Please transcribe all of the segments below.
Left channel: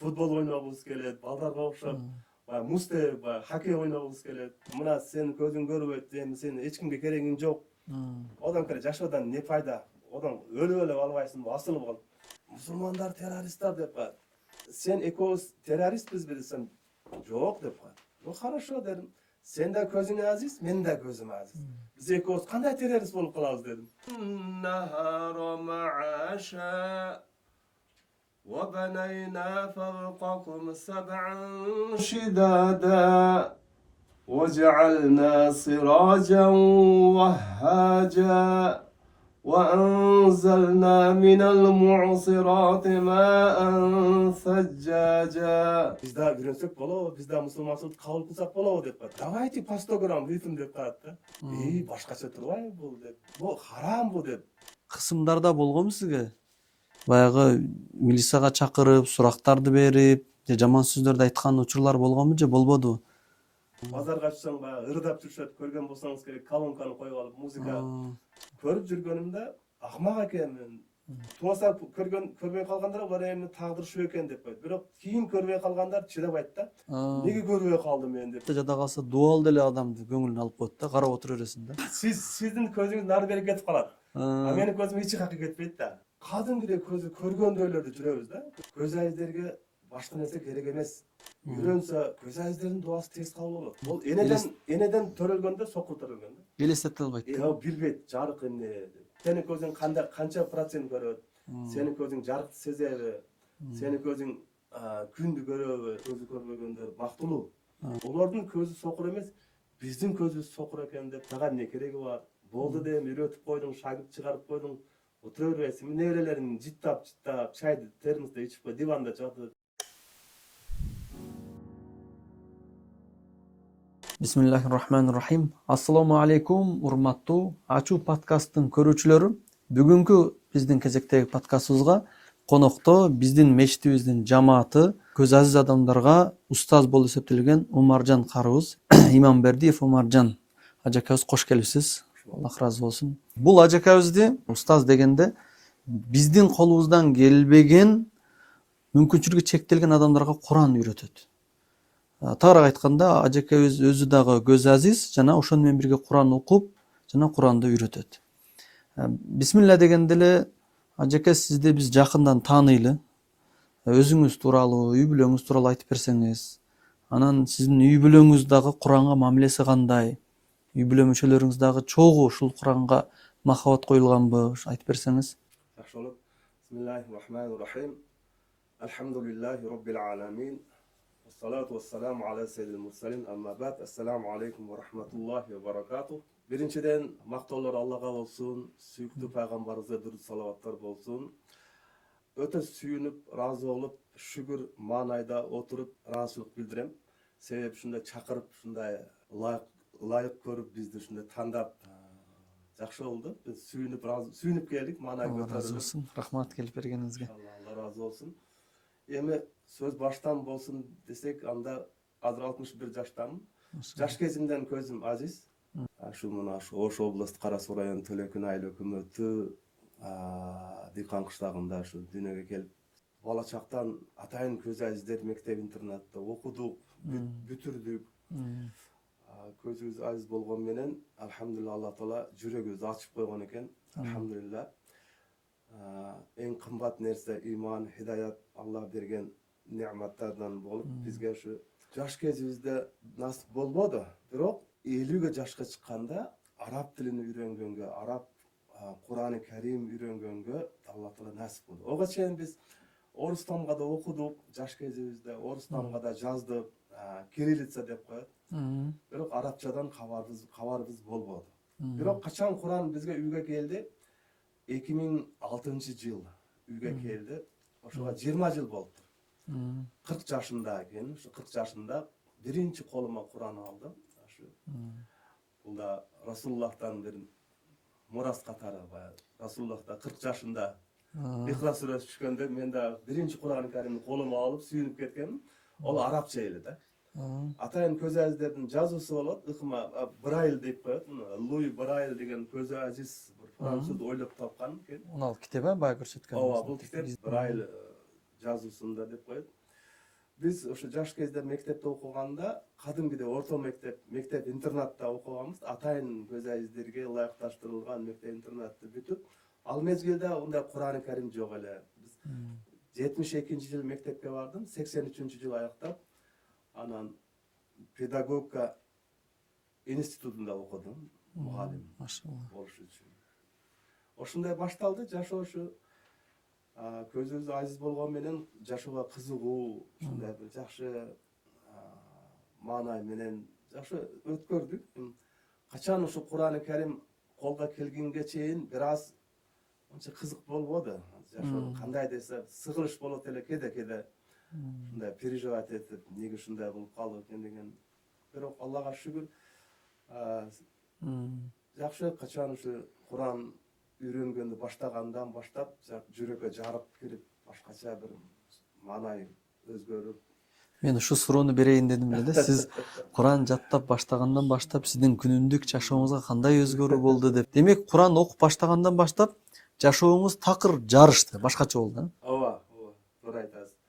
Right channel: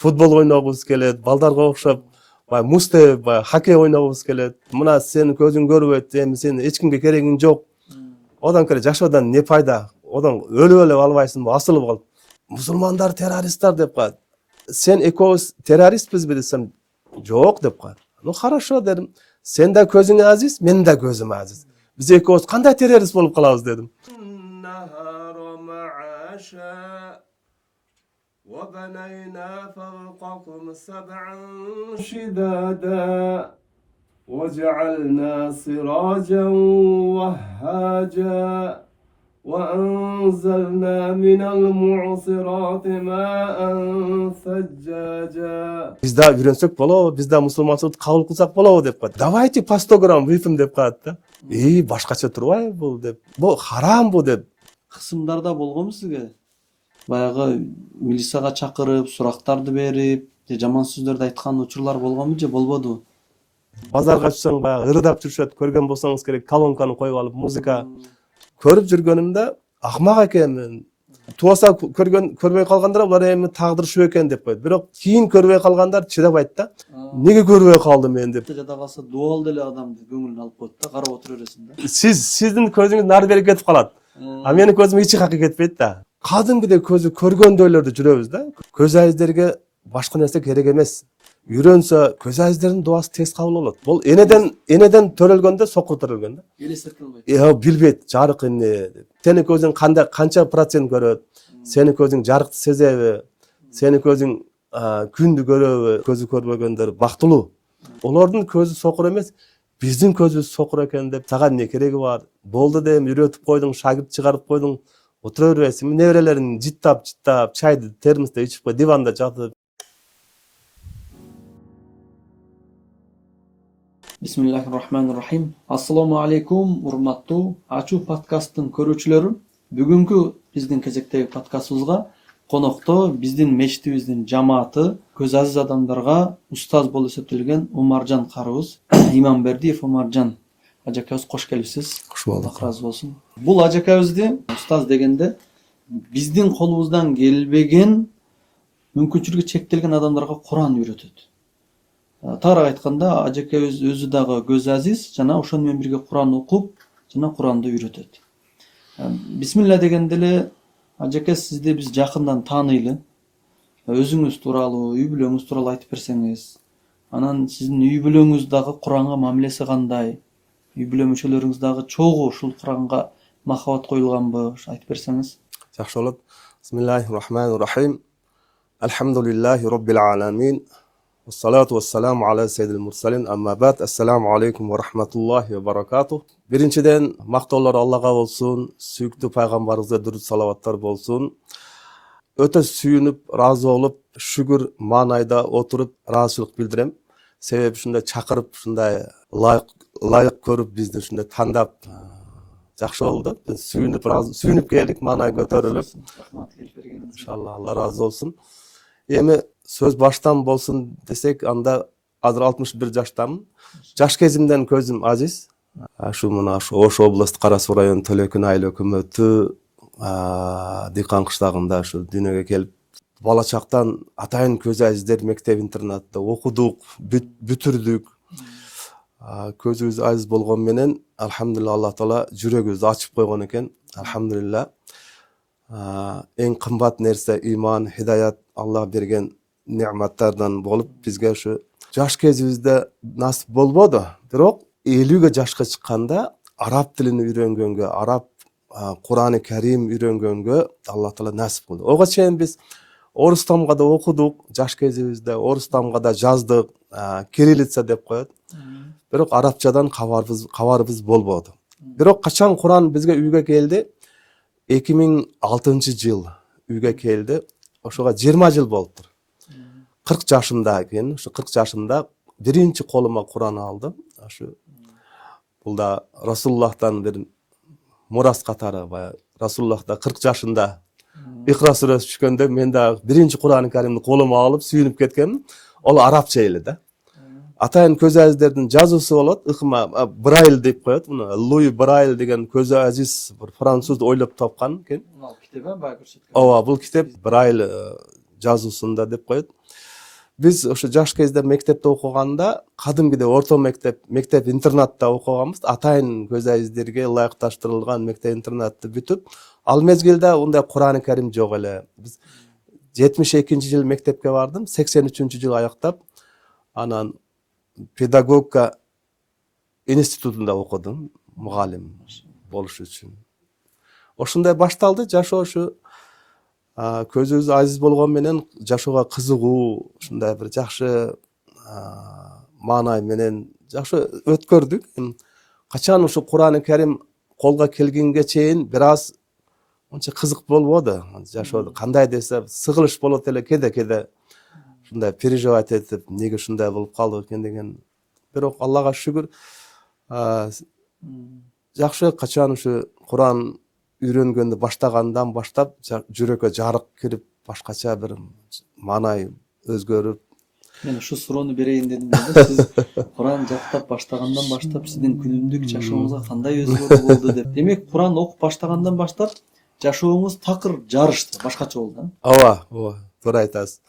футбол ойногубуз келет, балдарга окшоп баягы музде баягы хоккей ойногубуз келет. Мына сенин көзүң көрбөйт, эми сен эч кимге керегиң жок. Одан келе жашоодан не пайда? Одан өлүп эле албайсыңбы, асылып калып. Мусулмандар террористтер деп коет. Сен экөөбүз террористпизби десем, жок деп коет. Ну хорошо дедим. Сен да көзүң азиз, мен да көзүм азиз. Биз экөөбүз кандай террорист болуп калабыз дедим. وبنينا فوقكم سبعا شدادا وجعلنا سراجا وهاجا وأنزلنا من المعصرات ماء ثجاجا. Biz daha үйренсек болобу, biz daha мусулманчылыкты кабыл кылсак болобу деп коет. Давайте по 100 грамм выпьем деп коет да. Башкача турбайбы бул деп. Бул харам бу деп. Кысымдарда болгонбу сизге? Баягы милицияга чакырып, сурактарды берип, жаман сөздөрдү айткан учурлар болгонбу же болбодубу? Базарга чыксаң баягы ырдап жүрүшөт, көргөн болсоңуз керек, колонканы коюп алып музыка көрүп жүргөнүмдө акмак экенмин. Туаса көрбөй калгандар булар эми тагдырышып экен деп коет. Бирок кийин көрбөй калгандар чыдабайт да. Неге көрбөй калдым мен деп. Жада калса дуал деле адамды көңүлүн алып коет да, карап отура бересиң да. Сиздин көзүңүз нары бери кетип калат. А менин көзүм эч жака кетпейт да. Кадимгидей көзү көргөндөйлөрдө жүрөбүз да. Көз айыздерге башка нерсе керек эмес. Үйрөнсө көз айыздердин дуасы тез кабыл болот. Бул энеден төрөлгөндө сокур төрөлгөн да. Элестете албайт. Билбейт жарык эмне. Сенин көзүң канча процент көрөт? Сенин көзүң жарыкты сезеби? Сенин көзүң күндү көрөбү? Көзү көрбөгөндөр бактылуу. Олордун көзү сокур эмес. Биздин көзүбүз сокур экен деп сага эмне кереги бар? Болду деп үйрөтүп койдуң, шагирт чыгарып койдуң. Отура бересиң. Неберелерин жыттап, чайды термосто ичип кой, диванда жатып. Бисмиллахиррахманиррахим. Ассаламу алейкум, урматтуу Ачуу подкасттын көрүүчүлөрү. Бүгүнкү биздин кезектеги подкастыбызга конокто биздин мечитибиздин жамааты көз азиз адамдарга устаз болуп эсептелген Умаржан карыбыз, Иманбердиев Умаржан ажакабыз кош келипсиз. Кош болдук. Алла разы болсун. Бул ажакабызды устаз дегенде биздин колубуздан келбеген, мүмкүнчүлүгү чектелген адамдарга Куран үйрөтөт. Тагыраак айтканда, ажакабыз өзү дагы көз азиз жана ошону менен бирге Куран окуп, жана Куранды үйрөтөт. Бисмилла дегенде эле ажака сизди биз жакындан тааныйлы. Өзүңүз тууралуу, үй бүлөңүз тууралуу айтып берсеңиз, анан сиздин үй бүлөңүз дагы Куранга мамилеси кандай? Үй бүлө мүчөлөрүңүз дагы чогуу ушул Куранга махабат коюлганбы? Айтып берсеңиз. Жакшы болот. Бисмиллахиррахманиррахим. Алхамдулиллахи роббил аламин. Ассалату вассаламу аля саййидил мурсалин. Амма бад. Ассаламу алейкум ва рахматуллахи ва баракатух. Биринчиден мактоолор Аллага болсун, сүйүктүү пайгамбарыбызга дурут салаваттар болсун. Өтө сүйүнүп, ыраазы болуп, шүгүр маанайда отуруп, ыраазычылык билдирем. Себеби ушундай чакырып, ушундай ылайык көрүп, бизди ушундай тандап жакшы болду. Сүйүнүп келдик, маанай көтөрүлүп. Рахмат келип бергениңизге. Иншалла, Алла разы болсун. Эми сөз баштан болсун десек, анда азыр 61 жаштамын. Жаш кезимден көзүм азиз. Ош областы Кара Суу району Төлөкүн айыл өкмөтү Дыйкан кыштагында ушу дүйнөгө келип, бала чактан атайын көз азиздер мектеп интернатта окудук, бүтүрдүк. Көзүбүз азиз болгон менен, алхамдулилла, Алла Таала жүрөгүбүздү ачып койгон экен. Алхамдулилла. Эң кымбат нерсе иман, хидаят, Алла берген неаматтардан болуп, бизге ушу жаш кезибизде насип болбоду. Бирок 50 жашка чыкканда араб тилин үйрөнгөнгө, араб Кураны Карим үйрөнгөнгө Алла Таала насип кылды. Ого чейин биз орус тамга да окудук, жаш кезибизде орус тамга да жаздык, кириллица деп коет. Бирок арабчадан кабарыбыз болбоду. Бирок качан Куран бизге үйгө келди? 2006-жыл үйгө келди. Ошого 20 жыл болуптур. 40 жашымда экен, ушу 40 жашымда биринчи колума Куран алдым. Ашу бул да Расулуллахтан бир мурас катары. Расулуллахта 40 жашында Икра сүрөсү түшкөндө мен да биринчи Куран Каримди колума алып сүйүнүп кеткенмин. Ол арабча эле да. Атайын көз азиздердин жазуусу болот. Ыкма Брайл деп коет. Муну Луи Брайл деген көз азиз бир француз ойлоп тапкан экен. Мына китеп баягы көрсөткөн. Ооба, бул китеп Брайл жазуусунда деп коет. Биз ошо жаш кезде мектепте окуганда кадимгидей орто мектеп интернатта окуганбыз. Атайын көз айыздерге ылайыкташтырылган мектеп интернатты бүтүп, ал мезгилде ундай Кур'ан Карим жок эле. Биз 72-жыл мектепке бардым, 83-жыл аяктап, анан педагогика институтунда окудум, мугалим болуш үчүн. Ошондой башталды жашоо. Ушу көзүбүз азиз болгон менен жашоого кызыгуу, ушундай бир жакшы маанай менен жакшы өткөрдүк. Качан ушу Кур'ан Карим колго келгенге чейин бир аз онча кызык болбоду. Жашоодо кандай десе сыгылыш болот эле, кеде ушундай переживать этип, неге ушундай болуп калды экен деген. Бирок Аллага шүгүр, жакшы качан ушу Кур'ан үйрөнгөндү баштагандан баштап жүрөккө жарык кирип, башкача бир маанай өзгөрүп. Мен ушу суроону берейин дедим эле. Сиз Кур'ан жаттап баштагандан баштап сиздин күнүмдүк жашооңузга кандай өзгөрүү болду деп. Демек, Кур'ан окуп баштагандан баштап жашооңуз такыр жарышты, башкача болду. Ооба, туура айтасыз.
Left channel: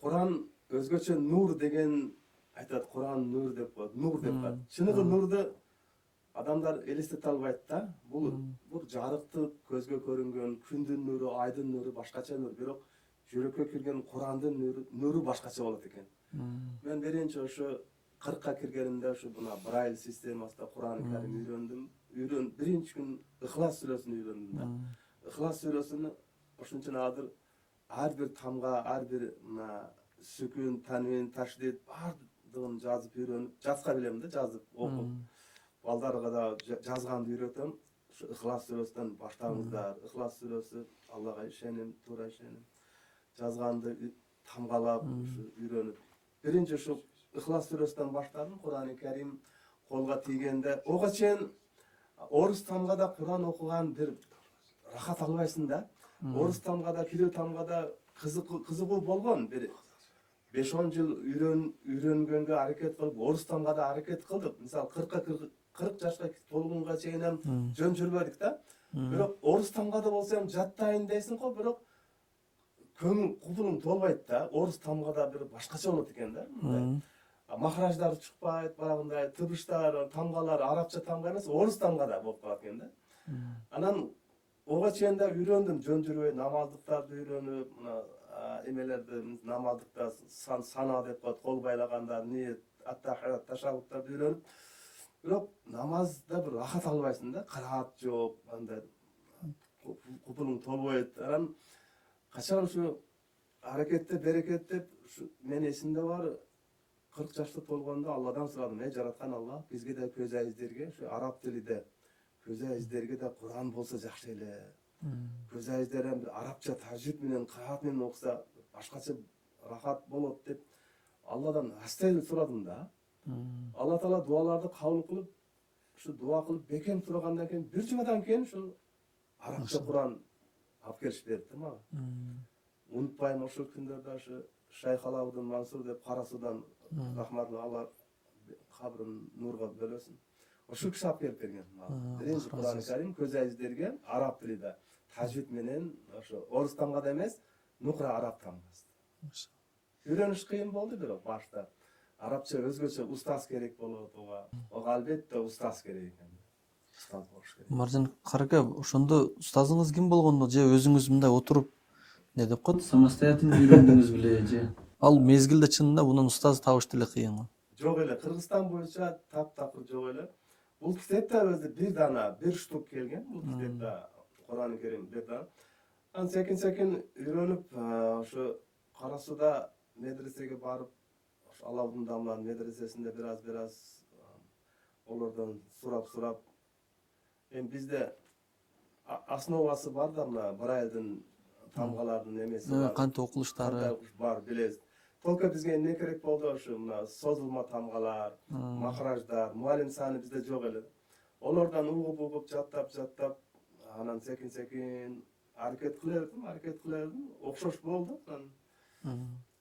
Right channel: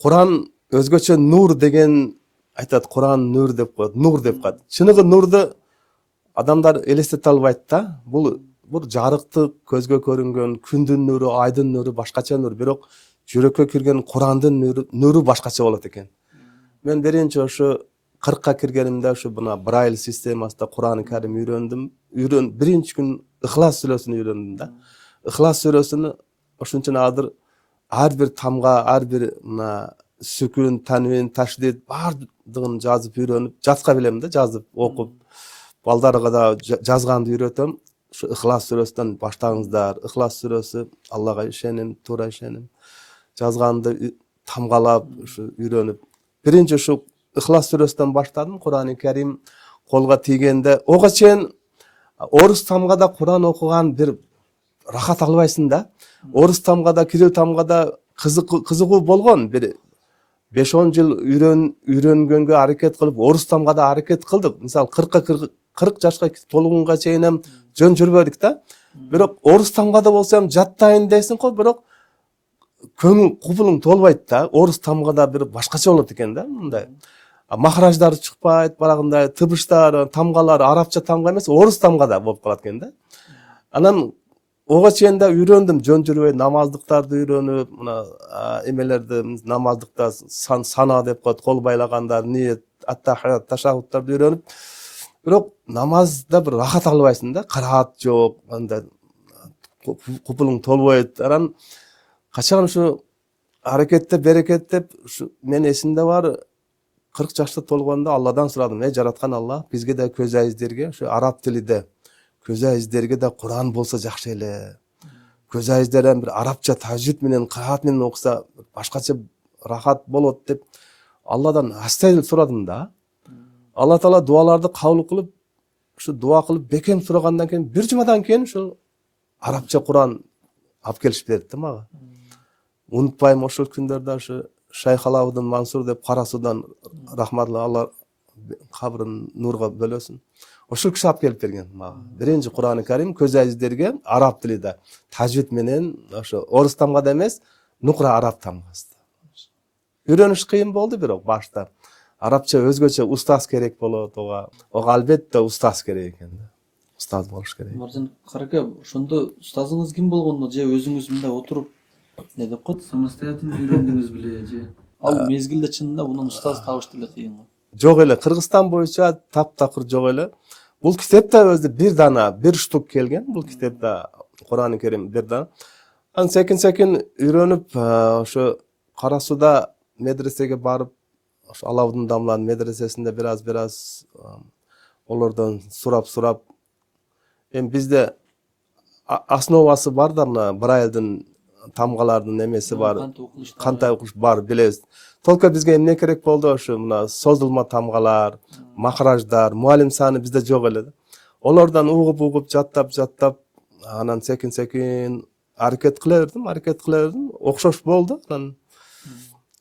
Кур'ан өзгөчө нур деген айтат, Кур'ан нур деп коет, нур деп коет. Чыныгы нурду адамдар элестете албайт да. Бул жарыктык, көзгө көрүнгөн күндүн нуру, айдын нуру башкача нур, бирок жүрөккө кирген Кур'андын нуру башкача болот экен. Мен биринчи ошо 40ка киргенимде ошо мына Braille системасында Кур'ан Карим үйрөндүм. Биринчи күн Ихлас сүрөсүн үйрөндүм да. Ихлас сүрөсүнү ошончо ар бир тамга, ар бир мына сүкүн, танвин, ташлид баардыгын жазып үйрөнүп, жатка билем да, жазып, окуп. Балдарга да жазганды үйрөтөм. Ушу Ихлас сүрөсүнөн баштаңыздар. Ихлас сүрөсү Аллага ишеним, туура ишеним. Жазганды тамгалап, ушу үйрөнүп. Биринчи ушу Ихлас сүрөсүнөн баштадым. Кур'ан Карим колго тийгенде, ого чейин орус тамгада Кур'ан окуган бир рахат албайсың да. Орус тамгада, кирил тамгада кызыгуу болгон. Бир 5-10 жыл үйрөнгөнгө аракет кылып, орус тамгада аракет кылдык. Мисалы 40 жашка толгонго чейин жөн жүрбөдүк да. Бирок орус тамгада болсом жаттайын дейсиң го, бирок көңүл кубулуң толбойт да. Орус тамгада бир башкача болот экен да, мындай. Махраждар чыкпайт, барагындай тыбыштар, тамгалар арабча тамга эмес, орус тамгада болуп калат экен да. Анан ого чейин да үйрөндүм, жөн жүрбөй намаздыктарды үйрөнүп, мына эмелерди намаздыкта сана деп коет, кол байлагандар, ниет, аттахият, ташаххудтарды үйрөнүп. Бирок намазда бир рахат албайсың да, кыраат жок, андай купулуң толбойт. Анан качан ушу аракетте берекеттеп, ушу мен эсимде бар, 40 жашта толгондо Алладан сурадым, жараткан Алла, бизге да көз айыздерге, ушу араб тилиде көз айыздерге да Кур'ан болсо жакшы эле. Көз айыздерден бир арабча тажвид менен, кыраат менен окуса башкача рахат болот деп Алладан астайыл сурадым да. Алла Таала дуаларды кабыл кылып, ушу дуа кылып бекем сурагандан кийин бир жумадан кийин ушу арабча Кур'ан алып келишип берди мага. Унутпайм, ошол күндөрдө ушу Шайх Алаудин Мансур деп Кара Судан рахматлы, Алла кабрын нурга бөлөсүн. Ошол киши алып келип берген мага. Биринчи Кур'ан Карим көз айыздерге араб тилиде, тажвид менен, ошо орус тамгада эмес, нукра араб тамгасында. Үйрөнүш кыйын болду бирок башта. Арабча өзгөчө устаз керек болот, ого албетте устаз керек экен да. Устаз болуш керек. Маржан Карака, ошондо устазыңыз ким болгону же өзүңүз мындай отуруп не деп коет, самостоятельно үйрөндүңүз беле же? Ал мезгилде чынында унун устаз табыш деле кыйын го. Жок эле, Кыргызстан боюнча таптакыр жок эле. Бул китепте өзү бир штук келген. Бул китепте Кур'ан Карим бир дана. Анан секин үйрөнүп, ошо Кара Суда медресеге барып, ошо Алаудин Дамланын медресесинде бир аз олордон сурап, эми бизде основасы бар да, мына Брайлдин тамгалардын эмеси бар. Кандай окуш бар, билебиз. Только бизге эмне керек болду? Ошо мына созулма тамгалар, махраждар, муалим саны бизде жок эле. Олордон угуп жаттап, анан секин аракет кыла бердим. Окшош болду. Анан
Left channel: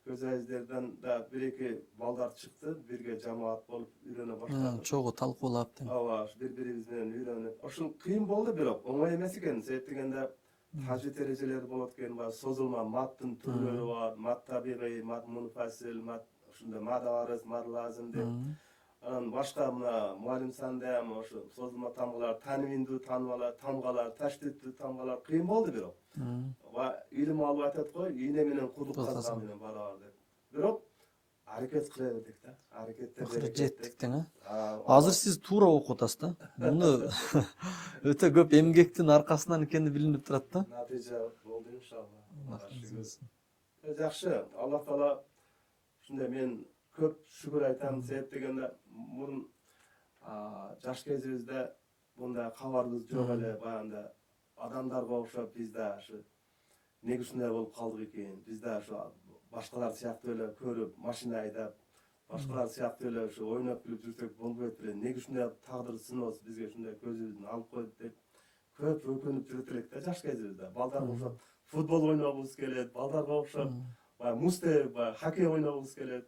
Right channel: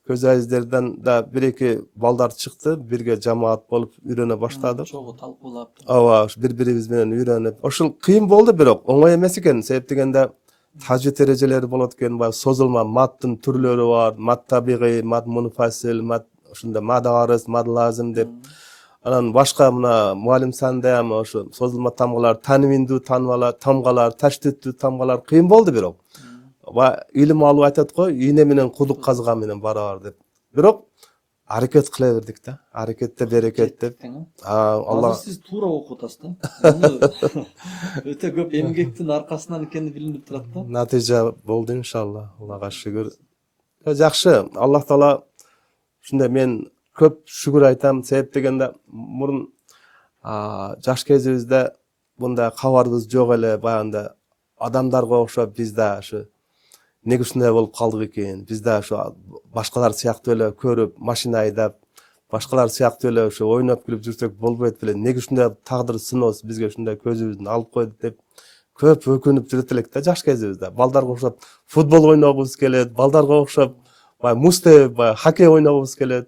көз айыздерден да бир-эки балдар чыкты, бирге жамаат болуп үйрөнө баштадык. Чогуу талкуулап. Ооба, бири-бирибиз менен үйрөнүп. Ошол кыйын болду, бирок оңой эмес экен. Себеп дегенде тажвид эрежелери болот экен, баягы созулма маттын түрлөрү бар, мат табигый, мат мунфасил, мат ушундай мад арыз, мад лазым деп. Анан башка мына муалим санда ham ошо созулма тамгалар, танвиндүү тамгалар, таштиттүү тамгалар кыйын болду бирок. Илим алып айтат го, ийне менен кудук казган менен барабар деп. Бирок аракет кыла бердик да. Аракетте берекет деп. Азыр сиз туура окуп атасыз да. Муну өтө көп эмгектин аркасынан экени билинип турат да. Натыйжа болду иншалла. Аллага шүгүр. Жакшы, Аллах Таала ушундай мен көп шүгүр айтам. Себеп дегенде мурун жаш кезибизде мындай кабарыбыз жок эле, баягында адамдарга окшоп биз да ушу неге ушундай болуп калдык экен? Биз да ошо башкалар сыяктуу эле көрүп, машина айдап, башкалар сыяктуу эле ошо ойноп күлүп жүрсөк болбойт беле? Неге ушундай тагдыр сыноосу бизге ушундай көзүбүздүн алып койду деп көп өкүнүп жүрөт элек да жаш кезибизде. Балдарга окшоп футбол ойногубуз келет, балдарга окшоп баягы муз тебип, баягы хоккей ойногубуз келет.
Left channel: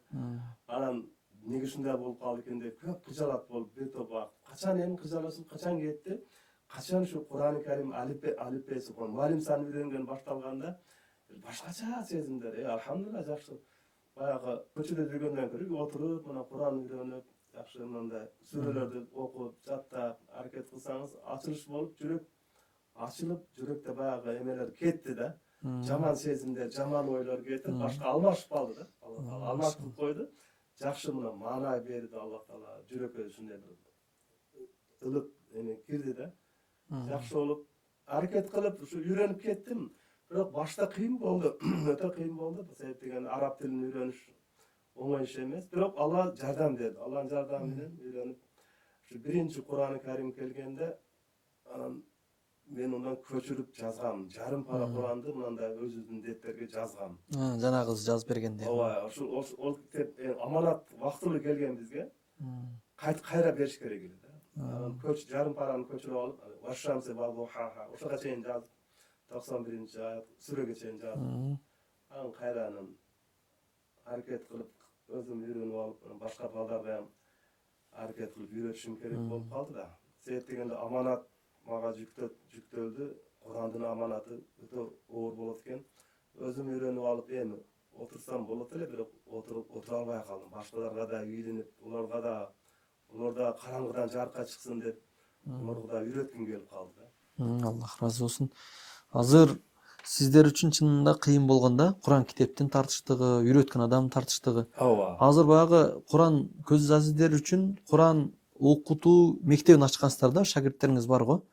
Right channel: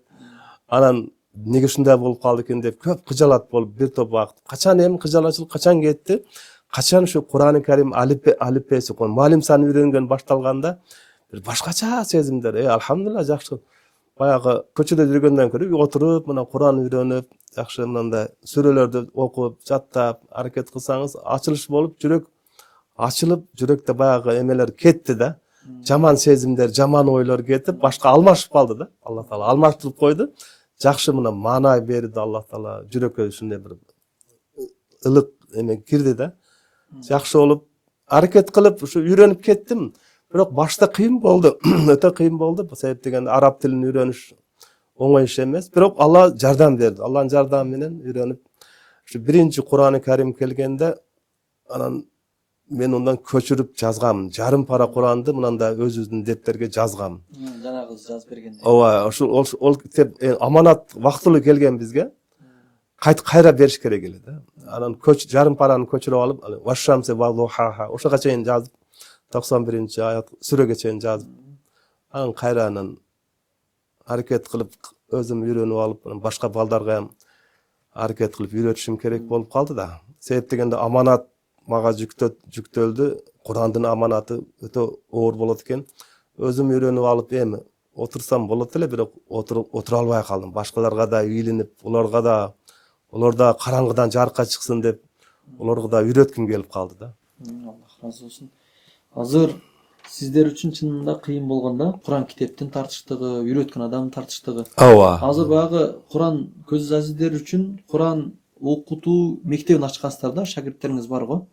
Анан неге ушундай болуп калды экен деп көп кыжалат болуп бир топ убакыт. Качан эми кыжалачылык качан кетти? Качан ушу Кур'ан-ы Карим алифбеси, муалим саны үйрөнгөн башталганда бир башкача сезимдер. Алхамдулилла жакшы. Баягы көчөдө жүргөндөн көрө отуруп, мына Кур'ан үйрөнүп, жакшы мындай сүрөлөрдү окуп, жаттап, аракет кылсаңыз, ачылыш болуп, жүрөк ачылып, жүрөктө баягы эмелер кетти да. Жаман сезимдер, жаман ойлор кетип, башка алмашып калды да. Алла Таала алмаштырып койду. Жакшы мына маанай берди Алла Таала. Жүрөккө ушундай бир ылык эме кирди да. Жакшы болуп, аракет кылып, ушу үйрөнүп кеттим. Бирок башта кыйын болду. Өтө кыйын болду. Себеп дегенде араб тилин үйрөнүш оңой иш эмес. Бирок Алла жардам берди. Алланын жардамы менен үйрөнүп, ушу биринчи Кур'ан-ы Карим келгенде, анан мен ондан көчүрүп жазгам. Жарым пара Куранды мындай өзүбүздүн дептерге жазгам. Жанагы жазып бергенде. Ооба, ошол китеп аманат вактылуу келген бизге. Кайра бериш керек эле да. Анан жарым параны көчүрүп алып, вашшамсе валлухаха ошого чейин жазып, 91-чи аят сүрөгө чейин жазып, анан кайранын аракет кылып өзүм үйрөнүп алып, башка балдарга ham аракет кылып үйрөтүшүм керек болуп калды да. Себеп дегенде аманат мага жүктөлдү. Курандын аманаты өтө оор болот экен. Өзүм үйрөнүп алып, эми отурсам болот эле, бирок отура албай калдым. Башкаларга да үйленип, Олар да караңгыдан жарыкка чыксын деп, оларга да үйрөткүм келип калды да. Аллах разы болсун. Азыр сиздер үчүн чынында кыйын болгондо Куран китептин тартыштыгы, үйрөткөн адамдын тартыштыгы. Ооба. Азыр баягы Куран көз азиздер үчүн Куран окутуу мектебин ачкансыздар да, шакирттериңиз бар го.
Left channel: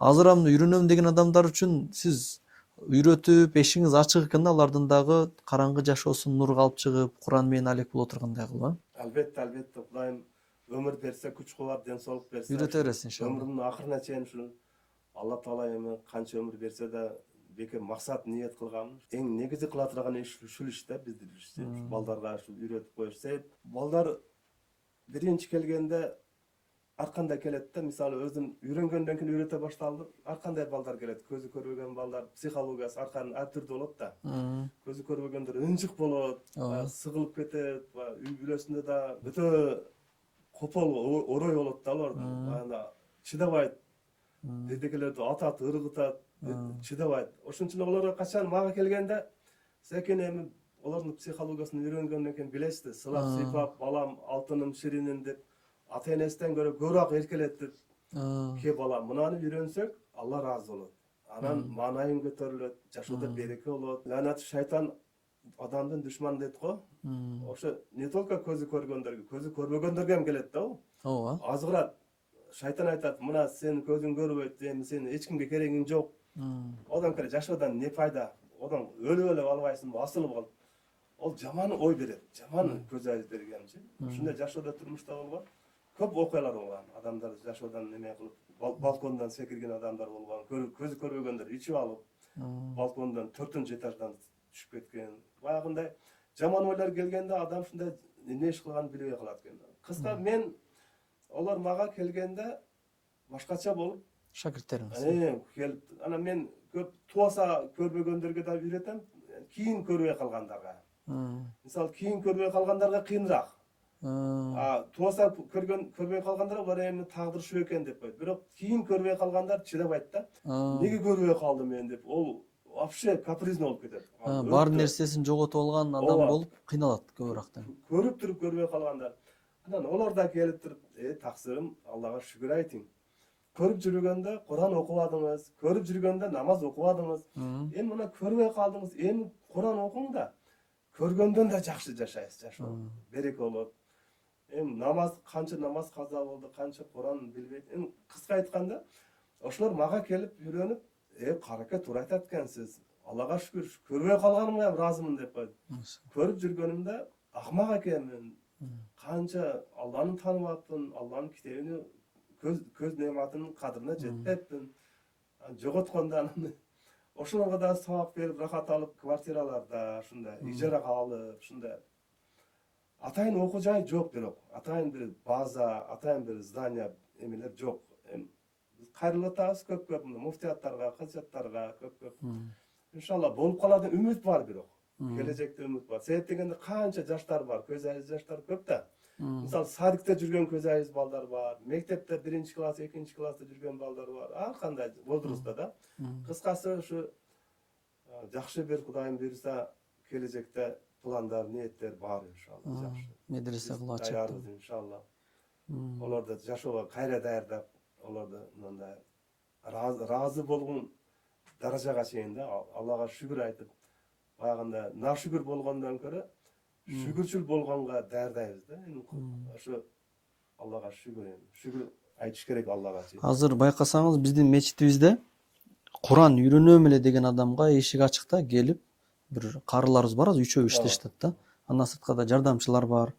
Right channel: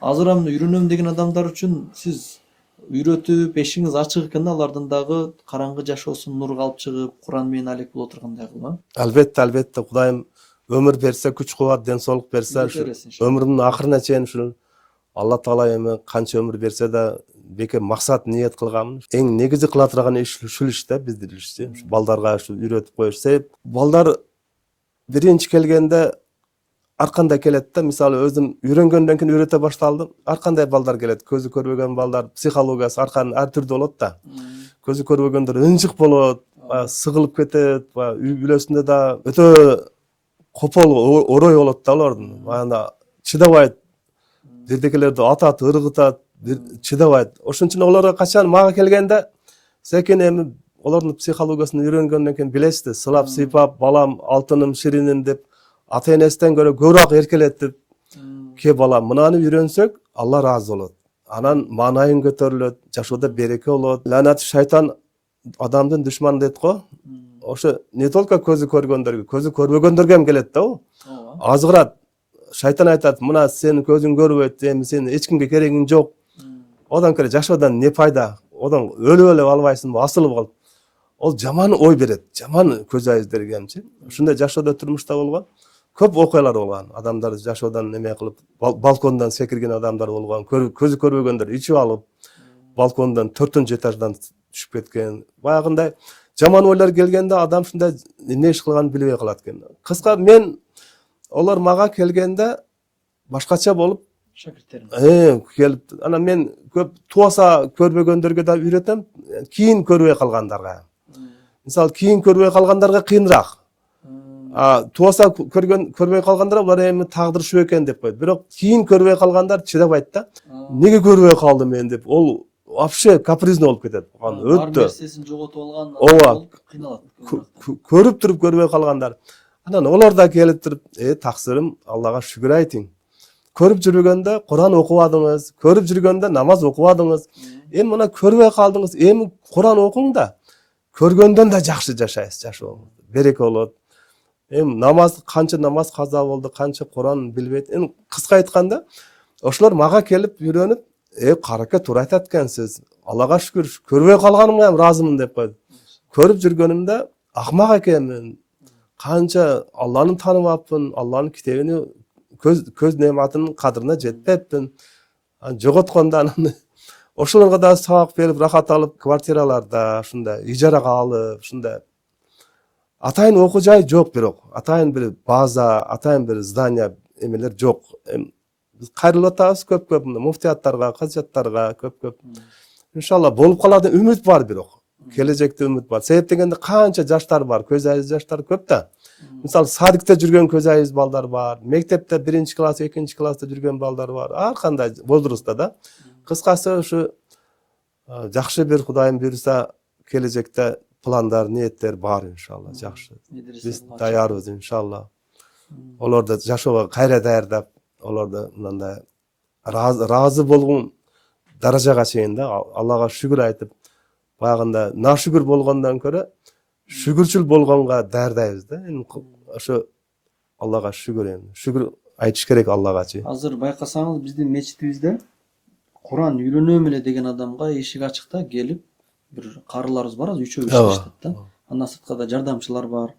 Азыр ам үйрөнөм деген адамдар үчүн сиз үйрөтүп, эшиңиз ачык экен да, алардын дагы караңгы жашоосун нурга алып чыгып, Куран менен алек боло тургандай кылып. Албетте, Кудайым өмүр берсе, күч кубат, ден соолук берсе, өмүрүмдүн акырына чейин ушу Алла Таала эми канча өмүр берсе да бекер максат ниет кылгам. Эң негизи кыла турган иш ушул иш да, биздин иш. Балдарга ушу үйрөтүп коюш. Себеп балдар биринчи келгенде ар кандай келет да, мисалы өзүм үйрөнгөндөн кийин үйрөтө башталдым. Ар кандай балдар келет, көзү көрбөгөн балдар, психологиясы ар түрдүү болот да. Көзү көрбөгөндөр ынжык болот, сыгылып кетет, үй бүлөсүндө да өтө копол орой болот да алардын. Баягы чыдабайт. Бирдекелерди атат, ыргытат, чыдабайт. Ошон үчүн оларга качан мага келгенде, секен эми олардын психологиясын үйрөнгөндөн кийин билесиз, сылап сыйпап, балам, алтыным, шириним деп ата энесинен көрө көбүрөөк эркелетип, ке балам, мынаны үйрөнсөк, Алла ыраазы болот. Анан маанайың көтөрүлөт, жашоодо береке болот. Ланат шайтан адамдын душманы дейт го. Ошо не только көзү көргөндөргө, көзү көрбөгөндөргө ham келет да ол. Азгырат. Шайтан айтат, мына сенин көзүң көрбөйт, эми сен эч кимге керегиң жок. Одан келе жашоодон не пайда? Одан өлүп эле албайсыңбы, асылып калып. Ол жаман ой берет, жаман көз айыздергенчи. Ушундай жашоодо турмушта болгон көп окуялар болгон. Адамдар жашоодон неме кылып, балкондон секирген адамдар болгон, көзү көрбөгөндөр ичип алып, балкондон 4-этаждан түшүп кеткен. Баягындай жаман ойлор келгенде адам ушундай эмне иш кылганын билбей калат экен. Кыска мен олар мага келгенде башкача болуп шакирттерим келип, анан мен көп туаса көрбөгөндөргө да үйрөтөм, кийин көрбөй калгандарга. Мисалы кийин көрбөй калгандарга кыйыныраак. Тубаса көрбөй калгандар булар эми тагдыр ушул экен деп койду. Бирок кийин көрбөй калгандар чыдабайт да. Неге көрбөй калдым мен деп. Ол вообще капризный болуп кетет. Бар нерсесин жоготуп алган адам Ооба. болуп кыйналат көбүрөөк. Көрүп туруп көрбөй калгандар. Анан олар да келип туруп, таксырым, Аллага шүгүр айтың. Көрүп жүргөндө Куран окубадыңыз, көрүп жүргөндө намаз окубадыңыз. Эми мына көрбөй калдыңыз, эми Куран окуң да. Көргөндөн да жакшы жашайсыз, жашоо. Береке болот. Эми намаз канча намаз каза болду, канча Куран билбейт. Эми кыска айтканда, ошолор мага келип үйрөнүп, караке туура айтат экенсиз. Аллага шүгүр, көрбөй калганымга ham ыраазымын деп койду. Көрүп жүргөнүмдө акмак экенмин. Канча Алланы тааныбаппын, Алланын китебини көз нематынын кадырына жетпеппин. Жоготкондо анан ошолорго да сабак берип, рахат алып, квартираларда, ушундай ижарага алып, ушундай атайын окуу жай жок, бирок атайын бир база, атайын бир здание эмелер жок. Биз кайрылып атабыз көп-көп муфтияттарга, казияттарга көп-көп. Иншалла болуп калат деп үмүт бар, бирок келечекте үмүт бар. Себеп дегенде канча жаштар бар, көз айыз жаштар көп да. Мисалы садикте жүргөн көз айыз балдар бар, мектепте 1-класс, 2-класста жүргөн балдар бар. Ар кандай возрастта да. Кыскасы ушу жакшы бир Кудайым буйруса келечекте пландар, ниеттер бар иншалла, жакшы. Биз даярбыз иншалла. Олорду жашоого кайра даярдап, олорду мындай ыраазы болгон даражага чейин да Аллага шүгүр айтып, баягында нашүгүр болгондон көрө шүгүрчүл болгонго даярдайбыз да. Эми ошо Аллага шүгүр эми. Шүгүр айтыш керек Аллагачы. Азыр байкасаңыз биздин мечитибизде Куран үйрөнөм эле деген адамга эшик ачык да, келип бир карыларыбыз бар, үчөө иштешет да. Андан сырткы да жардамчылар бар.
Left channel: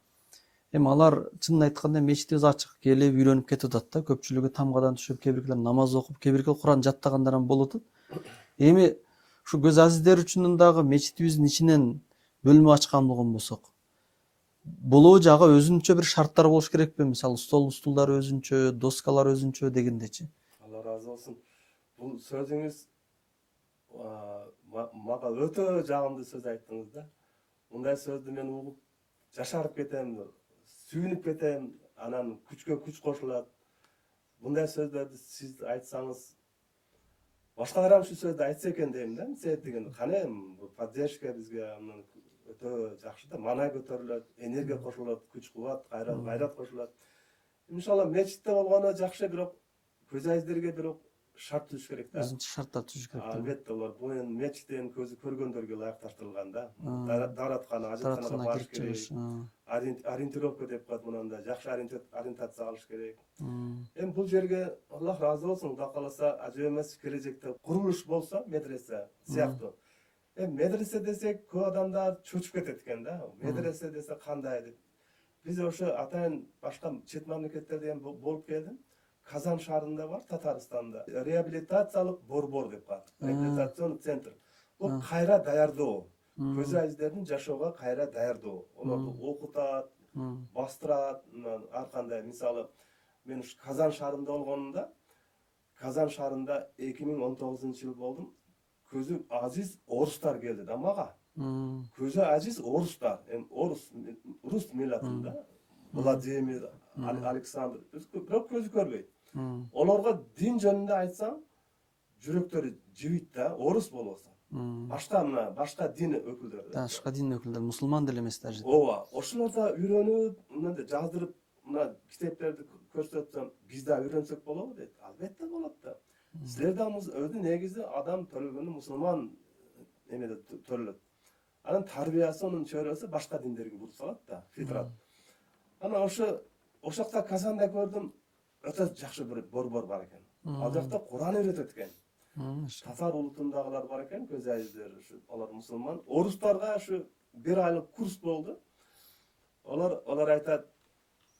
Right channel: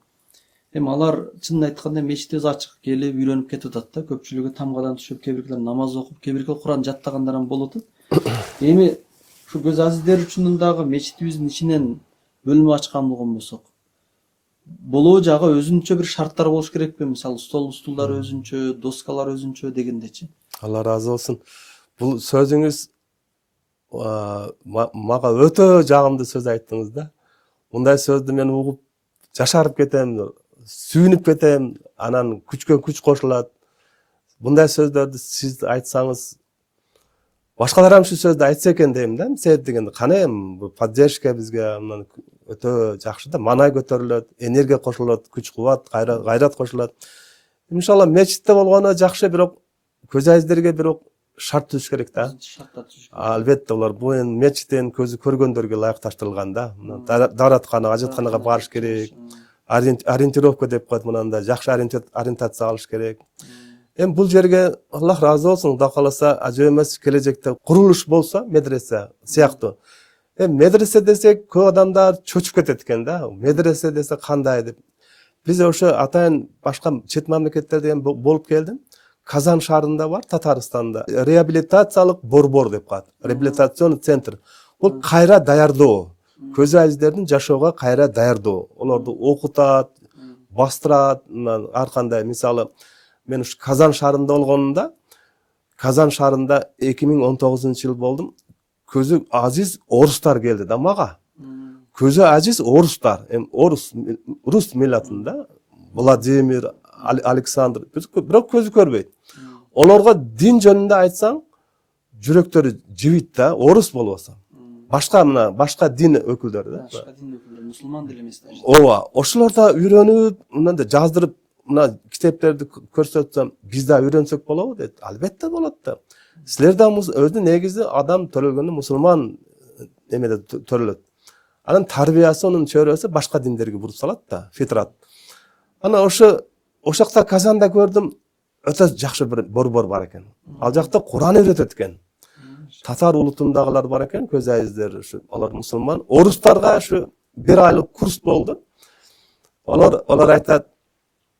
Эми алар чынын айтканда мечитибиз ачык, келип үйрөнүп кетип атат да. Көпчүлүгү тамгадан түшүп, кээ бирлер намаз окуп, кээ бирлер Куран жаттагандар ham болуп атат. Эми ушу көз азиздер үчүн дагы мечитибиздин ичинен бөлмө ачкан болгон болсок, болоо жагы өзүнчө бир шарттар болуш керекпи? Мисалы столдар өзүнчө, доскалар өзүнчө дегендечи. Алла разы болсун. Бул сөзүңүз мага өтө жагымдуу сөз айттыңыз да. Мындай сөздү мен угуп жашарып кетем, сүйүнүп кетем, анан күчкө күч кошулат. Мындай сөздөрдү сиз айтсаңыз, башкалар ham ушул сөздү айтса экен дейм да. Себеп дегенде кана эми бул поддержка бизге мына өтө жакшы да. Манай көтөрүлөт, энергия кошулат, күч кубат, гайрат кошулат. Иншалла мечитте болгону жакшы, бирок көз айыздерге бирок шарт түзүш керек да. Шарттар түзүш керек. Албетте булар бул эми мечиттен көзү көргөндөргө ылайыкташтырылган да. Даараткана, ажатканага барыш керек. Ориентировка деп коет, мынандай жакшы ориентация алыш керек. Эми бул жерге Аллах разы болсун, Кудай кааласа ажы эмес келечекте курулуш болсо, медресе сыяктуу. Медресе десек көп адамдар чөчүп кетет экен да. Медресе десе кандай деп. Биз ошо атайын башка чет мамлекеттерде болуп келдим. Казан шаарында бар, Татарстанда. Реабилитациялык борбор деп коет. Реабилитационный центр. Бул кайра даярдоо. Көз айыздердин жашоого кайра даярдоо. Олорду окутат, бастырат, ар кандай. Мисалы, мен ушу Казан шаарында болгонумда, Казан шаарында 2019-жыл болдум. Көзү азиз орустар келди да мага. Көзү азиз орустар, рус миллатында. Владимир, Александр, бирок көзү көрбөйт. Олорго дин жөнүндө айтсаң, жүрөктөрү жибийт да, орус болбосо. Башка дин өкүлдөрү да. Башка дин өкүлдөрү, мусулман деле эмес даже. Ооба, ошолор да үйрөнүп, мындай жаздырып, мына китептерди көрсөтсөм, биз да үйрөнсөк болобу дейт. Албетте болот да. Силер да өзү негизи адам төрөлгөндө мусулман эмеде төрөлөт. Анын тарбиясы, анын чөйрөсү башка диндерге буруп салат да, фитрат. Ана ошо жакта Казанда көрдүм, өтө жакшы бир борбор бар экен. Ал жакта Куран үйрөтөт экен. Татар улутундагылар бар экен, көз айыздер, ушу алар мусулман. Орустарга ушу 1 айлык курс болду. Олар айтат,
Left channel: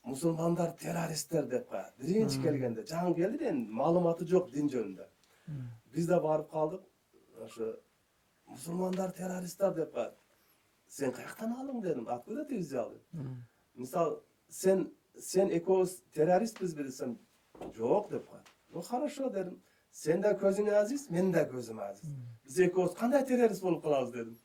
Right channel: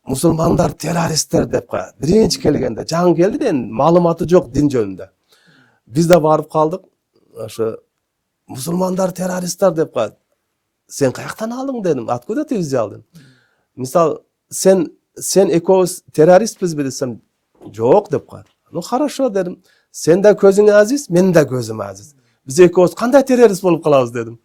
мусулмандар террористтер деп коет. Биринчи келгенде, жаңы келди да, маалыматы жок дин жөнүндө. Биз да барып калдык. Ошо мусулмандар террористтер деп коет. Сен каяктан алдың дедим. Откуда ты взял дедим. Мисал, сен экөөбүз террористпизби десем, жок деп коет. Ну хорошо дедим. Сен да көзүң азиз, мен да көзүм азиз. Биз экөөбүз кандай террорист болуп калабыз дедим.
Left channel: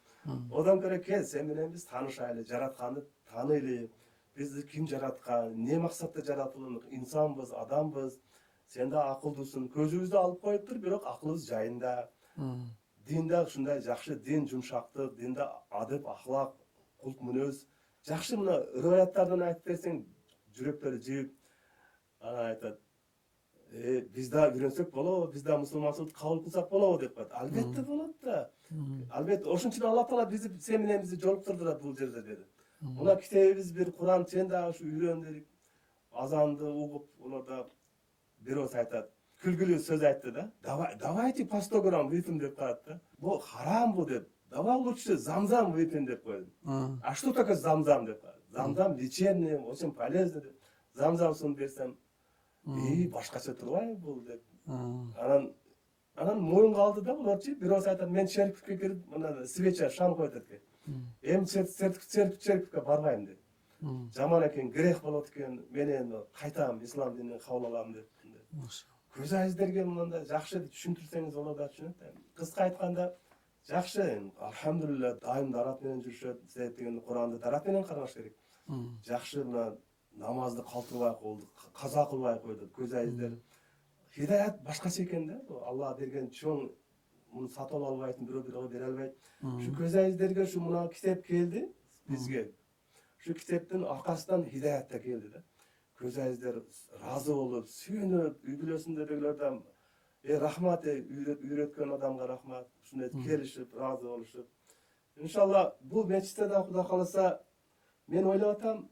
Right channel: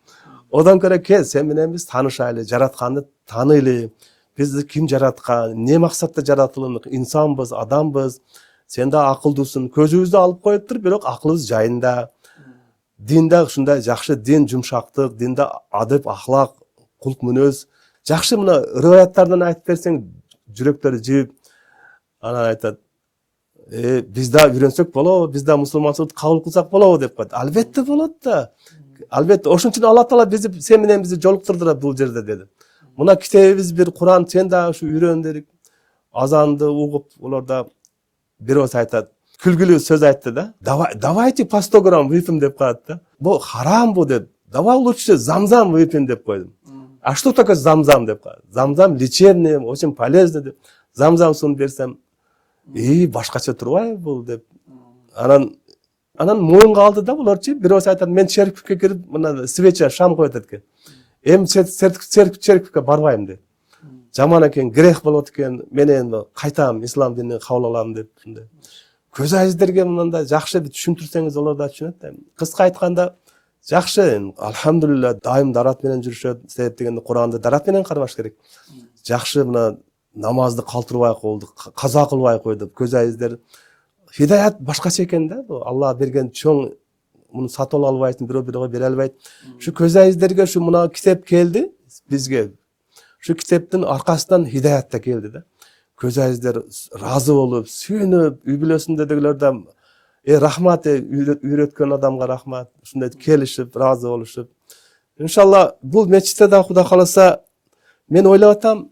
Одан көрө кел, сен менен биз таанышайлы, жаратканды таанайлы. Bizди kim жараткан, не максатта жаратылдык, инсанбыз, адамбыз. Сен да акылдуусун, көзүбүздү алып коюптур, бирок акылыбыз жайында. Динде ушундай жакшы дин, жумшактык, динде адеп, ахлак, кулк мүнөз. Жакшы мына риваяттардан айтып берсең, жүрөктөрү жиип, анан айтат, биз да үйрөнсөк болобу, биз да мусулманчылыкты кабыл кылсак болобу деп коет. Албетте болот да. Албетте, ошон үчүн Алла Таала бизди сен менен бизди жолуктурду бул жерде деди. Мына китебибиз бир Куран, сен да ушу үйрөн дедик. Азанды угуп, улар да бирөөсү айтат, күлгүлүү сөз айтты да. Давайте по 100 грамм выпьем деп коет да. Бу харам бу деп. Давай лучше замзам выпьем деп койдум. А что такое замзам деп коет. Замзам лечебный, очень полезный деп. Замзам суун берсем, башкача турбайбы бул деп. Анан моюнга алды да буларчы. Бирөөсү айтат, мен церковьке кирип, мына свеча, шам коет экен. Эми церковьке барбайм деп. Жаман экен, грех болот экен, мен эми кайтам, ислам динин кабыл алам деп. Көз айыздерге мындай жакшы түшүндүрсөңүз олар да түшүнөт да. Кыска айтканда, жакшы, алхамдулилла, дайым дарат менен жүрүшөт. Себеп дегенде Куранды дарат менен кармаш керек. Жакшы мына намазды калтырбай койдук, каза кылбай койдук. Көз айыздер хидаят башкача экен да. Алла берген чоң, муну сатып албайсың, бирөө бере албайт. Ушу көз айыздерге ушу мына китеп келди бизге. Şu kitaptın arkasından hidayet de geldi de. Көз айыздар разы болуп, сүйүнүп, үй бүлөсүндөгүлөрдөн рахмат үйрөткөн адамга рахмат, ушундай келишип, разы болушуп. Иншалла бул мечитте да Кудай кааласа мен ойлоп атам,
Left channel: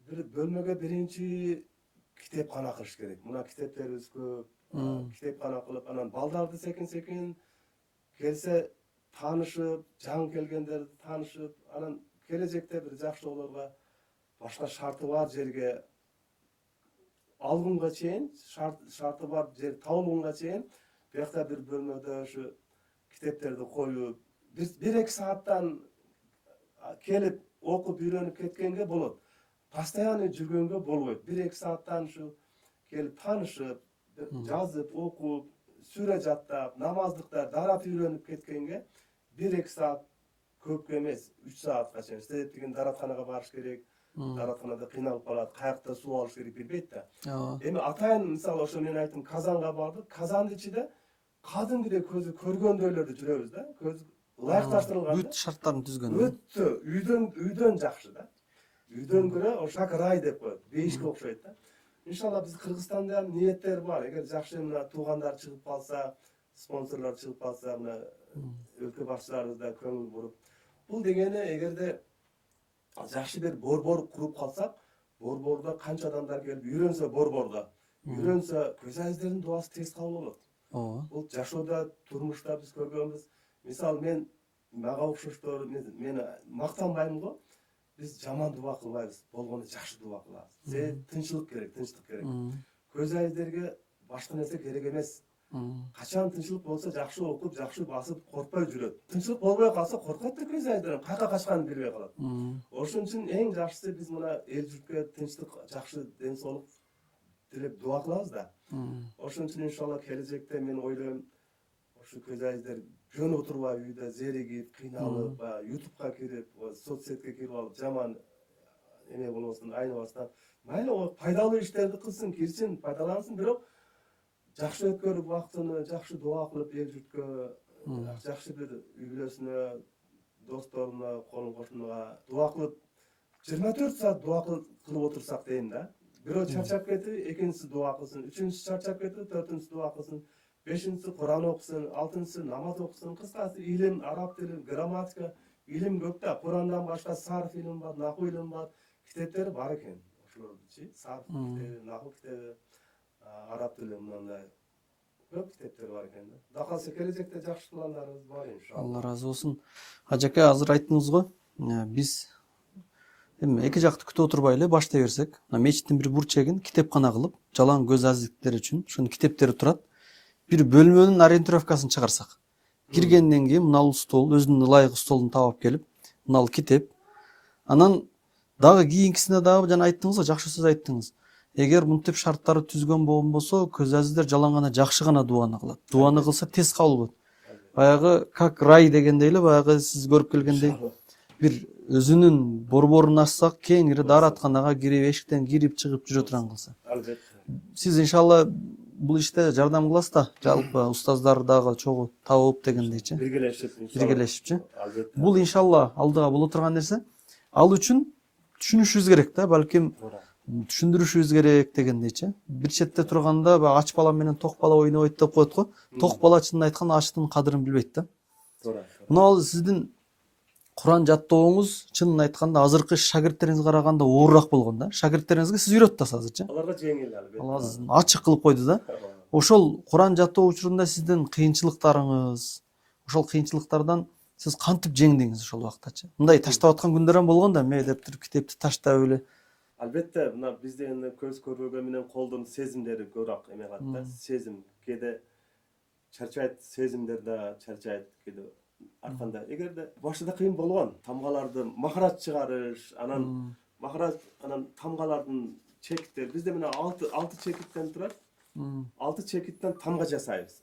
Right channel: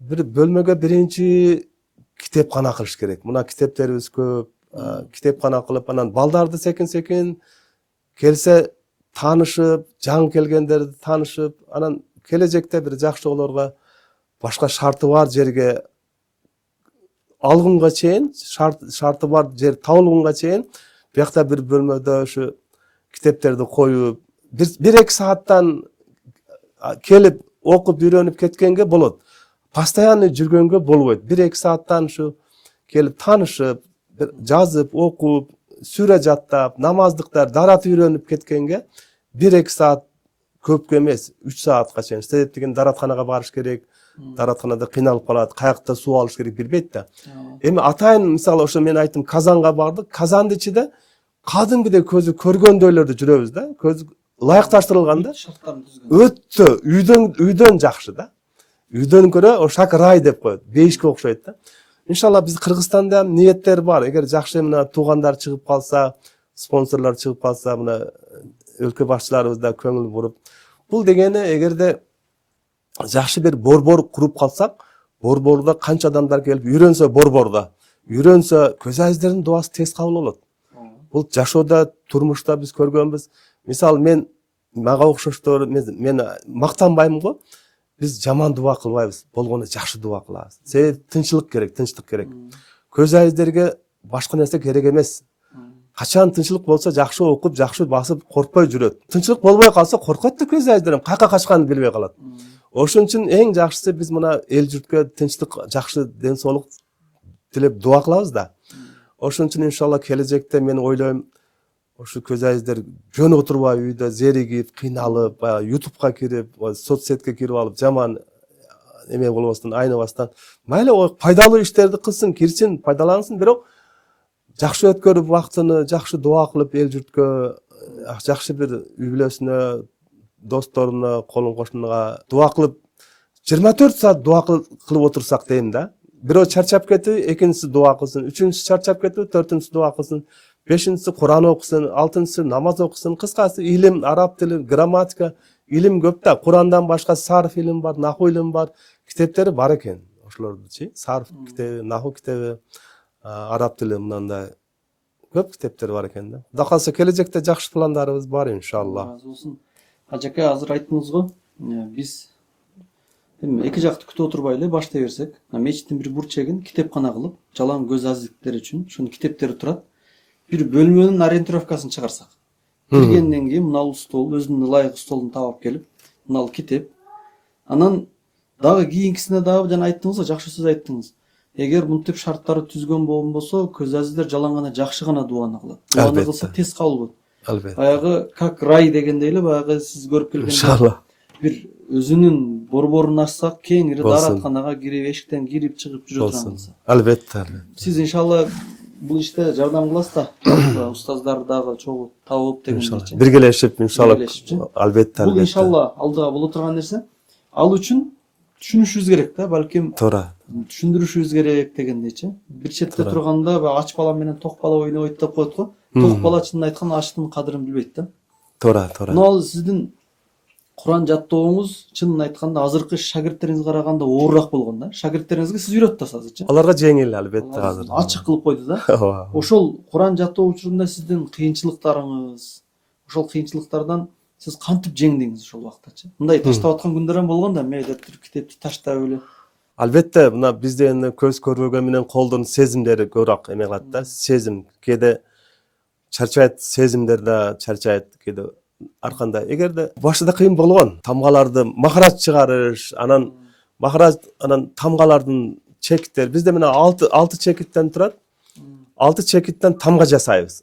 бир бөлмөгө биринчи китепкана кылыш керек. Мына китептерибиз көп, китепкана кылып, анан балдарды секин келсе таанышып, жаңы келгендерди таанышып, анан келечекте бир жакшы олорго башка шарты бар жерге алгынга чейин, шарты бар жер табылганга чейин биякта бир бөлмөдө ушу китептерди коюп, 1-2 сааттан келип окуп үйрөнүп кеткенге болот. Постоянно жүргөнгө болбойт. 1-2 сааттан ушу келип таанышып, жазып, окуп, сүрө жаттап, намаздыктар, дарат үйрөнүп кеткенге 1-2 саат көпкө эмес, 3 саатка чейин. Себеп деген даратканага барыш керек. Даратканада кыйналып калат, каякта суу алыш керек билбейт да. Эми атайын мисалы ошо мен айттым, Казанга бардык. Казанды ичиде кадимгидей көзү көргөндөйлөрдү жүрөбүз да. Көз ылайыкташтырылган да. Шарттарын түзгөн. Өтө, үйдөн жакшы да. Үйдөн көрө ошак рай деп коет. Бейишке окшойт да. Иншалла биз Кыргызстанда ниеттер бар. Эгер жакшы мына туугандар чыгып калса, спонсорлор чыгып калса, мына өлкө башчыларыбыз да көңүл буруп. Бул дегени эгерде жакшы бир борбор куруп калсак, борбордо канча адамдар келип үйрөнсө, борбордо үйрөнсө, көз айыздардын дуасы тез кабыл болот. Бул жашоодо, турмушта биз көргөнбүз. Мисалы мен мага окшоштор, мен мактанбайм го. Биз жаман дуа кылбайбыз, болгону жакшы дуа кылабыз. Себеп тынччылык керек, тынчтык керек. Көз айыздерге башка нерсе керек эмес. Качан тынччылык болсо жакшы окуп, жакшы басып, коркпой жүрөт. Тынччылык болбой калса коркот да көз айыздарым, кайка качканын билбей калат. Ошон үчүн эң жакшысы биз мына эл журтка тынчтык, жакшы ден соолук тилеп дуа кылабыз да. Ошон үчүн иншалла келечекте мен ойлойм, ошо көз айыздар жөн отурбай үйдө зеригип, кыйналып, YouTube'га кирип, соцсетке кирип алып, жаман эме болбостон, айныбастан, майлы пайдалуу иштерди кылсын, кирсин, пайдалансын, бирок жакшы өткөрүп вактыны, жакшы дуа кылып эл журткө, жакшы бир үй бүлөсүнө, досторуна, колун кошунуга дуа кылып 24 саат дуа кылып отурсак дейм да. Бирөө чарчап кетип, экинчиси дуа кылсын, үчүнчүсү чарчап кетип, төртүнчүсү дуа кылсын, бешинчиси Куран окусын, алтынчысы намаз окусын, кыскасы илим, араб тили, грамматика, илим көп да. Курандан башка сарф илим бар, наху илим бар, китептери бар экен. Ошолордучу, сарф китеби, наху китеби, араб тили мындай көп китептер бар экен да. Кудай калса келечекте жакшы пландарыбыз бар иншалла. Разы болсун. Ажака азыр айттыңыз го, биз эми эки жакты күтүп отурбай эле баштай берсек, мечиттин бир бурчегин китепкана кылып, жалаң көз азиктер үчүн ошону китептери турат. Бир бөлмөнүн ориентировкасын чыгарсак. Киргенден кийин мынал стол, өзүнүн ылайык столун таап келип, мынал китеп. Анан дагы кийинкисине дагы жана айттыңыз го, жакшы сөз айттыңыз. Эгер мынтип шарттары түзгөн болбосо, көз азиздер жалаң гана жакшы гана дуаны кылат. Дуаны кылса тез кабыл болот. Албетте. Баягы как рай дегендей эле, баягы сиз көрүп келген иншалла bir özünün борборун ачсак кеңири Болсун. дааратканага кирип эшиктен кирип чыгып жүрө Болсун. турганбыз. Албетте. Сиз иншалла бул иште жардам кыласыз да. Жалпы устаздар дагы чогуу табылып дегендейчи. Биргелешип, иншалла. Биргелешипчи. Албетте. Бул иншалла алдыга боло турган нерсе. Ал үчүн түшүнүшүбүз керек да, балким Туура. түшүндүрүшүбүз керек дегендейчи. Бир четте турганда ач бала менен ток бала ойнобойт деп коет го. Ток бала чынын айтканда ачтын кадырын билбейт да. Туура. Мына сиздин Куран жаттооңуз чынын айтканда азыркы шагирттериңизге караганда оорураак болгон да. Шагирттериңизге сиз үйрөтүп атасызчы. Аларга жеңил албетте азыр. Ачык кылып койду да. Ооба. Ошол Куран жаттоо учурунда сиздин кыйынчылыктарыңыз, ошол кыйынчылыктардан сиз кантип жеңдиңиз ошол убактачы? Мындай таштап аткан күндөр ham болгон да, мектептир китепти таштап эле. Албетте, мына бизде эми көз көрбөгөн менен колдун сезимдери көбүрөөк эме кылат да. Сезим кээде чарчайт, сезимдер да чарчайт кээде. Арканда эгерде башында кыйын болгон тамгаларды махарач чыгарыш, анан тамгалардын чекиттери бизде мына 6 чекиттен турат. 6 чекиттен тамга жасайбыз.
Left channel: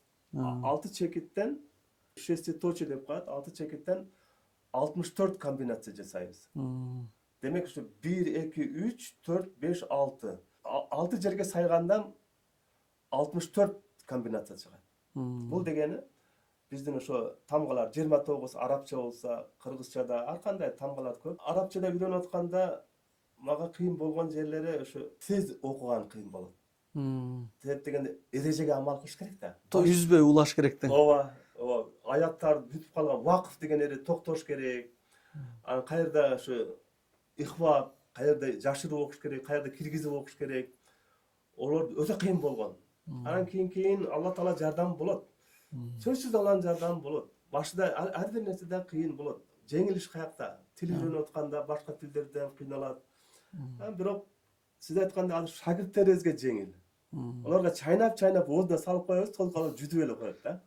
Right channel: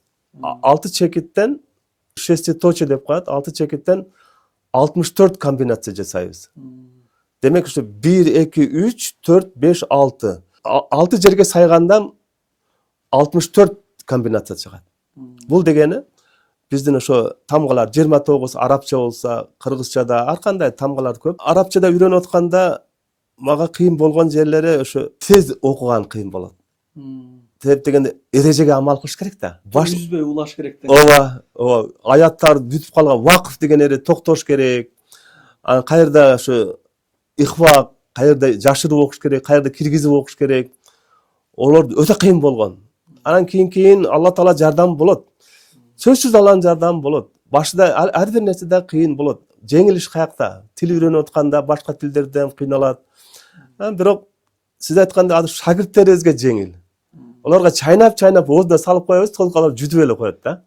6 чекиттен шеститочие деп коет. 6 чекиттен 64 комбинация жасайбыз. Демек ушу 1 2 3 4 5 6. 6 жерге сайганда 64 комбинация чыгат. Бул дегени биздин ошо тамгалар 29 арабча болсо, кыргызчада ар кандай тамгалар көп. Арабчада үйрөнүп атканда мага кыйын болгон жерлери ошо тез окуган кыйын болот. Тез дегенде эрежеге амал кылыш керек да. Үзбөй улаш керек да. Ооба. Аяттар бүтүп калган вакыф деген эре токтош керек. Анан каерда ошо ихва, каерда жашырып окуш керек, каерда киргизип окуш керек. Олор өтө кыйын болгон. Анан кийин Алла Таала жардам болот. Сөзсүз Алланын жардамы болот. Башында ар бир нерседе кыйын болот. Жеңилиш каякта? Тил үйрөнүп атканда башка тилдерден кыйналат. Бирок сиз айткандай азыр шагирттерибизге жеңил. Оларга чайнап оозуна салып коебуз, толук алар жүтүп эле коет да.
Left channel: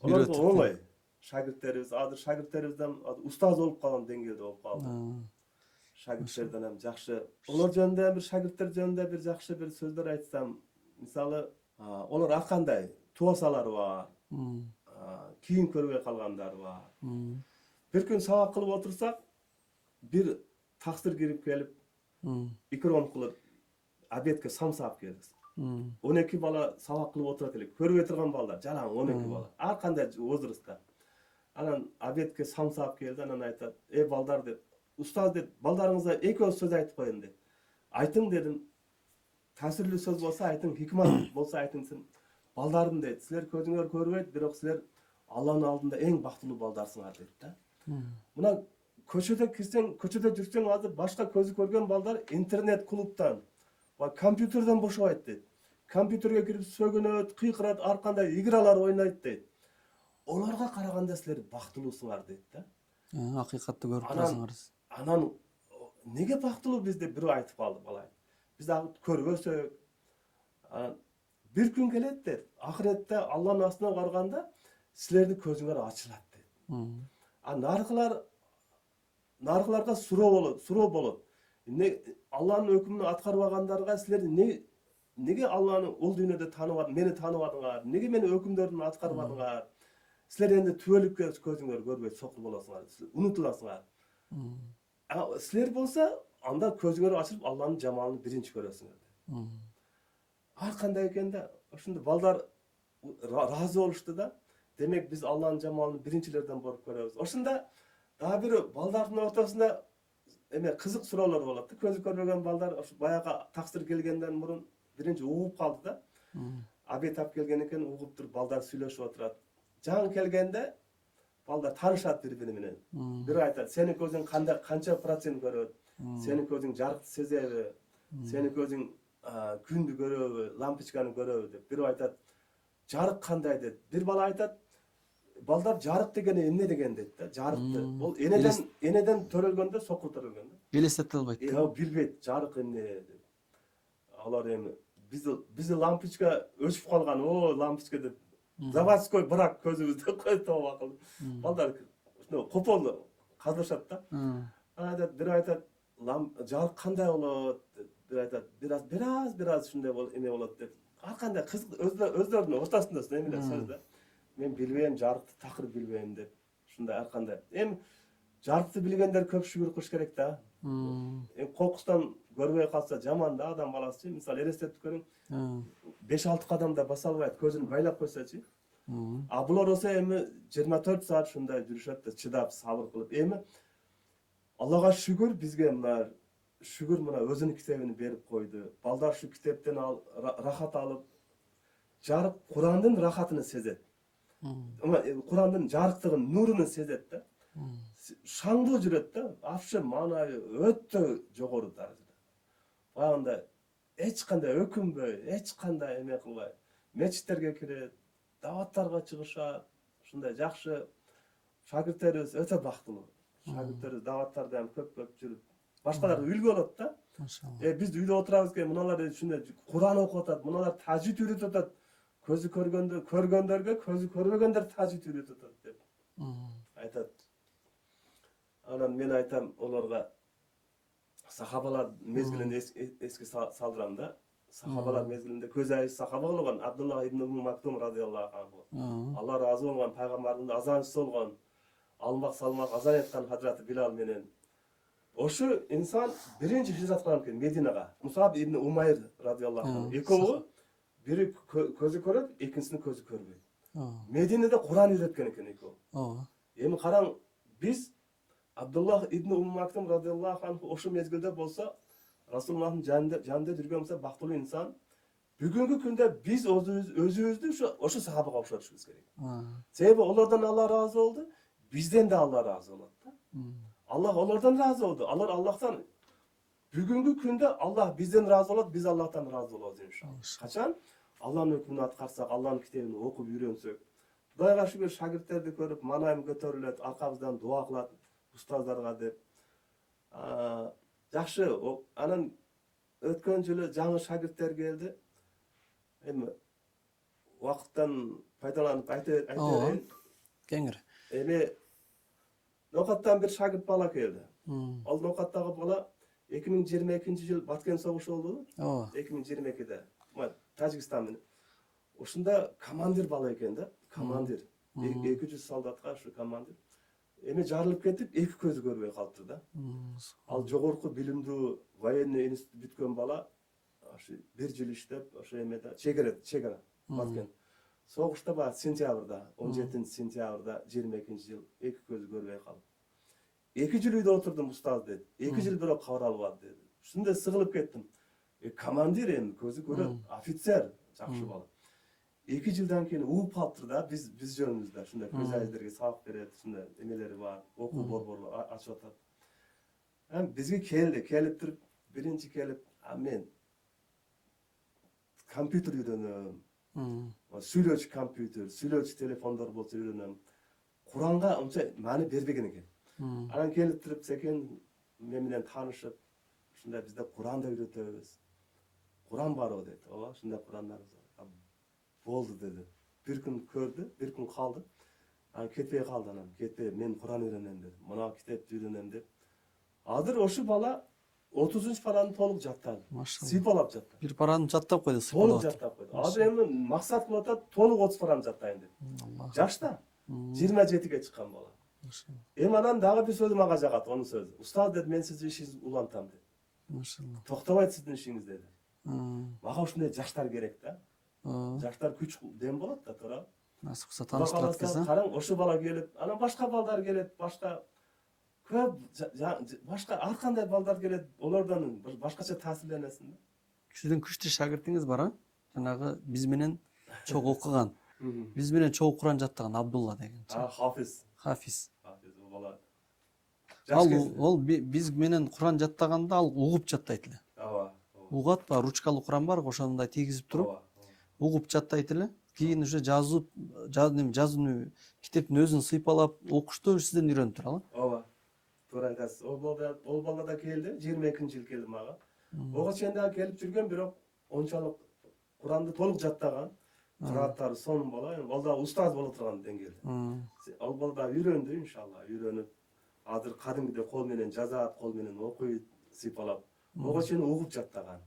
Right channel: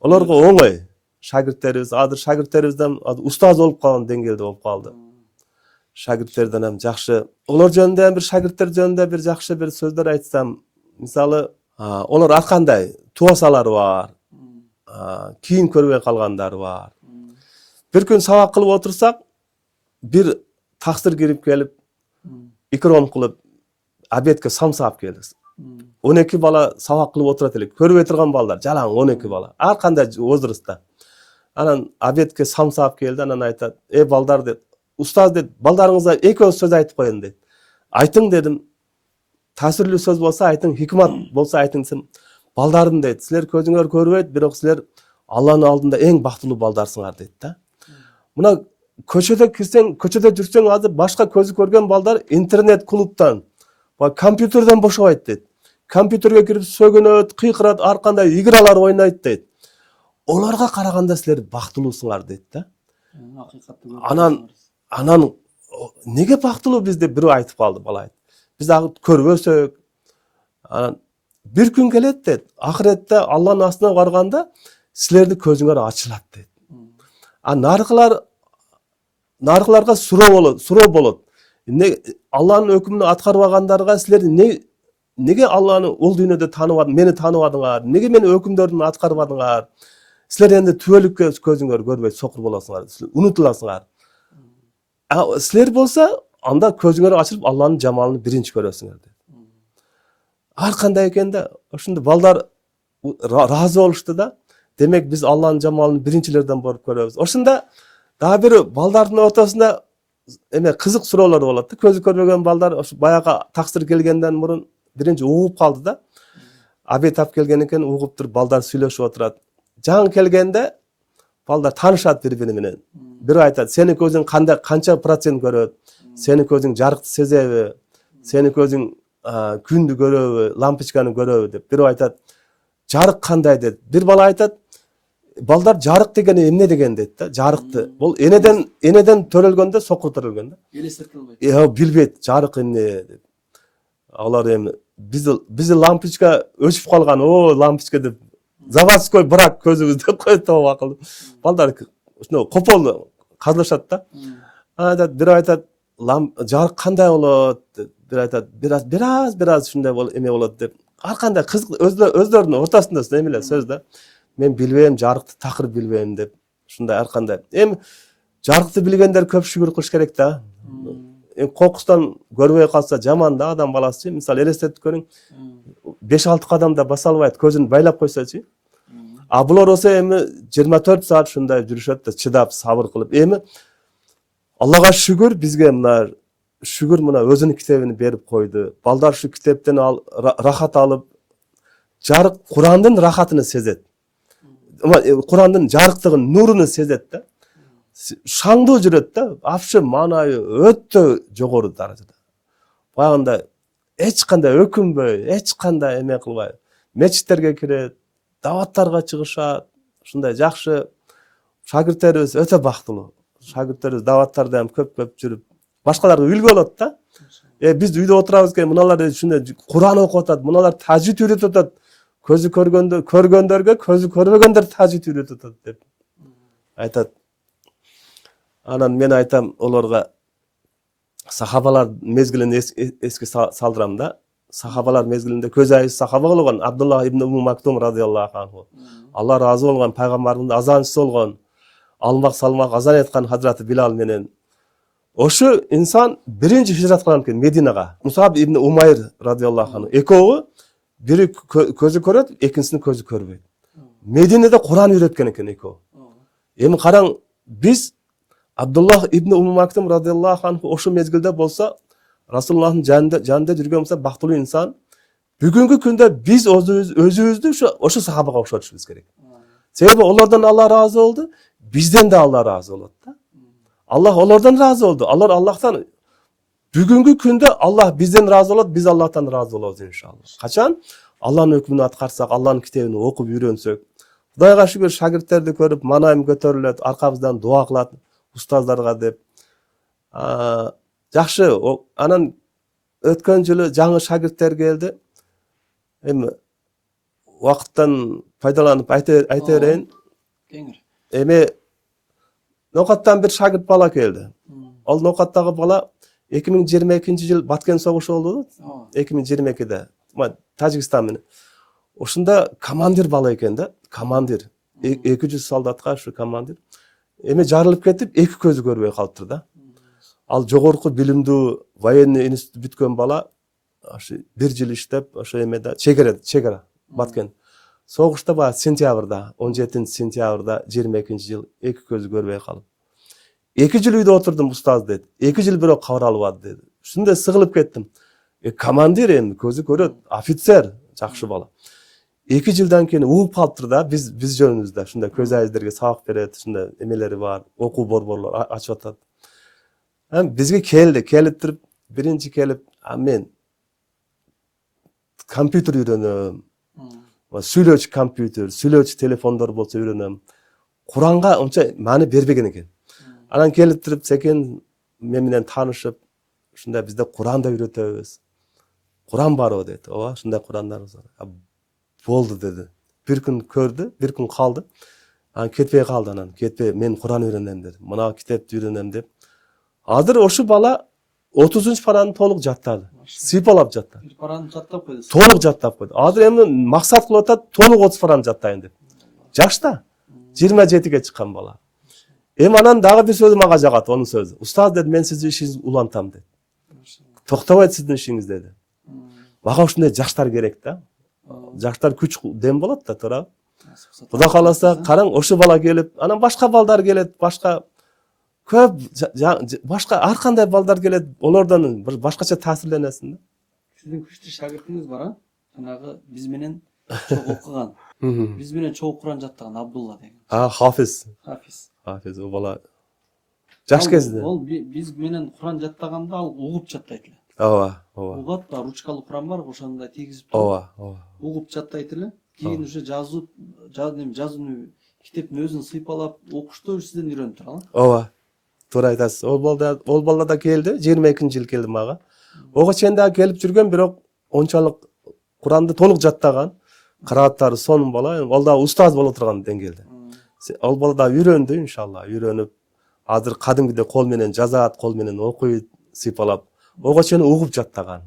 Оларга оңой. Шагирттерибизден устаз болуп калган деңгээлде болуп калды. Шагирттерден ham жакшы. Олар жөнүндө бир шагирттер жөнүндө бир жакшы бир сөздөр айтсам, мисалы, олар ар кандай туасалары бар. Кийин көрбөй калгандары бар. Бир күн сабак кылып отурсак, бир таксыр кирип келип, икром кылып, обедке самса алып келиз. 12 бала сабак кылып отурат элек. Көрбөй турган балдар, жалаң 12 бала. Ар кандай возрастта. Анан обедке самса алып келди, анан айтат: балдар" деп. "Устаз" деп, "балдарыңызга эки сөз айтып коеюн" дейт. "Айтың" дедим. "Таасирлүү сөз болсо айтың, хикмат болсо айтың" десем, "Балдарым" дейт. "Силер көзүңөр көрбөйт, бирок силер Алланын алдында эң бактылуу балдарсыңар" дейт да. Мына көчөдө кирсең, көчөдө жүрсөң азыр башка көзү көргөн балдар интернет клубтан, компьютерден бошобойт дейт. Компьютерге кирип сөгөнөт, кыйкырат, ар кандай игралар ойнойт дейт. Оларга караганда силер бактылуусуңар дейт да. Акыйкатты көргөн. Анан неге бактылуу биз деп бирөө айтып калды, бала айтты. Биз көрбөсөк, анан бир күн келет дейт. Ахиретте Алланын астына барганда силердин көзүңөр ачылат дейт. Нарыкларга суроо болот. Алланын өкүмүн аткарбагандарга силер неге Алланы ол дүйнөдө тааныбадыңар, мени тааныбадыңар? Неге мени өкүмдөрдүн аткарбадыңар? Силер энди түбөлүккө көзүңөр көрбөй сокур болосуңар, унутуласыңар. Силер болсо анда көзүңөр ачылып Алланын жамалын биринчи көрөсүңөр дейт. Ар кандай экен да, ошондо балдар ыраазы болушту да. Демек биз Алланын жамалын биринчилерден барып көрөбүз. Ошондо дагы бир балдардын ортосунда кызык суроолор болот да. Көзү көрбөгөн балдар ошо баягы таксыр келгенден мурун биринчи угуп калды да. Обед алып келген экен, угуп туруп балдар сүйлөшүп отурат. Жаңы келгенде балдар таанышат бири-бири менен. Бирөө айтат: "Сени көзүң канча процент көрөт? Сени көзүң жарыкты сезеби? Сени көзүң күндү көрөбү, лампочканы көрөбү" деп. Бирөө айтат: "Жарык кандай" дейт. Бир бала айтат: "Балдар жарык деген эмне деген" дейт да. Жарыкты. Бул энеден төрөлгөндө, сокур төрөлгөн да. Элестете албайт. Билбейт жарык эмне деп. Алар эми биз лампочка өчүп калган, лампочка деп заводской брак көзүбүздө коет да акылы. Балдар ушуну копол казлашат да. Бирөө айтат: "Жарык кандай болот?" деп. Бир айтат: "Бираз ушундай эме болот" деп. Ар кандай кызык өздөрүнүн ортосунда эмеле сөз да. "Мен билбейм, жарыкты такыр билбейм" деп. Ушундай ар кандай. Эми Жарыкты билгендер көп шүгүр кылыш керек да. Кокустан көрбөй калса жаман да адам баласы. Мисалы элестетип көрүң, 5-6 кадамда баса албайт, көзүн байлап койсочу. А булар болсо эми 24 саат ушундай жүрүшөт да, чыдап, сабыр кылып. Эми Аллага шүгүр, бизге мына шүгүр мына өзүнүн китебин берип койду. Балдар ушу китептен рахат алып, жарык Курандын рахатын сезет. Курандын жарыктыгын, нурун сезет да. Шаңдуу жүрөт да, апшы маанайы өтө жогору даражада. Багында эч кандай өкүнбөй, эч кандай эме кылбай, мечиттерге кирет, даваттарга чыгышат, ушундай жакшы шагирттерибиз өтө бактылуу. Шагирттерибиз даваттарда ham көп жүрүп, башкаларга үлгү болот да. Биз үйдө отурабыз экен, мыналар ушундай Куран окуп атат, мыналар тажвид үйрөтүп атат. Көзү көргөндөргө көзү көрбөгөндөр тажвид үйрөтүп атат деп айтат. Анан мен айтам олорго, сахабалар мезгилин эске салдырам да. Сахабалар мезгилинде көз айыз сахаба болгон Абдулла ибн Уму Мактум радиаллаху анху. Алла разы болгон пайгамбардын азанчысы болгон, алмак салмак азан айткан Хазраты Билал менен. Ошо инсан биринчи хижрат кылган экен Мединага. Мусаб ибн Умайр радиаллаху анху. Экөө бири көзү көрөт, экинчисинин көзү көрбөйт. Мединеде Куран үйрөткөн экен экөө. Эми караң, биз Абдулла ибн Уму Мактум радиаллаху анху ошо мезгилде болсо, Расулуллахтын жанында жүргөн болсо бактылуу инсан, бүгүнкү күндө биз өзүбүздү ошо сахабага окшотушубуз керек. Себеби олордон Алла разы болду, бизден да Алла разы болот да. Аллах олордон разы болду. Алар Аллахтан бүгүнкү күндө Аллах бизден разы болот, биз Аллахтан разы болобуз иншалла. Качан Алланын өкмүн аткарсак, Алланын китебин окуп үйрөнсөк, Кудайга шүгүр шагирттерди көрүп, манайым көтөрүлөт, аркабыздан дуа кылат устаздарга деп. Жакшы, анан өткөн жылы жаңы шагирттер келди. Эми убакыттан пайдаланып айта берейин. Эми Нокаттан бир шагирт бала келди. Ал Нокаттагы бала 2022-жыл Баткен согушу болду. 2022-де. Тажикстан менен. Ошондо командир бала экен да, командир. 200 солдатка ушу командир. Эми жарылып кетип, эки көзү көрбөй калыптыр да. Ал жогорку билимдүү военный институт бүткөн бала, ошо 1 жыл иштеп, ошо эмеде чегара Баткен. Согушта ба сентябрда, 17-сентябрда 22-жыл эки көзү көрбөй калып. 2 жыл үйдө отурдум устаз дейт. 2 жыл бирок кабар албады дейт. Ушундай сыгылып кеттим. Командир эми көзү көрөт, офицер, жакшы бала. 2 жылдан кийин угуп калыптыр да, биз жөнүбүздө ушундай көз айыздерге сабак берет, ушундай эмелери бар, окуу борборлор ачып атат. Бизге келип туруп, биринчи келип, мен компьютер үйрөнөм. Сүйлөөчү компьютер, сүйлөөчү телефондор болсо үйрөнөм. Куранга онча маани бербеген экен. Анан келип туруп, секен мен менен таанышып, ушундай бизде Куранды үйрөтөбүз. Куран барбы дейт. Ооба, ушундай Курандарыбыз бар. Болду деди. Бир күн көрдү, бир күн калды. Анан кетпей калды анан. Кетпей, мен Куран үйрөнөм деди. Мына китепти үйрөнөм деп. Азыр ошо бала 30-параны толук жаттады. Сыйпалап жаттады. Бир параны жаттап койду. Толук жаттап койду. Азыр эми максат кылып атат, толук 30 параны жаттайын деп. Жашта 27-ге чыккан бала. Эми анан дагы бир сөзү мага жагат, онун сөзү. Устаз деди, мен сизди ишиңизди улантам деди. Токтобойт сиздин ишиңиз деди. Мага ушундай жаштар керек да. Жаштар күч дем болот да, туура. Кудай кааласа, караң, ошо бала келип, анан башка балдар келет, башка көп башка ар кандай балдар келет, олордон бир башкача таасирленесиң да. Сиздин күчтүү шагиртиңиз бар, а? Жанагы биз менен чогуу окуган, биз менен чогуу Куран жаттаган Абдулла деген. Хафиз. Хафиз о бала жаш кезде. Ол биз менен Куран жаттаганда ал угуп жаттайт эле. Ооба. Угат ба, ручкалуу Куран бар, ошондой тийгизип туруп. Угуп жаттайт эле. Кийин уже жазууну китептин өзүн сыйпалап окушту сизден үйрөнүп турган. Ооба. Туура айтасыз. Ол бала да келди, 22-жыл келди мага. Ого чейин дагы келип жүргөн, бирок ончалык Куранды толук жаттаган, кырааттары сонун бала, ал да устаз боло турган деңгээлде. Ал бала да үйрөндү, иншалла, үйрөнүп, азыр кадимгидей кол менен жазат, кол менен окуйт, сыйпалап. Ого чейин угуп жаттаган.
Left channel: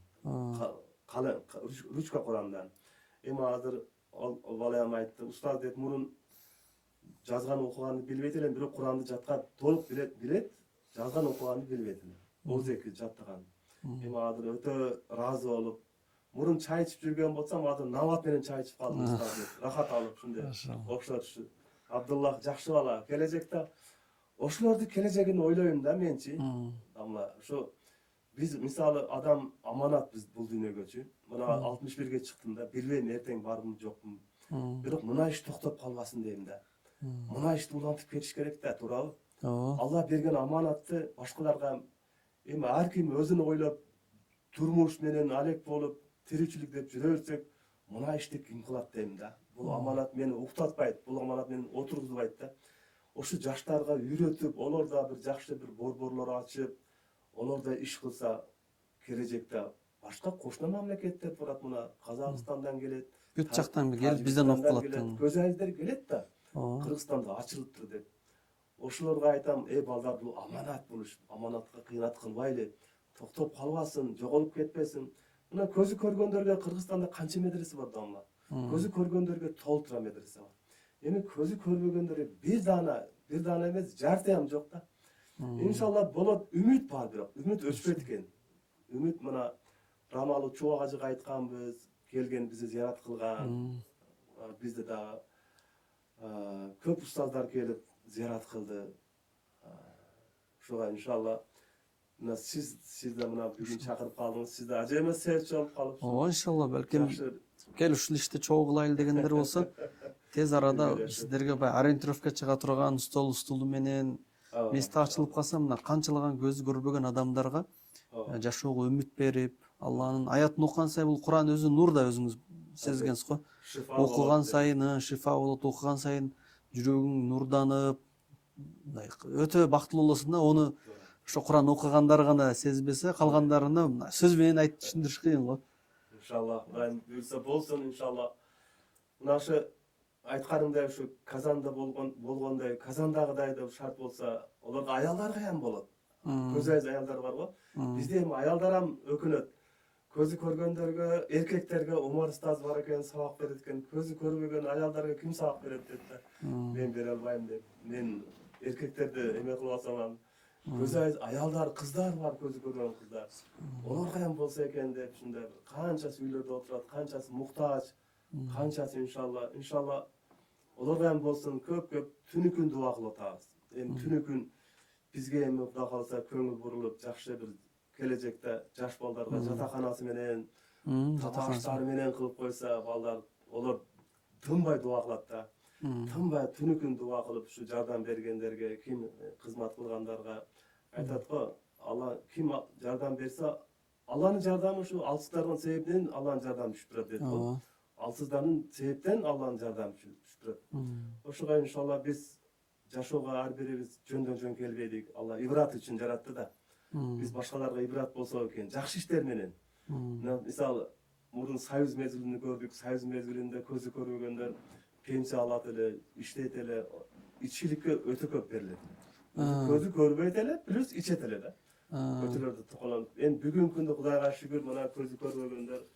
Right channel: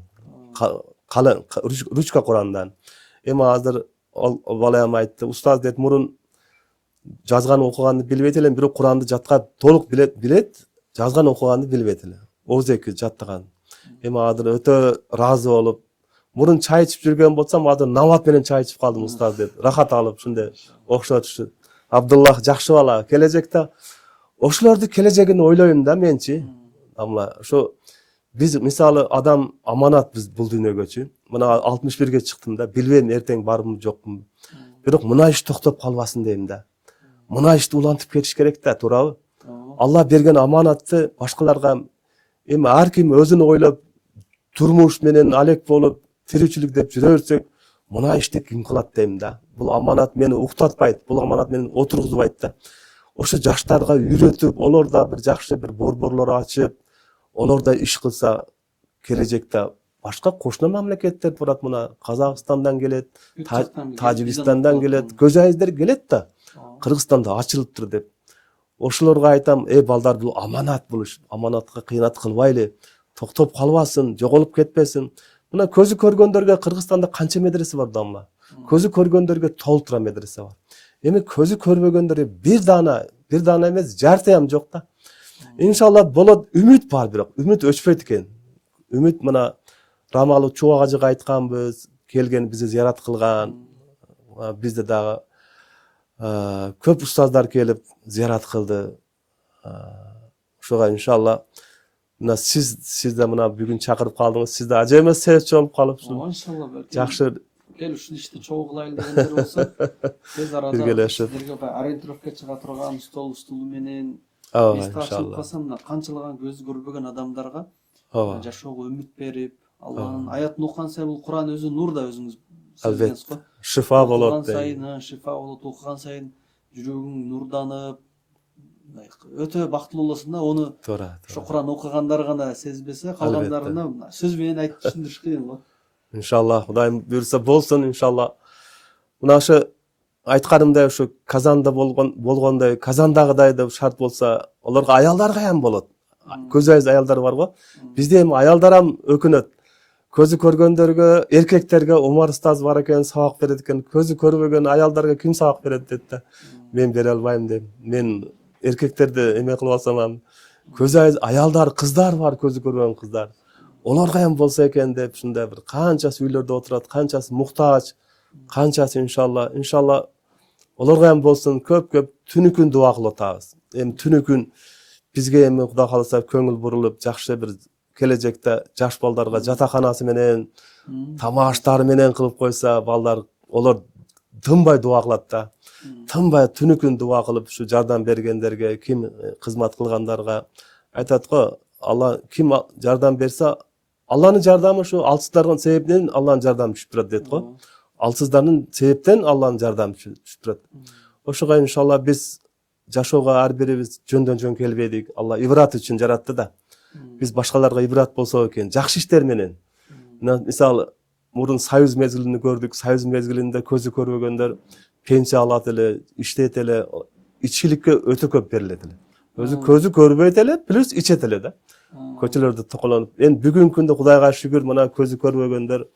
Ручка Курандан. Эми азыр ал бала айтты, устаз дейт, мурун жазган окуганды билбейт элем, бирок Куранды жатка толук билет, жазган окуганды билбейт эле. Оозеки жаттаган. Эми азыр өтө ыраазы болуп, мурун чай ичип жүргөн болсом, азыр намат менен чай ичип калдым устаз деп, рахат алып ушундай окшотушу. Абдуллах жакшы бала, келечекте ошолорду келечегин ойлойм да менчи. Амла ошо биз мисалы адам аманат биз бул дүйнөгөчү. Мына 61ге чыктым да, билбейм эртең бармы жокму. Бирок мына иш токтоп калбасын дейм да. Мына ишти улантып кетиш керек да, туурабы? Алла берген аманатты башкаларга эми ар ким өзүн ойлоп, турмуш менен алек болуп, тиричилик деп жүрө берсек, мына ишти ким кылат дейм да. Бул аманат мени уктатпайт, бул аманат мени отургузбайт да. Ошо жаштарга үйрөтүп, олор да бир жакшы бир борборлор ачып, олор да иш кылса келечекте башка кошуна мамлекеттер турат, мына Казакстандан келет, Тажикстандан келет, көзайыздер келет да. Кыргызстанда ачылыптыр деп. Ошолорго айтам, балдар, бул аманат, бул иш. Аманатка кыйнат кылбайлы, токтоп калбасын, жоголуп кетпесин. Мына көзү көргөндөргө Кыргызстанда канча медресе бар дамла? Көзү көргөндөргө толтура медресе бар. Эми көзү көрбөгөндөргө бир даана эмес, жартыям жок да. Иншалла болот, үмүт бар, бирок үмүт өчпөйт экен. Үмүт мына Рамалы Чубак ажыга айтканбыз, келген бизди зыярат кылган. Бизде дагы көп устаздар келип зыярат кылды. Ошого иншалла мына сиз да мына бүгүн чакырып калдыңыз. Сиз да ажайып себепчи болуп калыпсыз. Иншалла балким Жакшы кел ушул ишти чогуу кылайлы дегендер болсо, тез арада биргелешип сиздерге ориентировка чыга турган столу менен эсте ачылып иншалла. калса, мына канчалаган көзү көрбөгөн адамдарга жашоого үмүт берип, Алланын аятын окуган сайын, бул Куран өзү нур да, өзүңүз сездиңиз го. Шифа болот. Окуган сайын шифа болот, окуган сайын жүрөгүң нурданып, өтө бактылуу болосуң да. Ону ошо Куран окугандар гана сезбесе, калгандарына сөз менен айтып түшүндүрүш кыйын го. Иншалла, Кудайым буйрса болсун, иншалла. Мына ошо айтканымдай, ошо Казанда болгондой, Казандагыдай деп шарт болса, олорго аялдар каян болот? Көз айыз аялдар бар го. Бизде эми аялдар ам өкүнөт. Көзү көргөндөргө, эркектерге Умар устаз бар экен, сабак берет экен. Көзү көрбөгөн аялдарга ким сабак берет дейт да. Мен бере албайм дейм. Мен эркектерди эме кылып алсам, көз айыз аялдар, кыздар бар, көзү көргөн кыздар. Олар каян болсо экен деп, ушундай бир канчасы үйлөрдө отурат, канчасы муктаж, канчасы иншалла олар каян болсун, көп түнү-күн дуа кылып атабыз. Эми түнү-күн бизге эми Кудай кааласа көңүл бурулуп, жакшы бир келечекте жаш балдарга жатаканасы менен, тамаштары менен кылып койса, балдар олар тынбай дуа кылат да. Тынбай түнү-күн дуа кылып, ушу жардам бергендерге, ким кызмат кылгандарга айтат го, Алла ким жардам берсе, Алланын жардамы ушу алсыздардын себебинен Алланын жардамы түшүп турат дейт го. Алсыздардын себептен Алланын жардамы түшүп турат. Ошого иншалла биз жашоого ар бирибиз жөндөн-жөн келбедик. Алла ибрат үчүн жаратты да. Биз башкаларга ибрат болсок экен, жакшы иштер менен. Мисалы, мурун Союз мезгилин көрдүк. Союз мезгилинде көзү көрбөгөндөр пенсия алат эле, иштейт эле, ичкиликке өтө көп берилет эле. Өзү көзү көрбөйт эле, плюс ичет эле да. Көчөлөрдө токолонуп. Эми бүгүнкү күндө Кудайга шүгүр, мына көзү көрбөгөндөр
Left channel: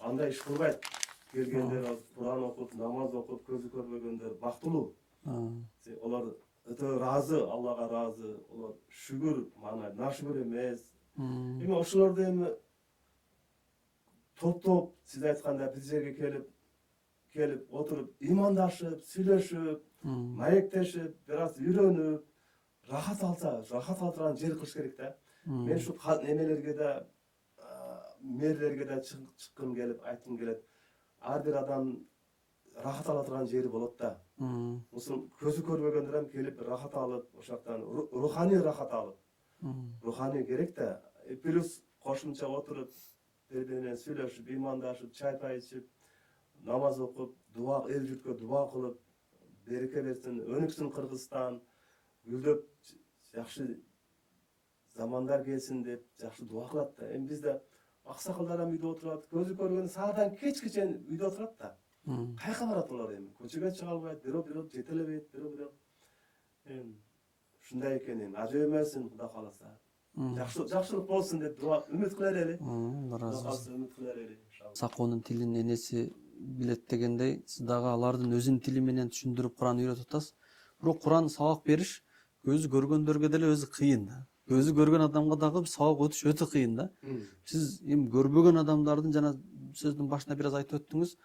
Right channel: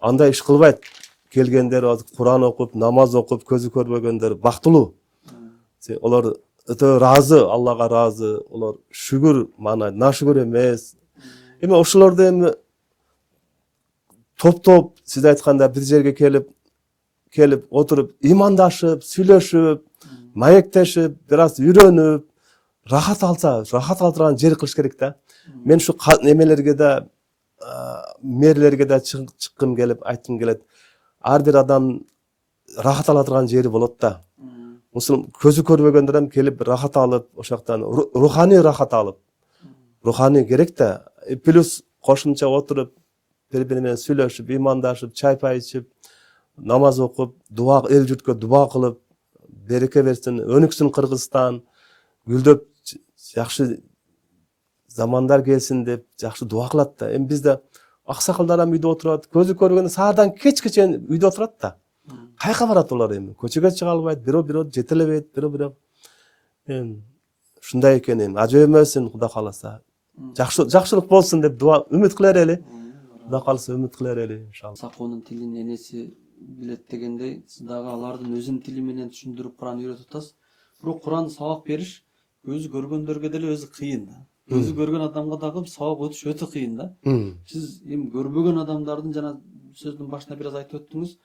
андай иш кылбайт. Келгендер Куран окуп, намаз окуп, көзү көрбөгөндөр бактылуу. Олар өтө ыраазы, Аллага ыраазы. Олар шүгүр, мана нашүгүр эмес. Эми ошолорду эми топтоп, сиз айтканда бир жерге келип отуруп, имандашып, сүйлөшүп, маектешип, бир аз үйрөнүп, рахат алдырган жер кылыш керек да. Мен ушу немелерге да, мэрлерге да чыккым келип, айткым келет. Ар бир адам рахат ала турган жери болот да. Мусул көзү көрбөгөндөр эм келип рахат алып, ошоктан руханий рахат алып. Руханий керек да. Плюс кошумча отуруп, бири-бири менен сүйлөшүп, имандашып, чай-пай ичип, намаз окуп, дуа, эл журтко дуа кылып, береке берсин, өнүксүн Кыргызстан, гүлдөп жакшы замандар келсин деп жакшы дуа кылат да. Эми бизде аксакалдар ам үйдө отурат, көзү көргөндө саардан кечке чейин үйдө отурат да. Кайка барат олар эми? Көчөгө чыга албайт, бирөө жетелебейт, бирөө. Эми ушундай экен эми. Ажөбөмөсүн Кудай кааласа. Жакшылык болсун деп дуа, үмүт кылар эле. Кудай кааласа үмүт кылар эле иншалла. Сакоонун тилин энеси билет дегендей, сиз дагы алардын өзүнүн тили менен түшүндүрүп Куран үйрөтүп атасыз. бирок Куран сабак бериш өзү көргөндөргө деле өзү кыйын да. Өзү көргөн адамга дагы сабак өтүш өтө кыйын да. Сиз эми көрбөгөн адамдардын жана сөздүн башында бир аз айтып өттүңүз,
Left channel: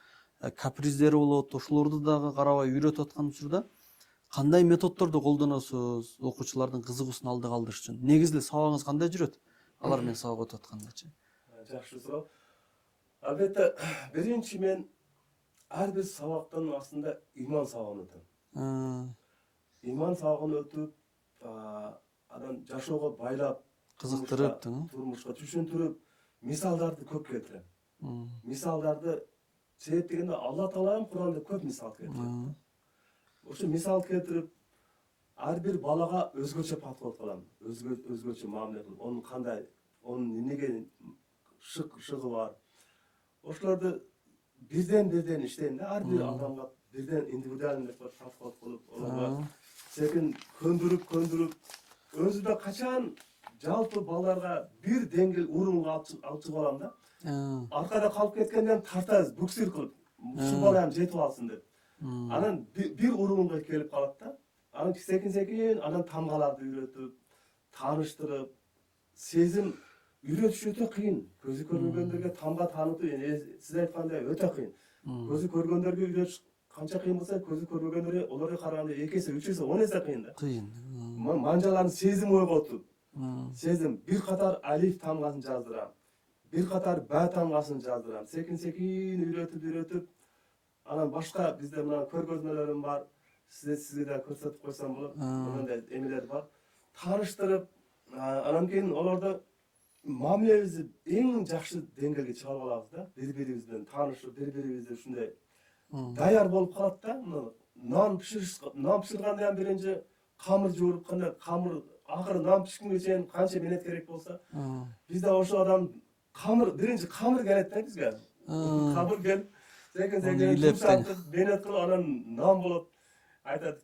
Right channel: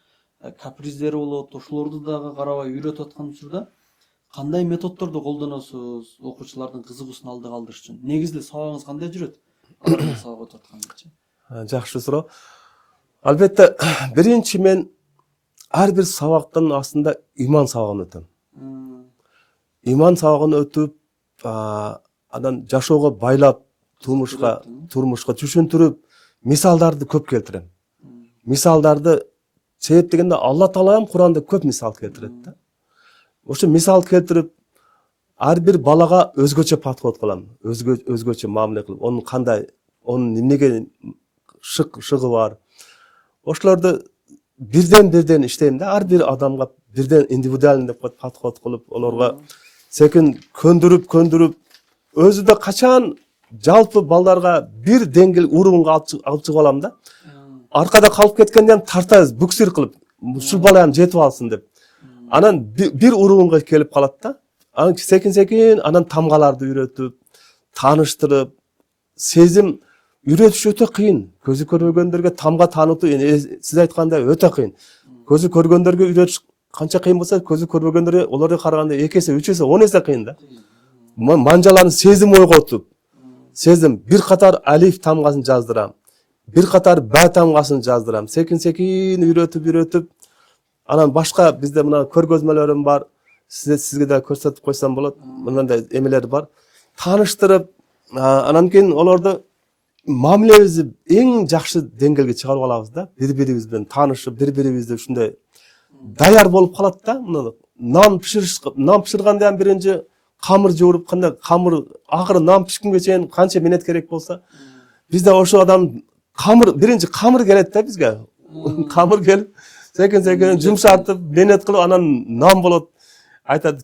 каприздери болот, ошолорду дагы карабай үйрөтүп аткан учурда кандай методдорду колдоносуз окуучулардын кызыгуусун алды калдырыш үчүн? Негизги сабагыңыз кандай жүрөт? Алар сабак өтүп аткандачы. Жакшы суроо. Албетте, биринчи мен ар бир сабактын астында иман сабагын өтөм. Иман сабагын өтүп, анан жашоого байлап, турмушка түшүндүрүп, мисалдарды көп келтирем. Мисалдарды себеп дегенде Алла Таала Куранда көп мисал келтирет да. Ошо мисал келтирип, ар бир балага өзгөчө подход кылам, өзгөчө мамиле кылып, онун кандай, онун эмнеге шыгы бар. Ошолорду бирден иштейм да, ар бир адамга бирден индивидуальный деп подход кылып, олорго секин көндүрүп, өзү да качан жалпы балдарга бир деңгил уровеньга алып чыгып алам да. Аркада калып кеткенден тартабыз, буксир кылып, ушул бала жетип алсын деп. Анан бир уровеньга келип калат да. Анан секин анан тамгаларды үйрөтүп, тааныштырып, сезим үйрөтүш өтө кыйын. Көзү көрбөгөндөргө тамга таанытуу, сиз айткандай өтө кыйын. Көзү көргөндөргө үйрөтүш канча кыйын болсо, көзү көрбөгөндөргө олорго караганда 2 эсе, 3 эсе, 10 эсе кыйын да. Манжаларын сезим ойготуп, сезим бир катар алиф тамгасын жаздырам, бир катар ба тамгасын жаздырам. Секин үйрөтүп, анан башка бизде мына көргөзмөлөрүм бар. Сизге да көрсөтүп койсом болот. Мындай эмелер бар. Тааныштырып, анан кийин олорду мамилебизди эң жакшы деңгээлге чыгарып алабыз да. Бири-бирибиз менен таанышып, бири-бирибизди ушундай даяр болуп калат да. Нан пиширгандан биринчи камыр жууруп, кандай камыр акыры нан пишкенге чейин канча минут керек болсо, бизде ошо адам биринчи камыр келет да бизге. Камыр келип, секин жумшартып, менет кылып, анан нан болот. Айтат,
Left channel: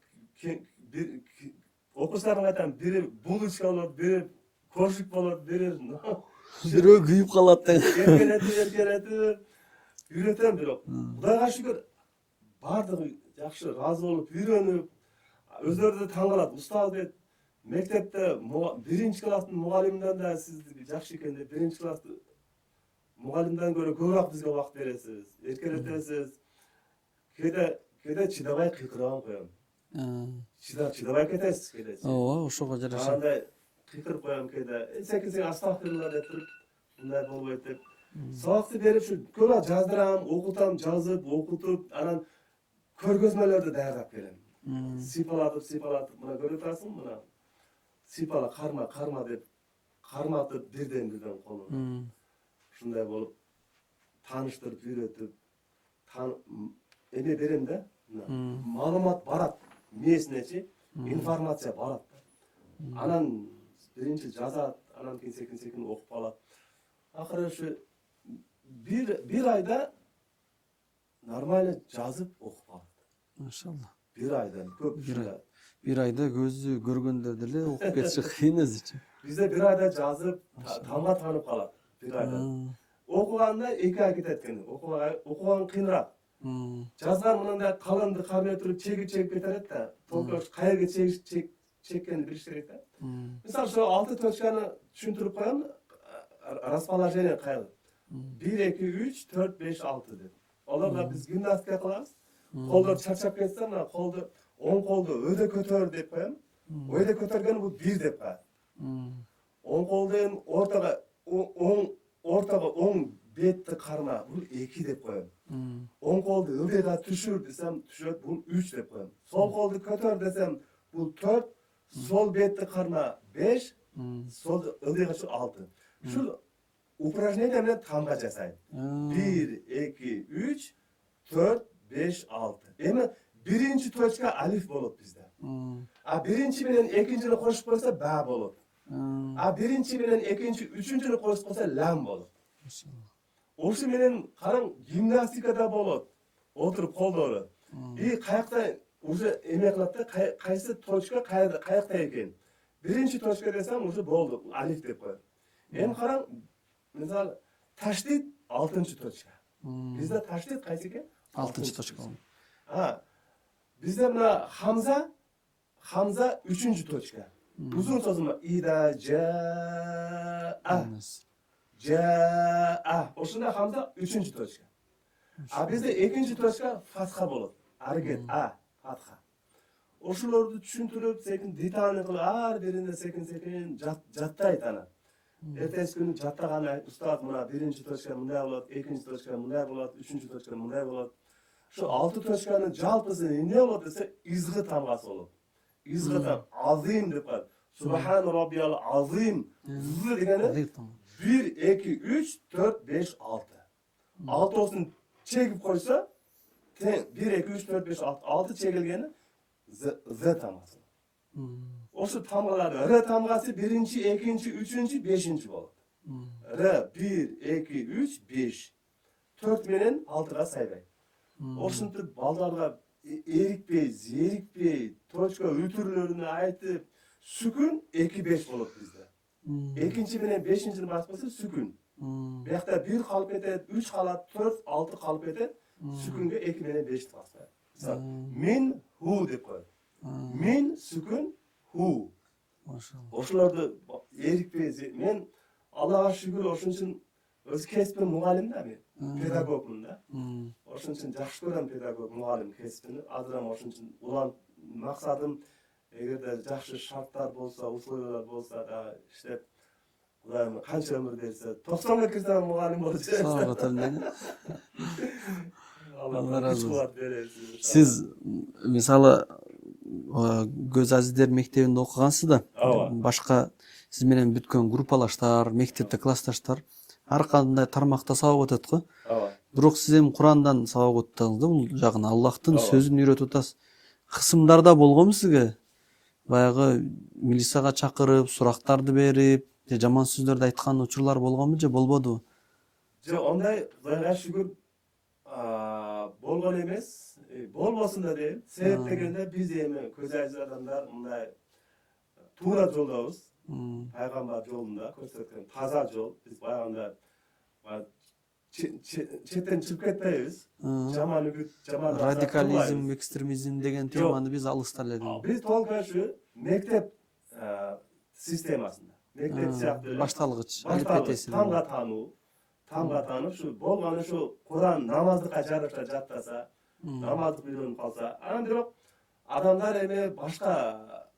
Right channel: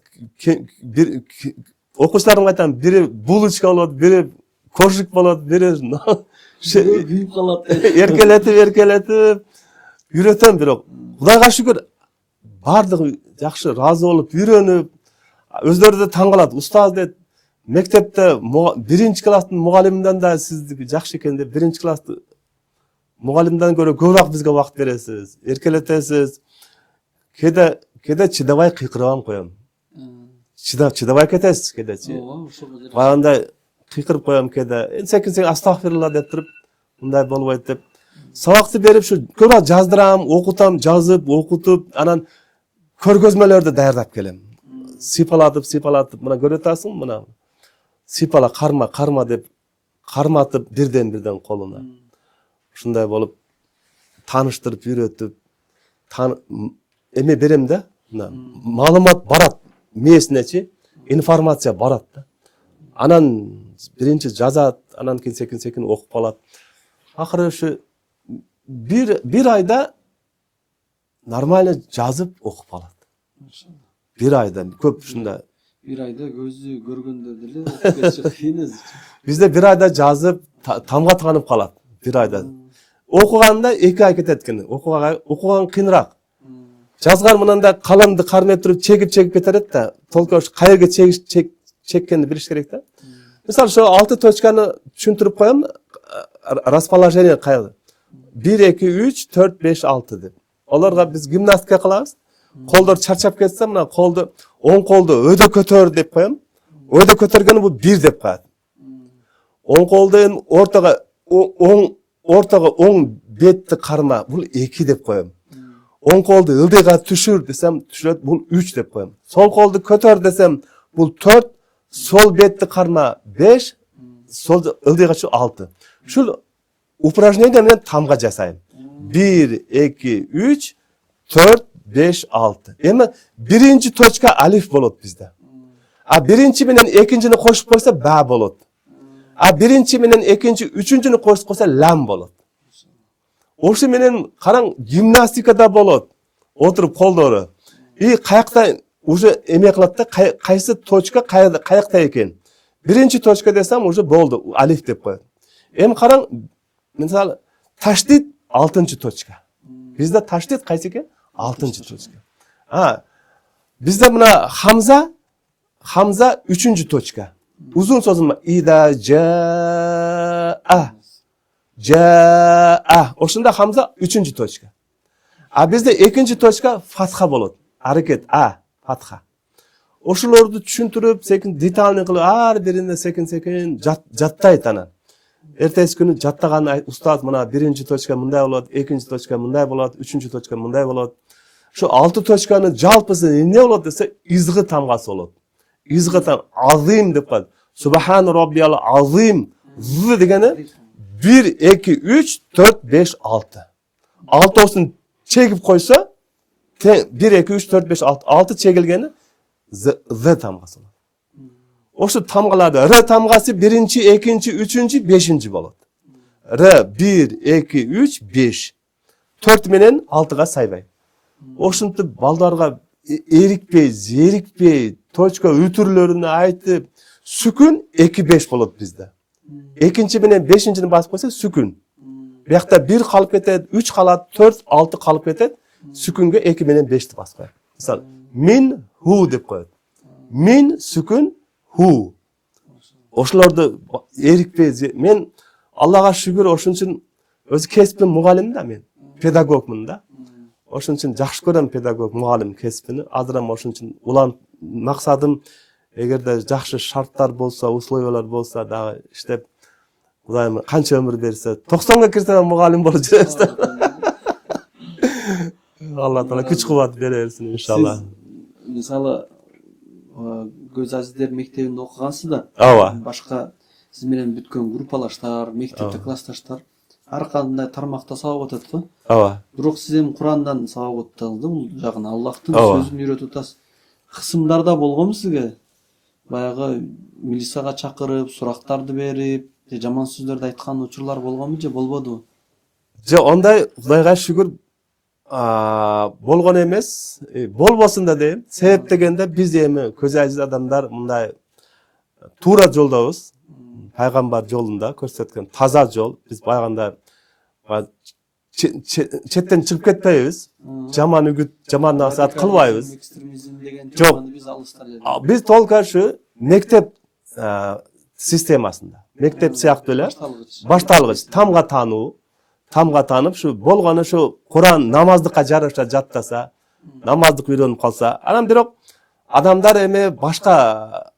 окуучуларга айтам, бири булочка болот, бири коржик болот, бири күйүп калат. Эркелетип үйрөтөм, бирок Кудайга шүгүр бардыгы жакшы ыраазы болуп, үйрөнүп, өздөрү да таң калат. Устаз дейт, мектепте биринчи класстын мугалиминден да сиздики жакшы экен деп, биринчи класстын мугалимден көрө көбүрөөк бизге убакыт бересиз, эркелетесиз. Кеде чыдабай кыйкырып коем. Чыдабай кетесиз кедечи. Ооба, ошого жараша. Багандай кыйкырып коем кеде. Секин астагфирулла деп туруп, мындай болбойт деп. Сабакты берип, ушу көбүрөөк жаздырам, окутам, жазып, окутуп, анан көргөзмөлөрдү даярдап келем. Сыйпалатып, мына көрүп атасың, мына сыйпала, карма деп карматып бирден колуна. Ушундай болуп тааныштырып, үйрөтүп, эме берем да, маалымат барат, мээсинечи, информация барат да. Анан биринчи жазат, анан кийин секин окуп калат. Акыры ушу бир айда нормально жазып окуп калат. Машалла. Бир айда көп ушундай. Бир айда көзү көргөндөр деле окуп кетиши кыйын өзү. Бизде бир айда жазып, тамга таанып калат. Бир айда. Окуганда 2 ай кетет экен. Окуган кыйыныраак. Жазган мынандай каламды кармеп туруп чегип кетерет да. Толку кай жерге чеккенди билиш керек да. Мисалы, ошо 6 точканы түшүндүрүп коем. Расположение кайда? 1, 2, 3, 4, 5, 6 деп. Олорго биз гимнастика кылабыз. Колдор чарчап кетсе, мына колду, оң колду өйдө көтөр деп коем. Өйдө көтөргөнү бул 1 деп коет. Оң колду ортого оң бетти карма, бул 2 деп коем. Оң колду ылдыйга түшүр десем, түшүрөт, бул 3 деп коем. Сол колду көтөр десем, бул 4, сол бетти карма 5, сол ылдыйга түшүр 6. Ушул упражнение менен тамга жасайм. 1, 2, 3, 4, 5, 6. Эми биринчи точка алиф болот бизде. А биринчи менен экинчини кошуп койсо ба болот. А биринчи менен экинчи, үчүнчүнү кошуп койсо лам болот. Ошо менен караң, гимнастикада болот. Отуруп колдору. И каякта уже эме кылат да, кайсы точка каякта экен. Биринчи точка десем, уже болду, алиф деп коет. Эми караң, мисалы, таштит 6-чы точка. Бизде таштит кайсы экен? 6-чы точка. Бизде мына хамза Hamza üçüncü точка. Uzun sözüm ida jaa. Jaa. Oşunda Hamza üçüncü точка. A bizde ikinci точка fatha bolot. Hareket a fatha. Oşulardı düşüntürüp sekin detalni kılıp her birinde sekin jattayt ana. Ertesi günü jattagан ustad mına birinci точка mınday bolot, ikinci точка mınday bolot, üçüncü точка mınday bolot. Şu 6 точканы жалпысы ne bolot dese izgı tamgası bolot. İzgı tam azim dep koydu. Subhan rabbiyal azim. Z degeni 1 2 3 4 5 6. 6 olsun çekip koysa 1 2 3 4 5 6 6 çekilgeni z tamgası. Oşu tamgalarda r tamgası birinci, ikinci, üçüncü, beşinci bolot. R 1 2 3 5. 4 menen 6'ga saybay. Oşuntup baldarga erikpey, zerikpey, точка ütürlerini aytıp sükün 2-5 bolot bizde. Ekinci menen 5-ni basıp koysa sükün. Bu yakta 1 kalıp ketet, 3 kalat, 4, 6 kalıp ketet, sükünge 2 menen 5'ti basıp koyar. Misal, min hu dep koyar. Min sükün hu. Oşularda erikpey, men Allah'a şükür oşun için özü kesbim mugalim da men, pedagogmun da. Oşun için жақсы көрем pedagog mugalim kesbini. Azıram oşun için ulan maksadım egerde жақсы şartlar bolsa, условиялар bolsa da işte Kudayım kança ömür berse 90'ga kirsem mugalim bolup жүрөбүz. Allah Taala güç kuvvet bersin inşallah. Siz misалы Göz Azиздер мектебинде окугансыз да. Ооба. Башка сиз менен бүткөн группалаштар, мектепте классташтар ар кандай тармакта сабак өтөт го. Ооба. Бирок сиз эми Курандан сабак өттүңүз да, бул жагын Аллахтын сөзүн үйрөтүп атасыз. Кысымдарда болгонбу сизге? Баягы милицияга чакырып, сурактарды берип, жаман сөздөрдү айткан учурлар болгонбу же болбодубу? Же ондай Кудайга шүгүр болгон эмес, болбосун да дейм. Себеп дегенде биз эми көз ажиз адамдар мындай туура жолдобуз. Пайгамбар жолунда көрсөткөн таза жол. Биз байганда четтен чыгып кетпейбиз. Жаман үгүт, жаман насаат кылбайбыз. Экстремизм деген Жок. теманы биз алыста эле. Биз толук ушу мектеп системасында. Мектеп сыяктуу эле башталгыч тамга таануу, тамга таанып ушу болгону ушу Куран намаздыкка жараша жаттаса, намаздык үйрөнүп калса, анан бирок адамдар эми башка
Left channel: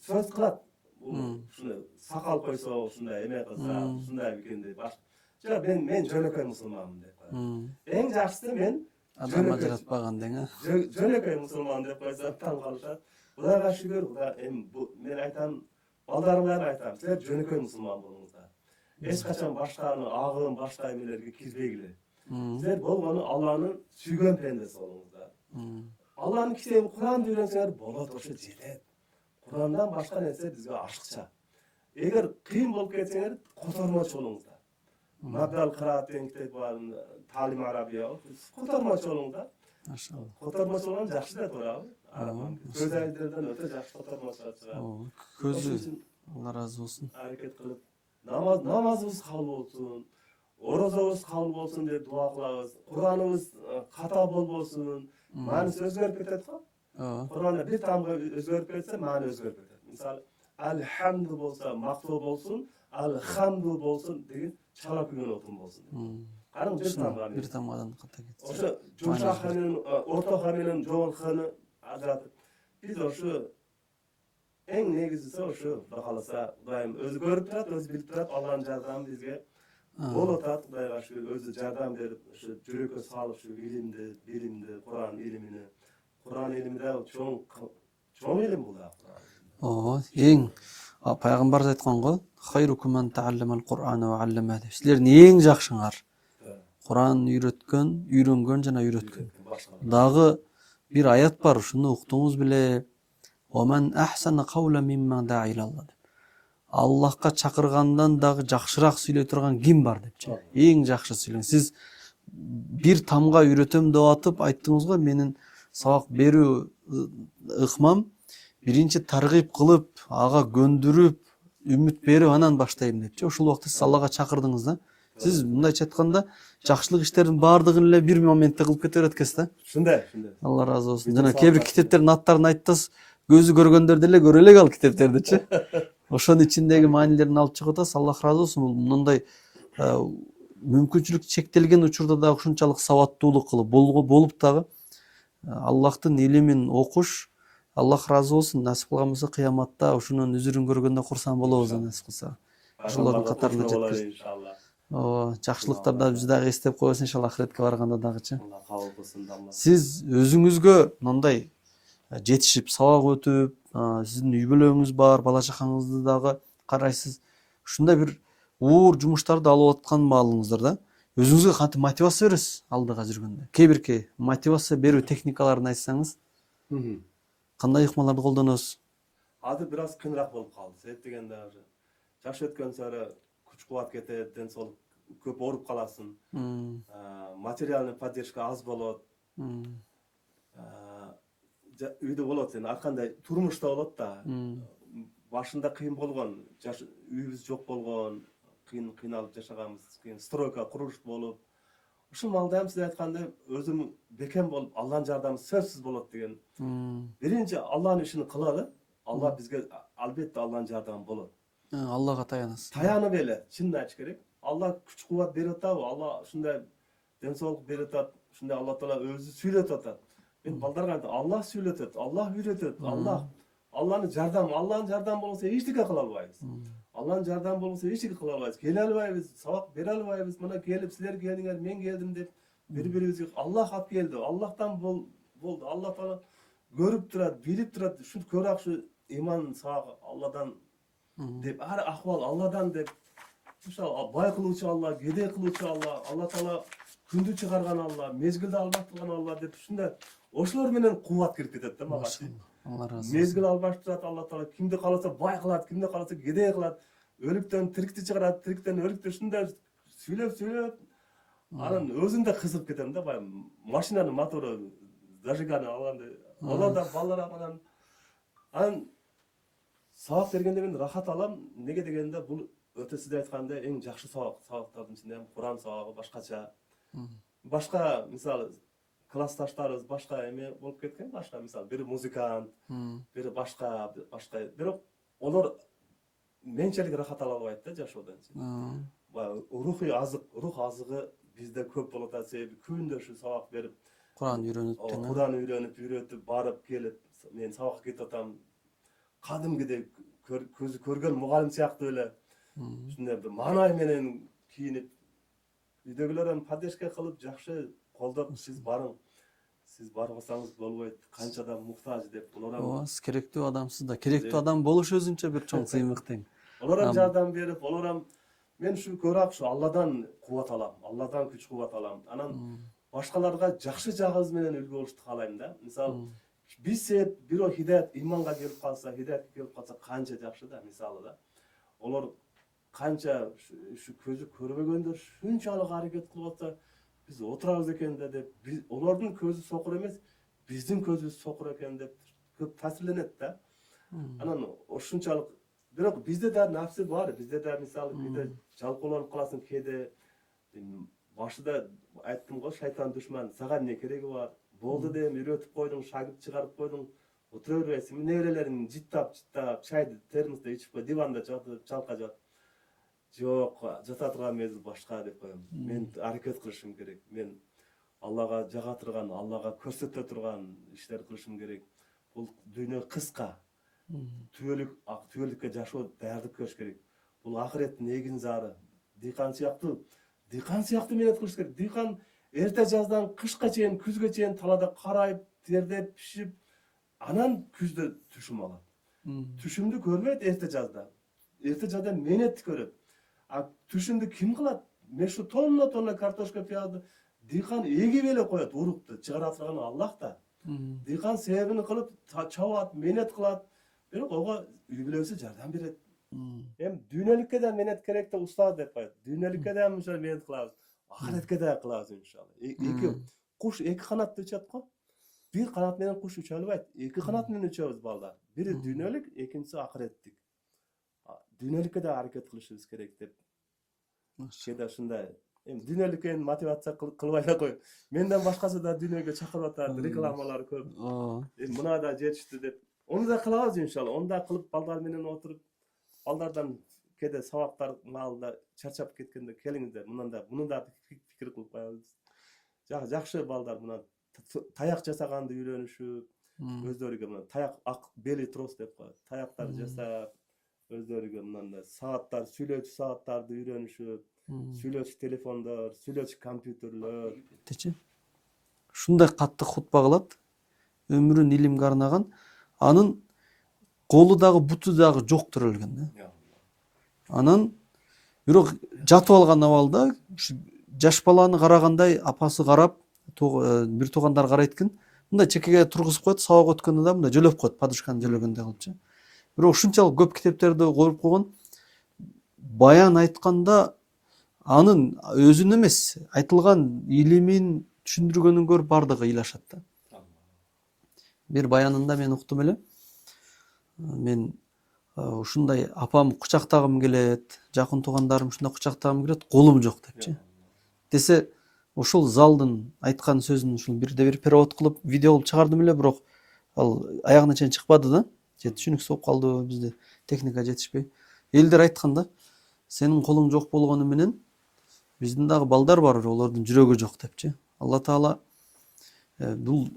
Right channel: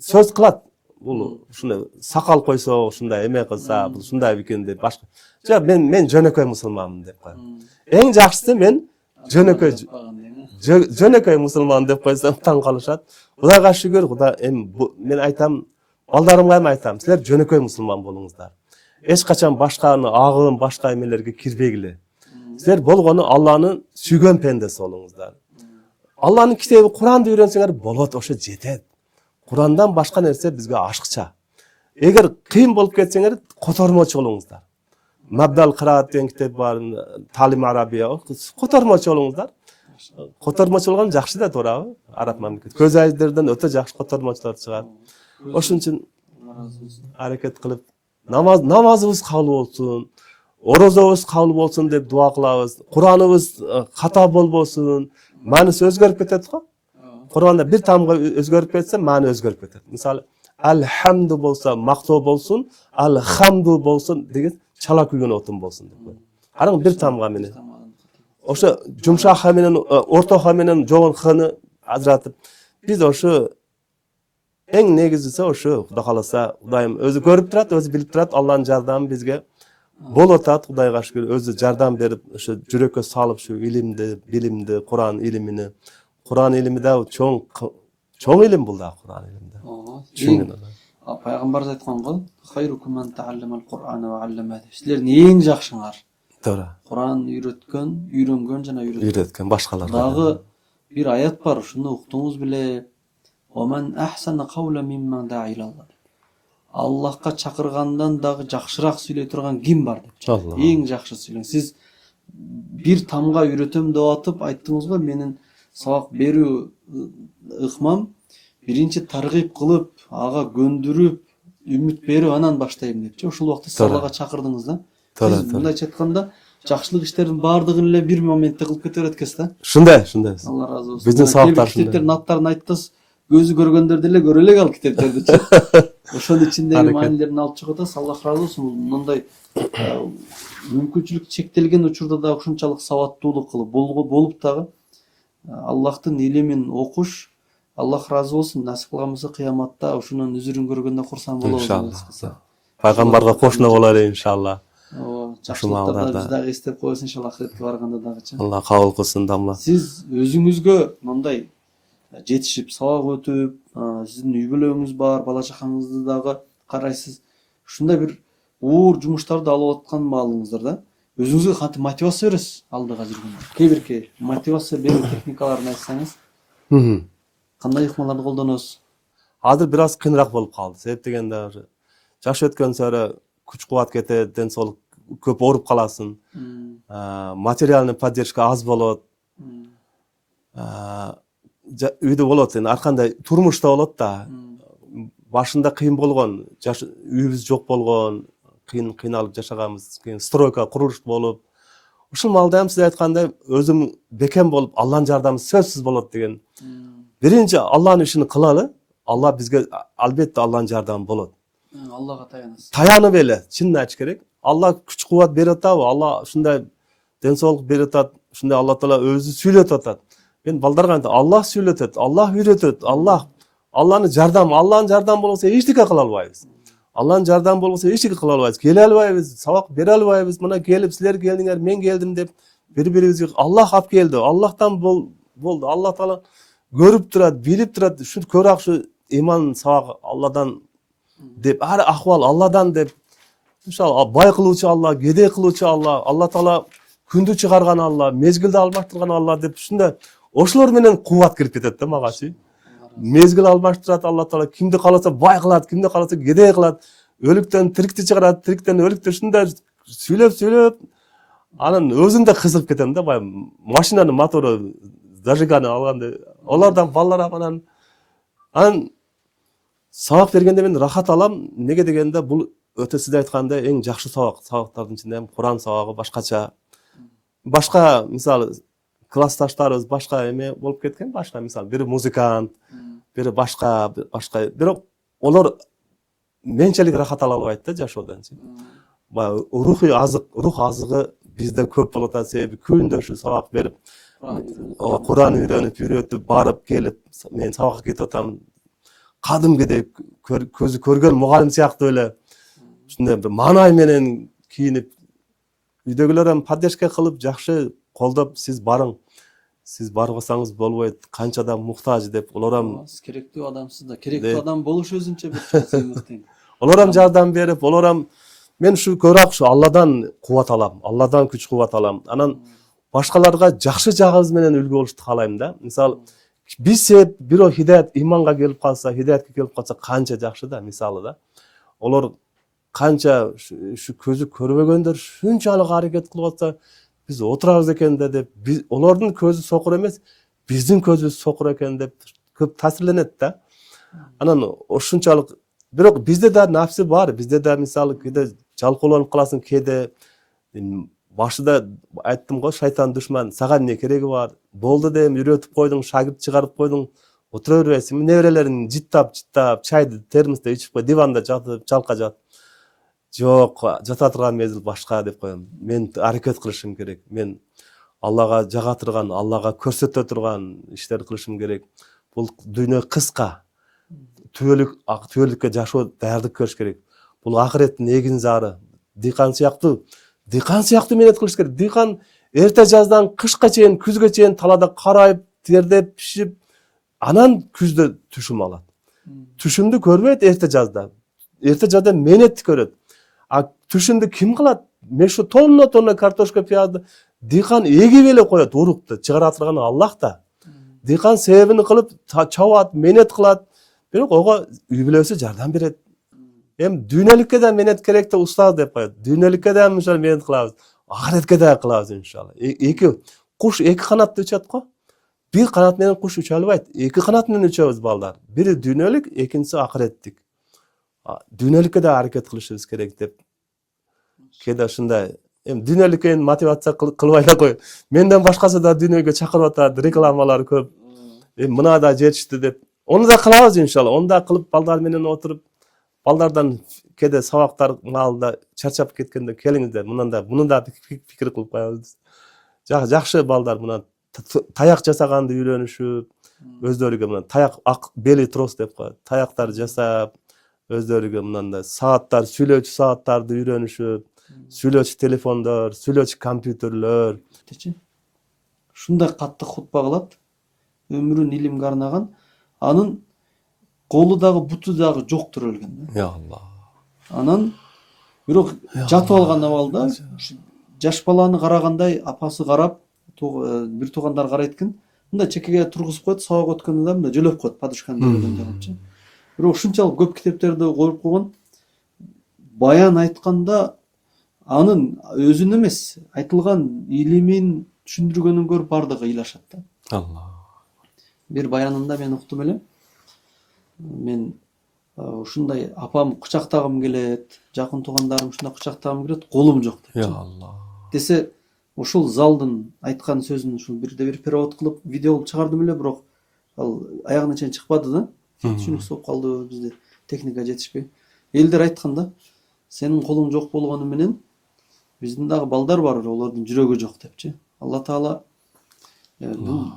сөз кылат. Бул ушундай сакал койсо, ушундай эме кылса, бул ушундай экен деп башка. Жок, мен жөнөкөй мусулманмын деп коем. Эң жакшысы мен жөнөкөй мусулман деп койсом таң калышат. Кудайга шүгүр, Кудай мен айтам, балдарымга эми айтам, силер жөнөкөй мусулман болуңуздар. Эч качан башканы агылым, башка эмелерге кирбегиле. Силер болгону Алланын сүйгөн пендеси болуңуздар. Алланын китеби Куранды үйрөнсөңөр болот, ошо жетет. Курандан башка нерсе бизге ашыкча. Эгер кыйын болуп кетсеңер, котормочу болуңуздар. Мабдал Кыраат деген китеп бар, Талим Арабия, котормочу болуңуздар. Котормочу болгон жакшы да, туурабы? Араб мамлекет. Көз ажиздерден өтө жакшы котормочулар чыгат. Ошон үчүн аракет кылып, намазыбыз кабыл болсун, орозобуз кабыл болсун деп дуа кылабыз. Кураныбыз ката болбосун. Мааниси өзгөрүп кетет го. Куранда бир тамга өзгөрүп кетсе, маани өзгөрүп кетет. Мисалы, алхамду болсо, мактоо болсун, алхамду болсун деген чала күйгөн отун болсун деп. Анан бир тамга менен. Ошо жумшак ха менен, орто ха менен жогон ханы ажыратып, биз ошо эң негизгиси ошо, Кудай кааласа, Кудайым өзү көрүп турат, өзү билип турат, Алланын жардамы бизге болуп атат. Кудайга шүгүр, өзү жардам берип, ошо жүрөккө салып ушу илимди, билимди, Куран илимини. Куран илими да чоң илим бул да, Куран илими. Ооба. Пайгамбар айткан го, "Хайрукум ман таалламал Кур'ана ва аллама." Силердин эң жакшыңар. Туура. Куран үйрөнгөн жана үйрөткөн башкалар. Дагы бир аят бар, ушуну уктуңуз беле. "Оман ахсана каула мимман да'a илаллах." Аллахка чакыргандан дагы жакшыраак сүйлөй турган ким бар деп. Эң жакшы сүйлөң. Сиз бир тамга үйрөтөм деп атып айттыңыз го, менин сабак берүү ыкмам биринчи таргып кылып, ага көндүрүп, үмүт берип анан баштайм депчи. Ошол убакта сиз Аллага чакырдыңыз да. Сиз мындайча айтканда, жакшылык иштердин баардыгын эле бир моментте кылып кете берет экенсиз да. Шундай. Алла разы болсун. Биздин сабактар китептердин аттарын айттыңыз, көзү көргөндөр деле көрө элек ал китептердичи. Ошонун ичиндеги Аракет. маанилерин алып чыгып атасыз. Аллах ыраазы болсун. Бул мындай мүмкүнчүлүк чектелген учурда да ушунчалык сабаттуулук кылып болуп дагы Аллахтын илимин окуш, Аллах ыраазы болсун. Насип кылган болсо кыяматта ушунун үзүрүн көргөндө курсаң болобуз. Пайгамбарга кошуна бололу иншалла. Жакшылыктарды биз дагы эстеп коебуз иншалла ахиретке барганда дагычы. Алла кабыл кылсын дамла. Сиз өзүңүзгө мындай жетишип, сабак өтүп, сиздин үй бүлөңүз бар, бала чакаңызды дагы карайсыз. Ушундай бир уур жумуштарды алып аткан маалыңыздарда өзүңүзгө кантип мотивация бересиз алдыга жүргөндө? Кээ бирки мотивация берүү техникаларын айтсаңыз, кандай ыкмаларды колдоносуз? Азыр бир аз кыйыныраак болуп калды. Себеп дегенде жаш өткөн сары күч кубат кетет, ден соолук көп ооруп каласың. Материальный поддержка аз болот. Үйдө болот, ар кандай турмушта болот да. Башында кыйын болгон, үйүбүз жок болгон, кыйналып жашаганбыз. Кийин стройка, курулуш болуп, ушул маалда сиз айткандай өзүм бекем болуп, Алланын жардамы сөзсүз болот деген. Биринчи Алланын ишин кылалы. Алла бизге албетте Алланын жардамы болот. Аллага таянасыз. Таянып эле, чынын айтыш керек. Алла күч кубат берип атабы? Алла ушундай ден соолук берип атат. Ушундай Алла Таала өзү сүйлөтүп атат. Мен балдарга айтам, Аллах сүйлөтөт, Аллах үйрөтөт, Алланын жардамы болбосо эчтеке кыла албайбыз. Алланын жардамы болбосо эчтеке кыла албайбыз. Келе албайбыз, сабак бере албайбыз. Мына келип силер келдиңер, мен келдим деп бири-бирибизге Аллах алып келди. Аллахтан болду. Алла Таала көрүп турат, билип турат. Ушу көрөк ушу иман сабак Алладан деп, ар акыбал Алладан деп. Ошол бай кылуучу Алла, кедей кылуучу Алла, Алла Таала күндү чыгарган Алла, мезгилди алмаштырган Алла деп ушундай ошолор менен кубат кирип кетет да магачы. Мезгил алмаштырат Алла Таала, кимди кааласа бай кылат, кимди кааласа кедей кылат, өлүктөн тирикти чыгарат, тириктен өлүктү ушундай сүйлөп, анан өзүм да кызыгып кетем да, баягы машинанын мотору зажигание алганда, олардан балдар анан сабак бергенде мен рахат алам. Неге дегенде бул өтө сиз айткандай эң жакшы сабактардын ичинде Куран сабагы башкача. Башка мисалы классташтарыбыз башка эме болуп кеткен, башка мисалы бири музыкант, бири башка, бирок олар менчелик рахат ала албайт да жашоодон. Баягы рух азыгы бизде көп болуп атат, себеби күндө ушу сабак берип, Куран үйрөтүп, барып келип, мен сабакка кетип атам. Кадимгидей көзү көргөн мугалим сыяктуу эле ушундай бир маанай менен кийинип, үйдөгүлөр эми поддержка кылып, жакшы колдоп, сиз барың. Сиз барбасаңыз болбойт, канча да муктаж деп, олар эми керектүү адамсыз да, керектүү адам болуш өзүнчө бир чоң сыймык. Олар эми жардам берип, олар эми мен ушу көрөк ушу Алладан кубат алам, Алладан күч кубат алам. Анан башкаларга жакшы жагыбыз менен үлгү болушту каалайм да. Мисалы биз бирөө хидаят иманга келип калса, хидаятка келип калса канча жакшы да, мисалы да. Олар канча ушу көзү көрбөгөндөр шунчалык аракет кылып атса, биз отурабыз экен да деп, олордун көзү сокур эмес, биздин көзүбүз сокур экен деп көп таасирленет да. Анан ошунчалык, бирок бизде да нафси бар, бизде да мисалы кээде жалкоолонуп каласың, кээде башында айттым го, шайтан душман, сага эмне кереги бар? Болду деп үйрөтүп койдуң, шагирт чыгарып койдуң, отура бересиң. Неберелериң жыттап, чайды термосто ичип кой, диванда жатып, жалка жат. Жок, жата турган мезгил башка деп коем. Мен аракет кылышым керек. Мен Аллага жага турган, Аллага көрсөтө турган иштерди кылышым керек. Бул дүйнө кыска. Түбөлүккө жашоо даярдык көрүш керек. Бул акыреттин эгин зары. Дыйкан сыяктуу менет кылыш керек. Дыйкан эрте жаздан кышка чейин, күзгө чейин талада карайып, тердеп, пишип, анан күздө түшүм алат. Түшүмдү көрбөйт эрте жазда. Эрте жазда менетти көрөт. А түшүмдү ким кылат? Мешу тонна картошка, пиязды дыйкан эгип эле коет, урукту чыгара турган Аллах да. Дыйкан себебин кылып чабат, менет кылат. Бирок ого үй бүлөсү жардам берет. Эми дүйнөлүккө да менет керек да устаз деп коет. Дүйнөлүккө да мынча менет кылабыз. Ахиретке да кылабыз иншалла. Куш эки канатты учат го. Бир канат менен куш уча албайт. Эки канат менен учабыз балдар. Бири дүйнөлүк, экинчиси ахиреттик. Дүйнөлүккө да аракет кылышыбыз керек деп. Кээде ушундай эми дүйнөлүккө мотивация кылбай да кой. Менден башкасы да дүйнөгө чакырып атат, рекламалар көп. Эми мына да жетишти деп. Onu da kılabız inşallah. Onu da kılıp balдар menен oturup baldardan kede sabактар маалында чарчап кеткенде келиңиздер мунун да пикир кылып коебуз. Жакшы балдар мына таяк жасаганды үйрөнүшүп, өздөрүгө мына таяк бели трос деп коет. Таяктар жасап, өздөрүгө мындай сааттар, сүйлөөчү сааттарды үйрөнүшүп, сүйлөөчү телефондор, сүйлөөчү компьютерлөр. Ушундай катты хутба кылат, өмүрүн илимге арнаган, анын колу дагы буту дагы жоктур өлгөн. Я Аллах. Анан бирок жатып алган абалда жаш баланы карагандай апасы карап, бир туугандар карайт экен. Мындай чекеге тургузуп коет, сабак өткөндө да мындай жөлөп коет, падышканы жөлөгөндөй кылыпчы. Бирок ушунчалык көп китептерди коюп койгон, баян айтканда анын өзүн эмес, айтылган илимин түшүндүргөнүн көрүп бардыгы ыйлашат да. Аллах. Бир баянында мен уктум элем. Мен ушундай апам кучактагым келет, жакын туугандарым ушундай кучактагым келет, колум жок деп. Я Аллах. Десе, ушул залдын айткан сөзүн ушул бирде бир перевод кылып, видео кылып чыгардым эле, бирок ал аягына чейин чыкпады да. Түшүнүксүз болуп калды, бизде техника жетишпей. Элдер айткан да, сенин колуң жок болгону менен биздин дагы балдар бар, олордун жүрөгү жок депчи. Алла Таала бул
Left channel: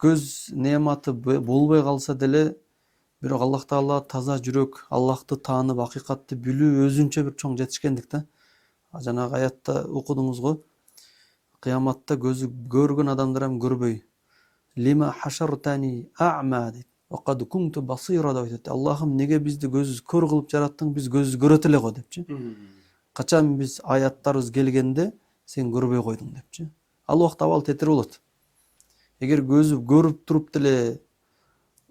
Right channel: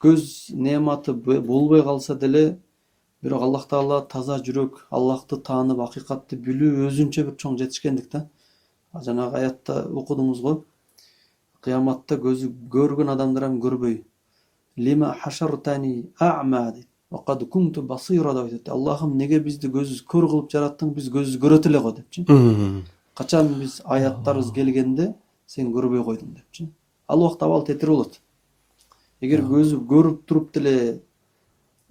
көз неаматы болбой калса деле, бирок Аллах Таала таза жүрөк, Аллахты таанып, акыйкатты билүү өзүнчө бир чоң жетишкендик да. Жанагы аятта окудуңуз го. Кыяматта көзү көргөн адамдар эм көрбөй. Лима хашартани а'ма дейт. Вакад кунту басира дейт. Аллахым, неге бизди көзсүз көр кылып жараттың? Биз көзсүз көрөт эле го депчи. Качан биз аяттарыбыз келгенде сен көрбөй койдуң депчи. Ал убакта абал тетир болот. Эгер көзү көрүп туруп деле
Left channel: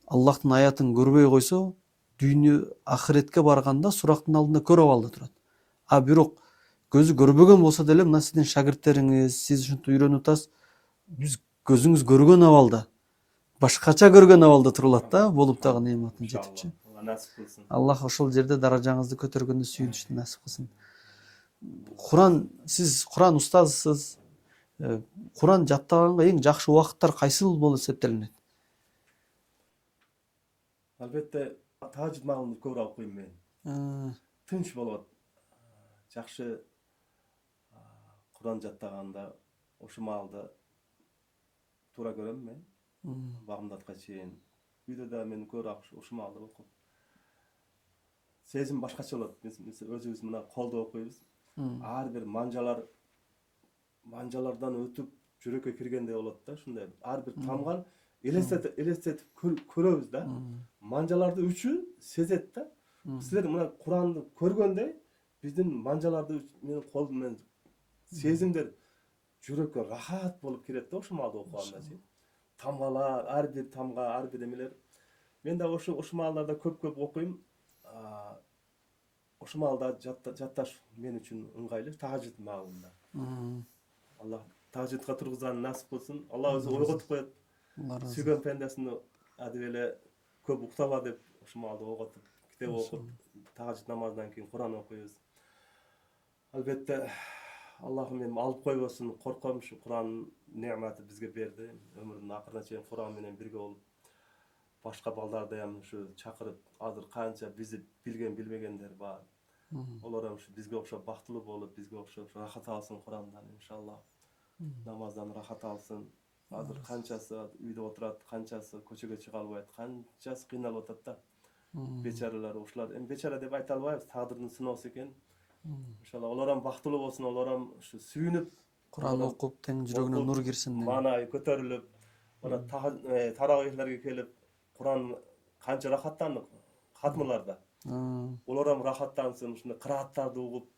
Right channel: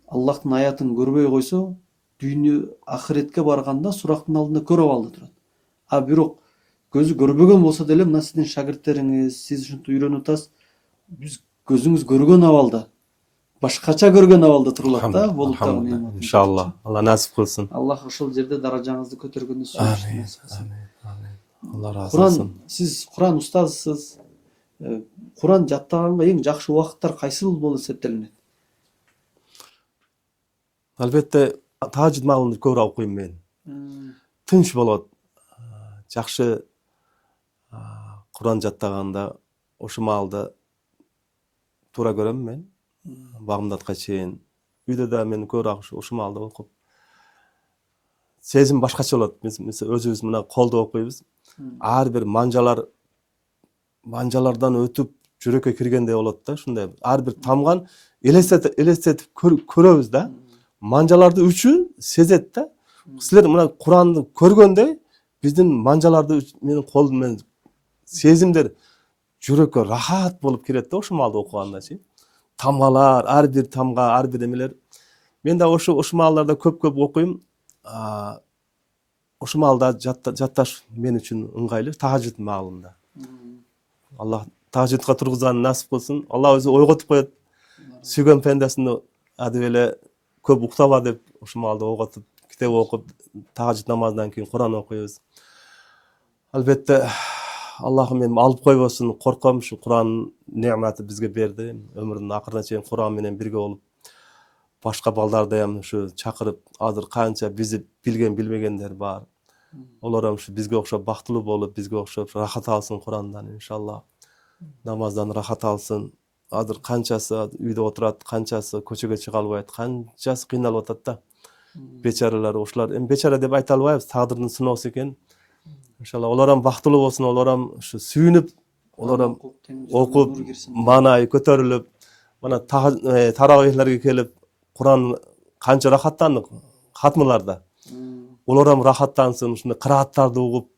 Аллахтын аятын көрбөй койсо, дүйнө ахиретке барганда сурактын алдында көрүп алды турат. А бирок көзү көрбөгөн болсо деле, мына сиздин шагирттериңиз, сиз ушинтип үйрөнүп атасыз, биз көзүңүз көргөн абалда, башкача көргөн абалда турулат да, болуп дагы неамат. Иншалла, Алла насип кылсын. Аллах ошол жерде даражаңызды көтөргөндү сүйүнүшүн насип кылсын. Алла разы болсун. Сиз Куран устазысыз. Куран жаттаганга эң жакшы убакыттар кайсыл болуп эсептелинет? Албетте, тажид маалында көп окуйм мен. Тынч болот. Жакшы Куран жаттаганда ошу маалда туура көрөм мен. Багымдатка чейин. Үйдө да мен көп ошу маалда окуп. Сезим башкача болот. Мисалы өзүбүз мына колдо окуйбуз. Ар бир манжалардан өтүп жүрөккө киргендей болот да, ушундай. Ар бир тамган элестетип көрөбүз да. Манжаларды үчү сезет да. Силер мына Куранды көргөндө биздин манжаларды менин колум менен сезимдер жүрөккө рахат болуп кирет да, ошол маалда окугандачы. Тамгалар, ар бир тамга, ар бир эмелер. Мен да ошол маалдарда көп окуйм. Ошол маалда жатташ мен үчүн ыңгайлуу, тажид маалында. Аллах тажидка тургузганды насип кылсын. Алла өзү ойготуп коет. Сүйгөн пендесин адып эле көп уктаба деп ошол маалда ойготуп, китеп окуп, тажид намазынан кийин Куран окуйбуз. Албетте Аллахым мени алып койбосун, корком, ушу Куран неаматы бизге берди. Өмүрүнүн акырына чейин Куран менен бирге болуп, башка балдарды ham ушу чакырып, азыр канча бизи билген билбегендер бар. Олар ham бизге окшоп бактылуу болуп, бизге окшоп рахат алсын Курандан иншалла. Намаздан рахат алсын. Азыр канчасы үйдө отурат, канчасы көчөгө чыга албайт, канчасы кыйналып атат да. Бечаралар, ошолар эми бечара деп айта албайбыз, тагдырдын сыноосу экен. Иншалла олар ham бактылуу болсун, олар ham ушу сүйүнүп, олар ham окуп, маанай көтөрүлүп, мына таравихлерге келип, Куран канча рахаттандык хатмыларда. Олар ham рахаттансын, ушундай кырааттарды угуп,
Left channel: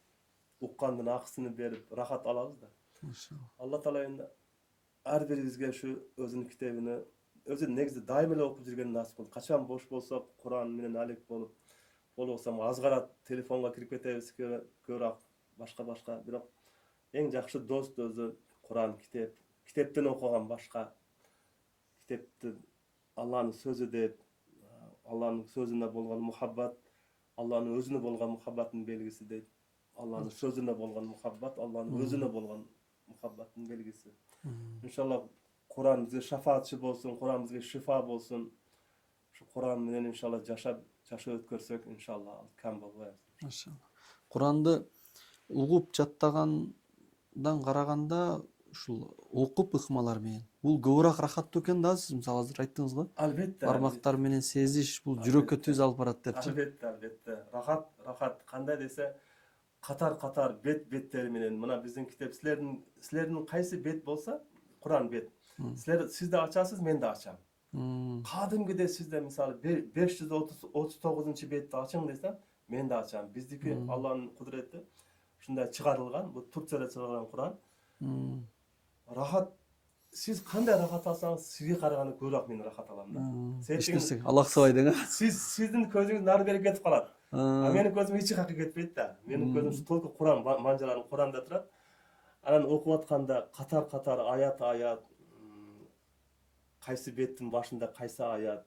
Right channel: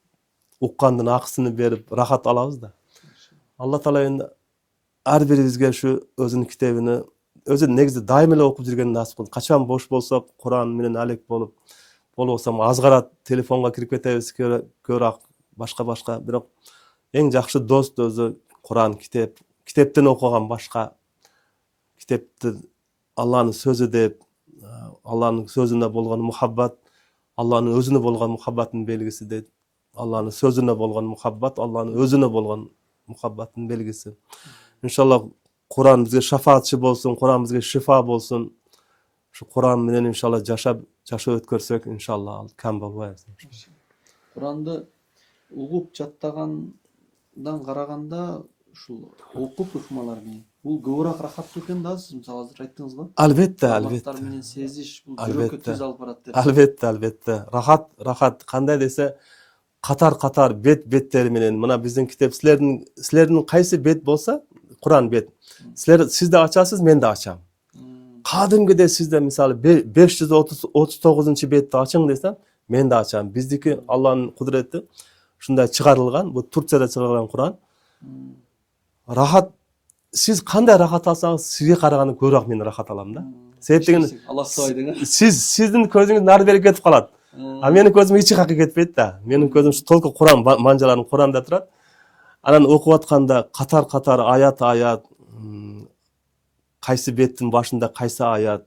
уккандын акысын берип рахат алабыз да. Алла Таала енді ар бирибизге ушу өзүнүн китебини, өзү негизи дайым эле окуп жүргөнүн насип кылсын. Качан бош болсок, Куран менен алек болуп, болбосо азгара телефонго кирип кетебиз, көрөк башка, бирок эң жакшы дост өзү Куран, китеп. Китептен окуган башка, китепти Алланын сөзү деп, Алланын сөзүнө болгон мухаббат, Алланын өзүнө болгон мухаббаттын белгиси дейт. Алланын сөзүнө болгон мухаббат, Алланын өзүнө болгон мухаббаттын белгиси. Иншалла Куран бизге шафаатчы болсун, Куран бизге шифа болсун. Şu Kur'an menен inşallah жашап өткөрсөк, иншалла ал кам болбойбуз. Куранды угуп жаттагандан караганда ушул окуп ыкмалар менен бул көбүрөөк рахаттуу экен да, сиз мисалы азыр айттыңыз го. Албетте, Бармактар менен сезиш бул жүрөккө түз алып барат деп. Албетте. Рахат кандай десе, катар беттери менен мына биздин китеп силердин кайсы бет болса, Куран бет. Сиз да ачасыз, мен да ачам. Кадимгиде сизде мисалы 539 бетти ачың десем, мен да ачам. Биздики Алланын кудурети ушундай чыгарылган, бул Турцияда чыгарылган Куран. Рахат, сиз кандай рахат алсаңыз, сизге караганда көбүрөөк мен рахат алам да. Себеп деген Аллах сабай деген. сиздин көзүңүз нары бери кетип калат. А менин көзүм эч жака кетпейт да. Менин көзүм ушу толку Куран манжаларын Куранда турат. Анан окуп атканда катар аят кайсы беттин башында кайсы аят,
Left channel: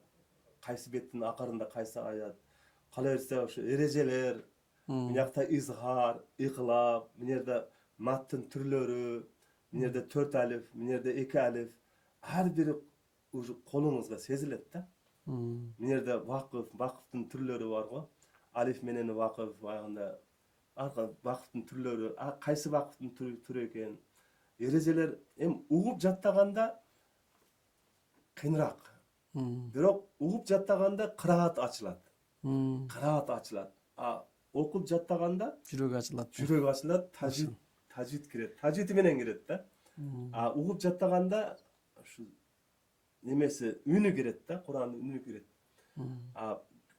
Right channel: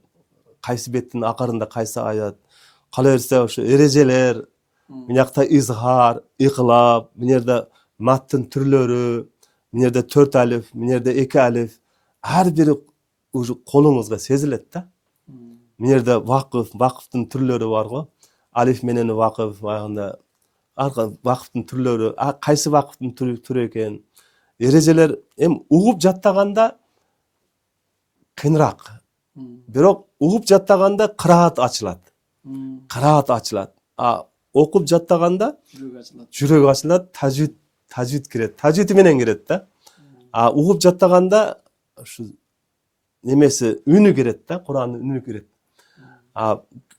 кайсы беттин акырында кайсы аят. Кала берсе ушу эрежелер, мынакта изхар, иклаб, мынерде маттын түрлөрү, мынерде 4 алиф, мынерде 2 алиф. Ар бири уже колуңузга сезилет да. Мынерде вакыфтын түрлөрү бар го. Алиф менен вакыф, баягында вакыфтын түрлөрү, кайсы вакыфтын түрү экен. Эрежелер эми угуп жаттаганда кыйыныраак. Бирок угуп жаттаганда кыраат ачылат. Окуп жаттаганда жүрөк ачылат, тажвид кирет. Тажвид менен кирет да. Угуп жаттаганда ушу немеси үнү кирет да, Куранын үнү кирет.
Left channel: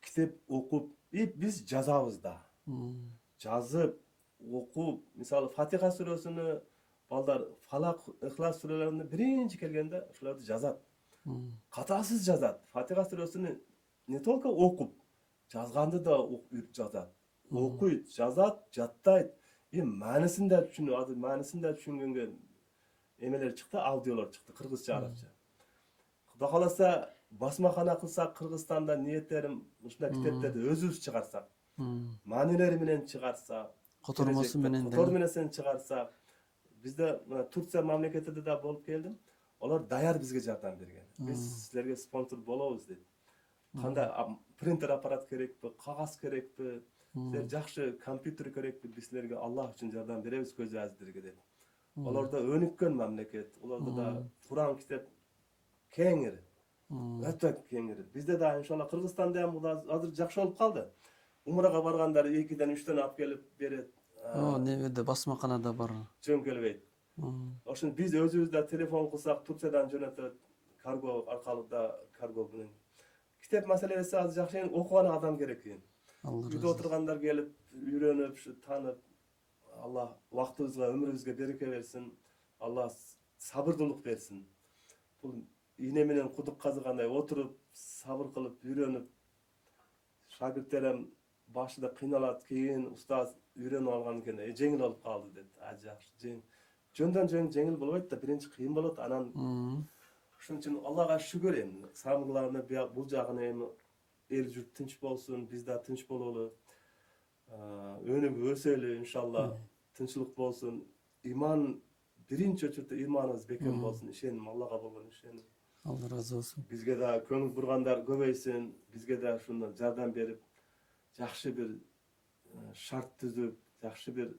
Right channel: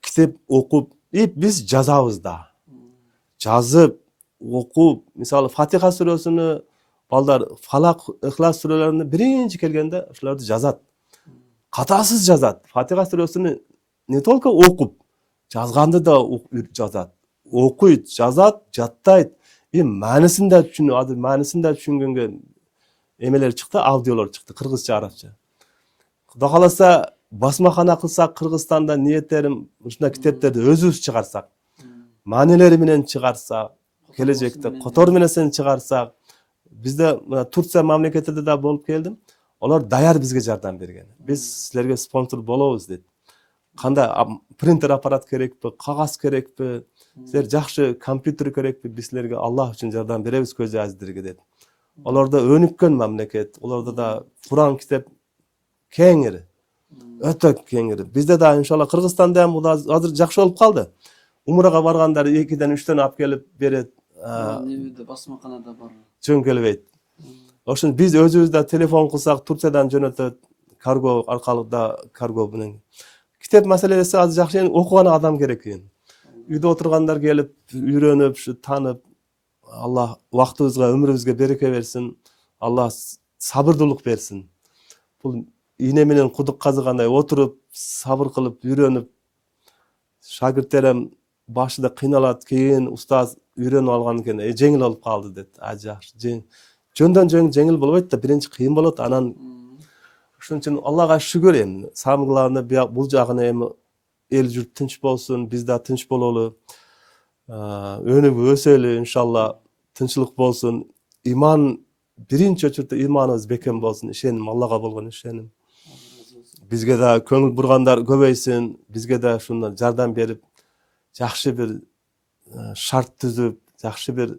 Китеп окуп, биз жазабыз да. Жазып, окуп, мисалы Фатиха сүрөсүнү балдар Фалак, Ихлас сүрөлөрүнө биринчи келгенде ушуларды жазат. Катасыз жазат. Фатиха сүрөсүнү не только окуп, жазганды да жазат. Окуйт, жазат, жаттайт. Маанисин да түшүнгөнгө эмелер чыкты, аудиолор чыкты, кыргызча, арабча. Кудай кааласа, басмакана кылсак, Кыргызстанда ниеттерим ушундай китептерди өзүбүз чыгарсак, маанилери менен чыгарсак, келечекте котор менен чыгарсак, бизде Турция мамлекетинде да болуп келдим. Олар даяр бизге жардам берген. Биз силерге спонсор болобуз дейт. Кандай принтер аппарат керекпи, кагаз керекпи, силер жакшы компьютер керекпи, биз силерге Аллах үчүн жардам беребиз көз азиздерге дейт. Оларда өнүккөн мамлекет, оларда да Куран китеп кеңири. Өтө кеңири. Бизде да иншалла Кыргызстанда ham азыр жакшы болуп калды. Умрага баргандар 2-ден 3төн алып келип берет. Немеде басмаканада бар. Жөнкөлбейт. Ошон биз өзүбүздө телефон кылсак Турциядан жөнөтөт, карго аркылуу да карго менен. Китеп маселеси азыр жакшы, окуган адам керек экен. Үйдө отургандар келип, үйрөнүп, таанып, Аллах убактыбызга, өмүрүбүзгө береке берсин. Аллах сабырдуулук берсин. Бул ийне менен кудук казыгандай отуруп, сабыр кылып, үйрөнүп, шагирттерим башында кыйналат, кийин устаз үйрөнүп алган экен, жеңил болуп калды дейт. Жакшы. Жөндөн жеңил болбойт да, биринчи кыйын болот, анан ошон үчүн Аллага шүгүр эми. Самыгларына бул жагына эми эл журт тынч болсун, биз да тынч бололу. Өнүп өсөлү, иншалла, тынчылык болсун. Иман биринчи очурда иманыбыз бекем болсун, ишеним, Аллага болгон ишеним. Алла разы болсун. Бизге да көңүл бургандар көбөйсүн, бизге да ушундан жардам берип, жакшы бир шарт түзүп, жакшы бир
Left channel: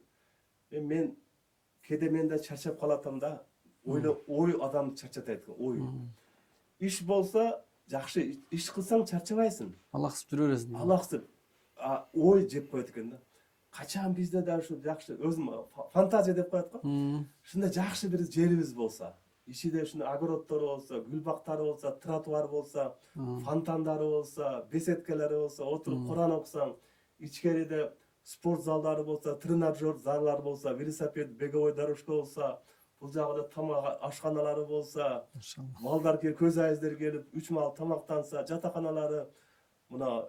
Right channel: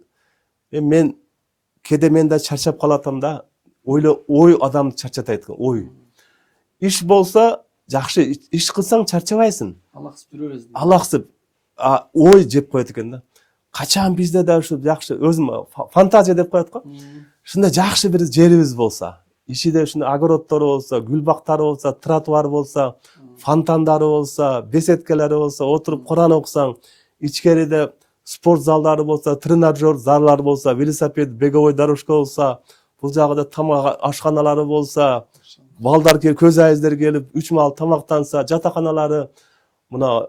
мен да чарчап калатам да, ой адамды чарчатайт экен, ой. Иш болсо жакшы, иш кылсаң чарчабайсың. Алаксып жүрө бересиң. Алаксып, ой жеп коет экен да. Качан бизде да ушу жакшы, өзүм фантазия деп коет го. Ушундай жакшы бир жерибиз болсо, ичинде ушундай огороддору болсо, гүл бактары болсо, тротуар болсо, фонтандары болсо, беседкелери болсо, отуруп Куран окусаң, ичкериде спорт залдары болсо, тренажер залдар болсо, велосипед, беговой дорожка болсо, бул жагында тамак ашканалары болсо, балдар көз айыздер келип 3 маал тамактанса, жатаканалары, мына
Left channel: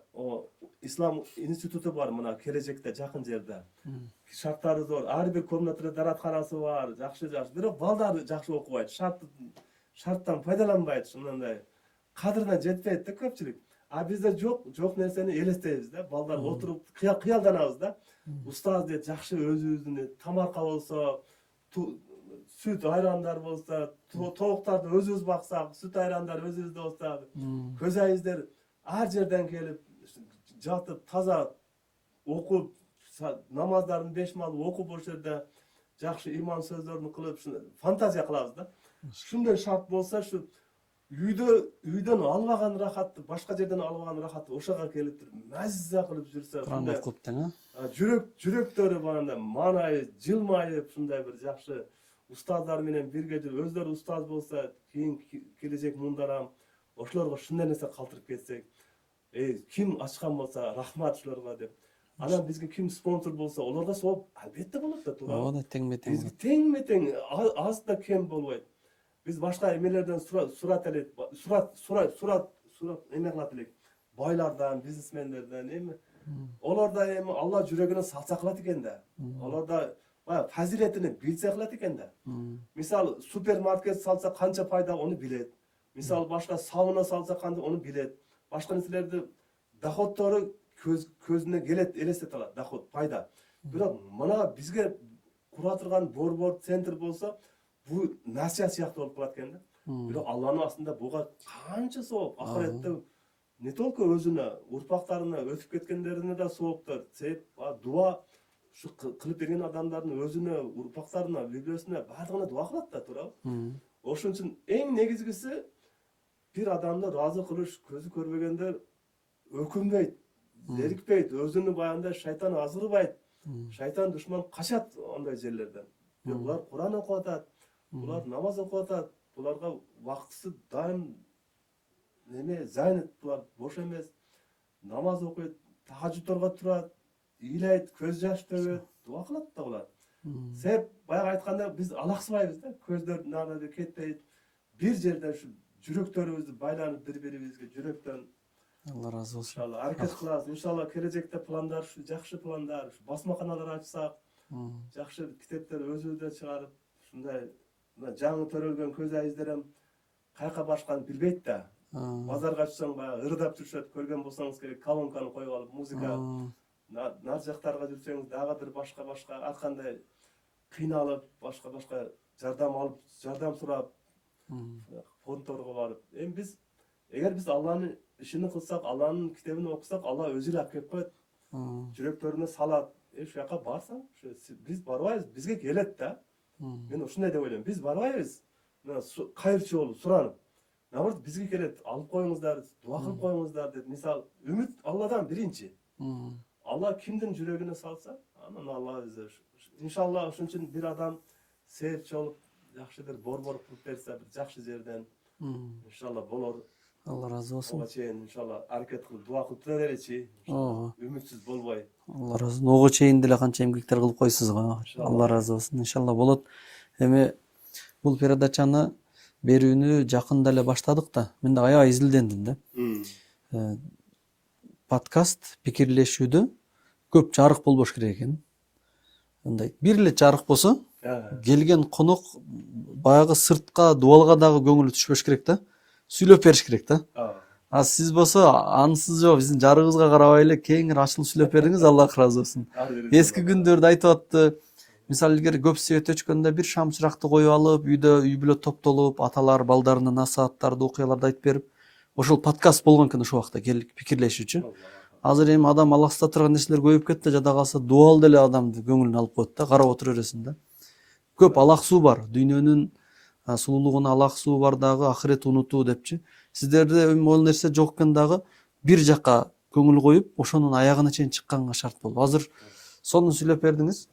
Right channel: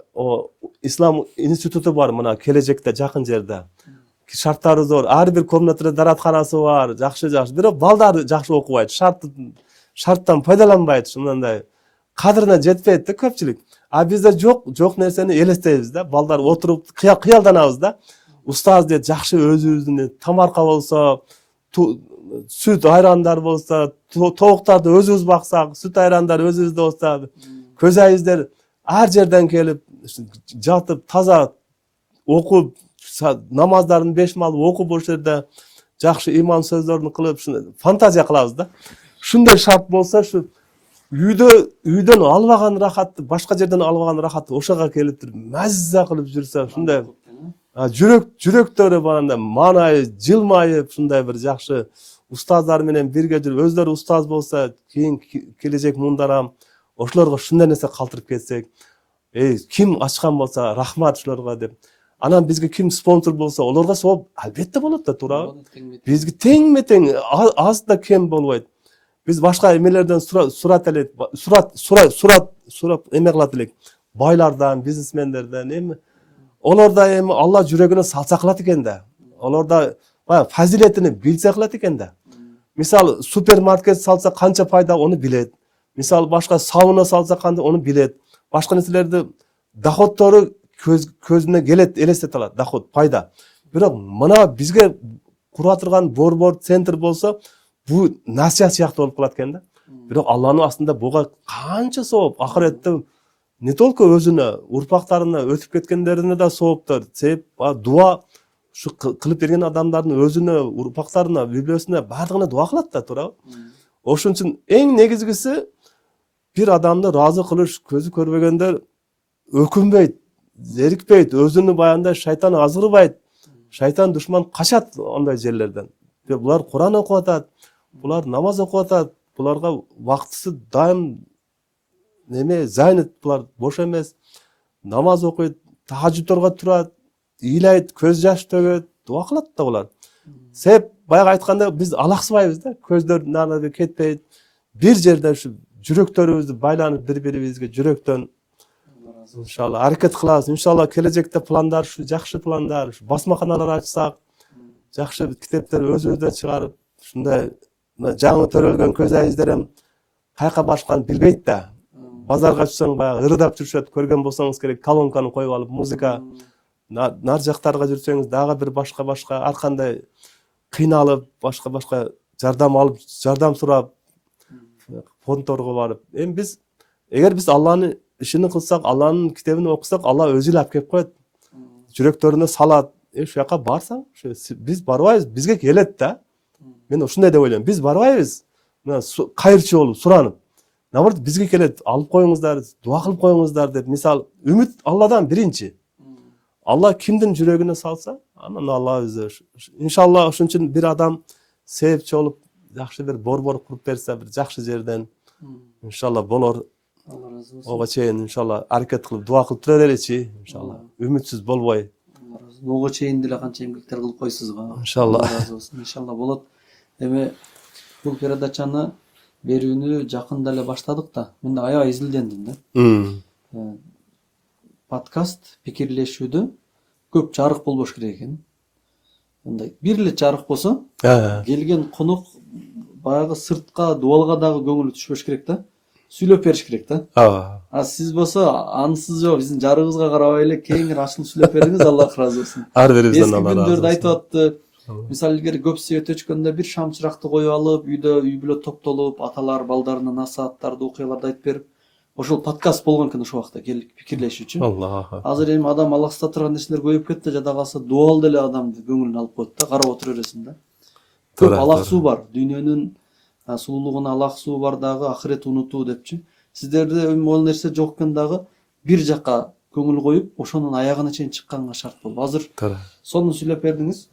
ислам институту бар, мына келечекте жакын жерде. Шарттары зор, ар бир комнатада даратканасы бар, жакшы. Бирок балдар жакшы окубайт, шарттан пайдаланбайт, ушундай кадырына жетпейт да көпчүлүк. Бизде жок нерсени элестейбиз да, балдар отуруп кыялданабыз да. Устаз дейт, жакшы өзүбүздүн тамарка болсо, сүт айрандар болсо, тоуктарды өзүбүз баксак, сүт айрандар өзүбүздө болсо, көз айыздер ар жерден келип жатып таза окуп намаздарын 5 маал окуп ошол жерде жакшы иман сөздөрүн кылып фантазия кылабыз да. Ушундай шарт болсо ушу үйдөн албаган рахатты, башка жерден албаган рахатты ошого келип туруп мазза кылып жүрсө, ушундай жүрөктөрү баранда маанайып, жылмайып, ушундай бир жакшы устаздар менен бирге жүрүп, өздөрү устаз болсо, кийин келечек муундарам ошолорго ушундай нерсе калтырып кетсек, ким ачкан болсо рахмат ушуларга деп. Анан бизге ким спонсор болсо, олорго сооп албетте болот да, туурабы? Бизге теңме-тең, аз да кем болбойт. Биз башка эмелерден сурат элек, сурат эме кылат элек. Байлардан, бизнесмендерден эми олорда эми Алла жүрөгүнө салса кылат экен да. Олорда фазилетини билсе кылат экен да. Мисалы, супермаркет салса канча пайда ону билет. Мисалы, башка сауна салса кандай ону билет. Башка нерселерди доходтору көзүнө келет, элестете алат, доход, пайда. Бирок мына бизге кура турган борбор центр болсо, бу насият сыяктуу болуп калат экен да. Бирок Алланын астында буга канча сооп, ахиретте не только өзүнө, урпактарына өтүп кеткендерине да сооптор, себеп дуа ушу кылып берген адамдардын өзүнө, урпактарына, библиясына бардыгына дуа кылат да, туурабы? Ошон үчүн эң негизгиси бир адамды ыраазы кылыш, көзү көрбөгөндөр өкүнбөйт, зерикпейт, өзүнүн баягындай шайтан азгырбайт. Шайтан душман качат ондай жерлерден. Булар Куран окуп атат, булар намаз окуп атат, буларга вактысы дайым занят, булар бош эмес. Намаз окуйт, тахажжудторго турат, ыйлайт, көз жаш төгөт, дуа кылат да булар. Себеп баягы айтканда биз алаксыбайбыз да, көздөр нарда кетпейт. Бир жерде ушу жүрөктөрүбүздү байланып бири-бирибизге жүрөктөн иншалла аракет кылабыз. Иншалла келечекте пландар, ушу жакшы пландар, ушу басмаканалар ачсак, жакшы китептер өзүбүздө чыгарып, ушундай жаңы төрөлгөн көз айыздерем кайка башканын билбейт да. Базарга чыксаң баягы ырдап жүрүшөт, көргөн болсоңуз керек, колонканы коюп алып, музыка. Нар жактарга жүрсөңүз дагы бир башка ар кандай кыйналып, башка жардам алып, жардам сурап, фондторго барып. Эми биз эгер биз Алланын ишин кылсак, Алланын китебин окусак, Алла өзү эле алып келип коет. Жүрөктөрүнө салат. Ушул жака барсаң, биз барбайбыз, бизге келет да. Мен ушундай деп ойлойм. Биз барбайбыз. Мына кайырчы болуп, суранып. Наоборот, бизге келет, алып коюңуздар, дуа кылып коюңуздар деп. Мисалы, үмүт Алладан биринчи. Алла кимдин жүрөгүнө салса, анан Алла өзү. Иншалла ошон үчүн бир адам себепчи болуп, жакшы бир борбор куруп берсе, бир жакшы жерден иншалла болор. Алла разы болсун. Ого чейин иншалла аракет кылып, дуа кылып тура береличи, иншалла. Үмүтсүз болбой. Алла разы болсун. Ого чейин деле канча эмгектер кылып койсуз го. Иншалла. Алла разы болсун. Иншалла болот. Эми бул передачаны берүүнү жакында эле баштадык да. Мен да аябай изилдендим да. Подкаст пикирлешүүдө көп жарык болбош керек экен. Мындай бир эле жарык болсо, келген конок баягы сыртка, дуалга дагы көңүлү түшпөш керек да. Сүйлөп бериш керек да. Сиз болсо ансыз жок, биздин жарыгыбызга карабай эле кеңири ачылып сүйлөп бериңиз, Аллах разы болсун. Ар бирибизден Эски күндөрдү айтып атты. Мисалы илгери көп свет өчкөндө бир шам чыракты коюп алып, үйдө үй бүлө топтолуп, аталар балдарына насааттарды, окуяларды айтып берип, ошол подкаст болгон экен ошол убакта келип пикирлешүүчү. Азыр эми адам алаксыта турган нерселер көбөйүп кетти, жада калса дуал деле адамды көңүлүн алып коет да, карап отура бересиң да. Көп алаксуу бар, дүйнөнүн сулуулугуна алаксуу бар дагы, ахирет унутуу депчи. Сиздерде ол нерсе жок экен дагы, бир жака көңүл коюп, ошонун аягына чейин чыкканга шарт болуп. Азыр сону сүйлөп бердиңиз.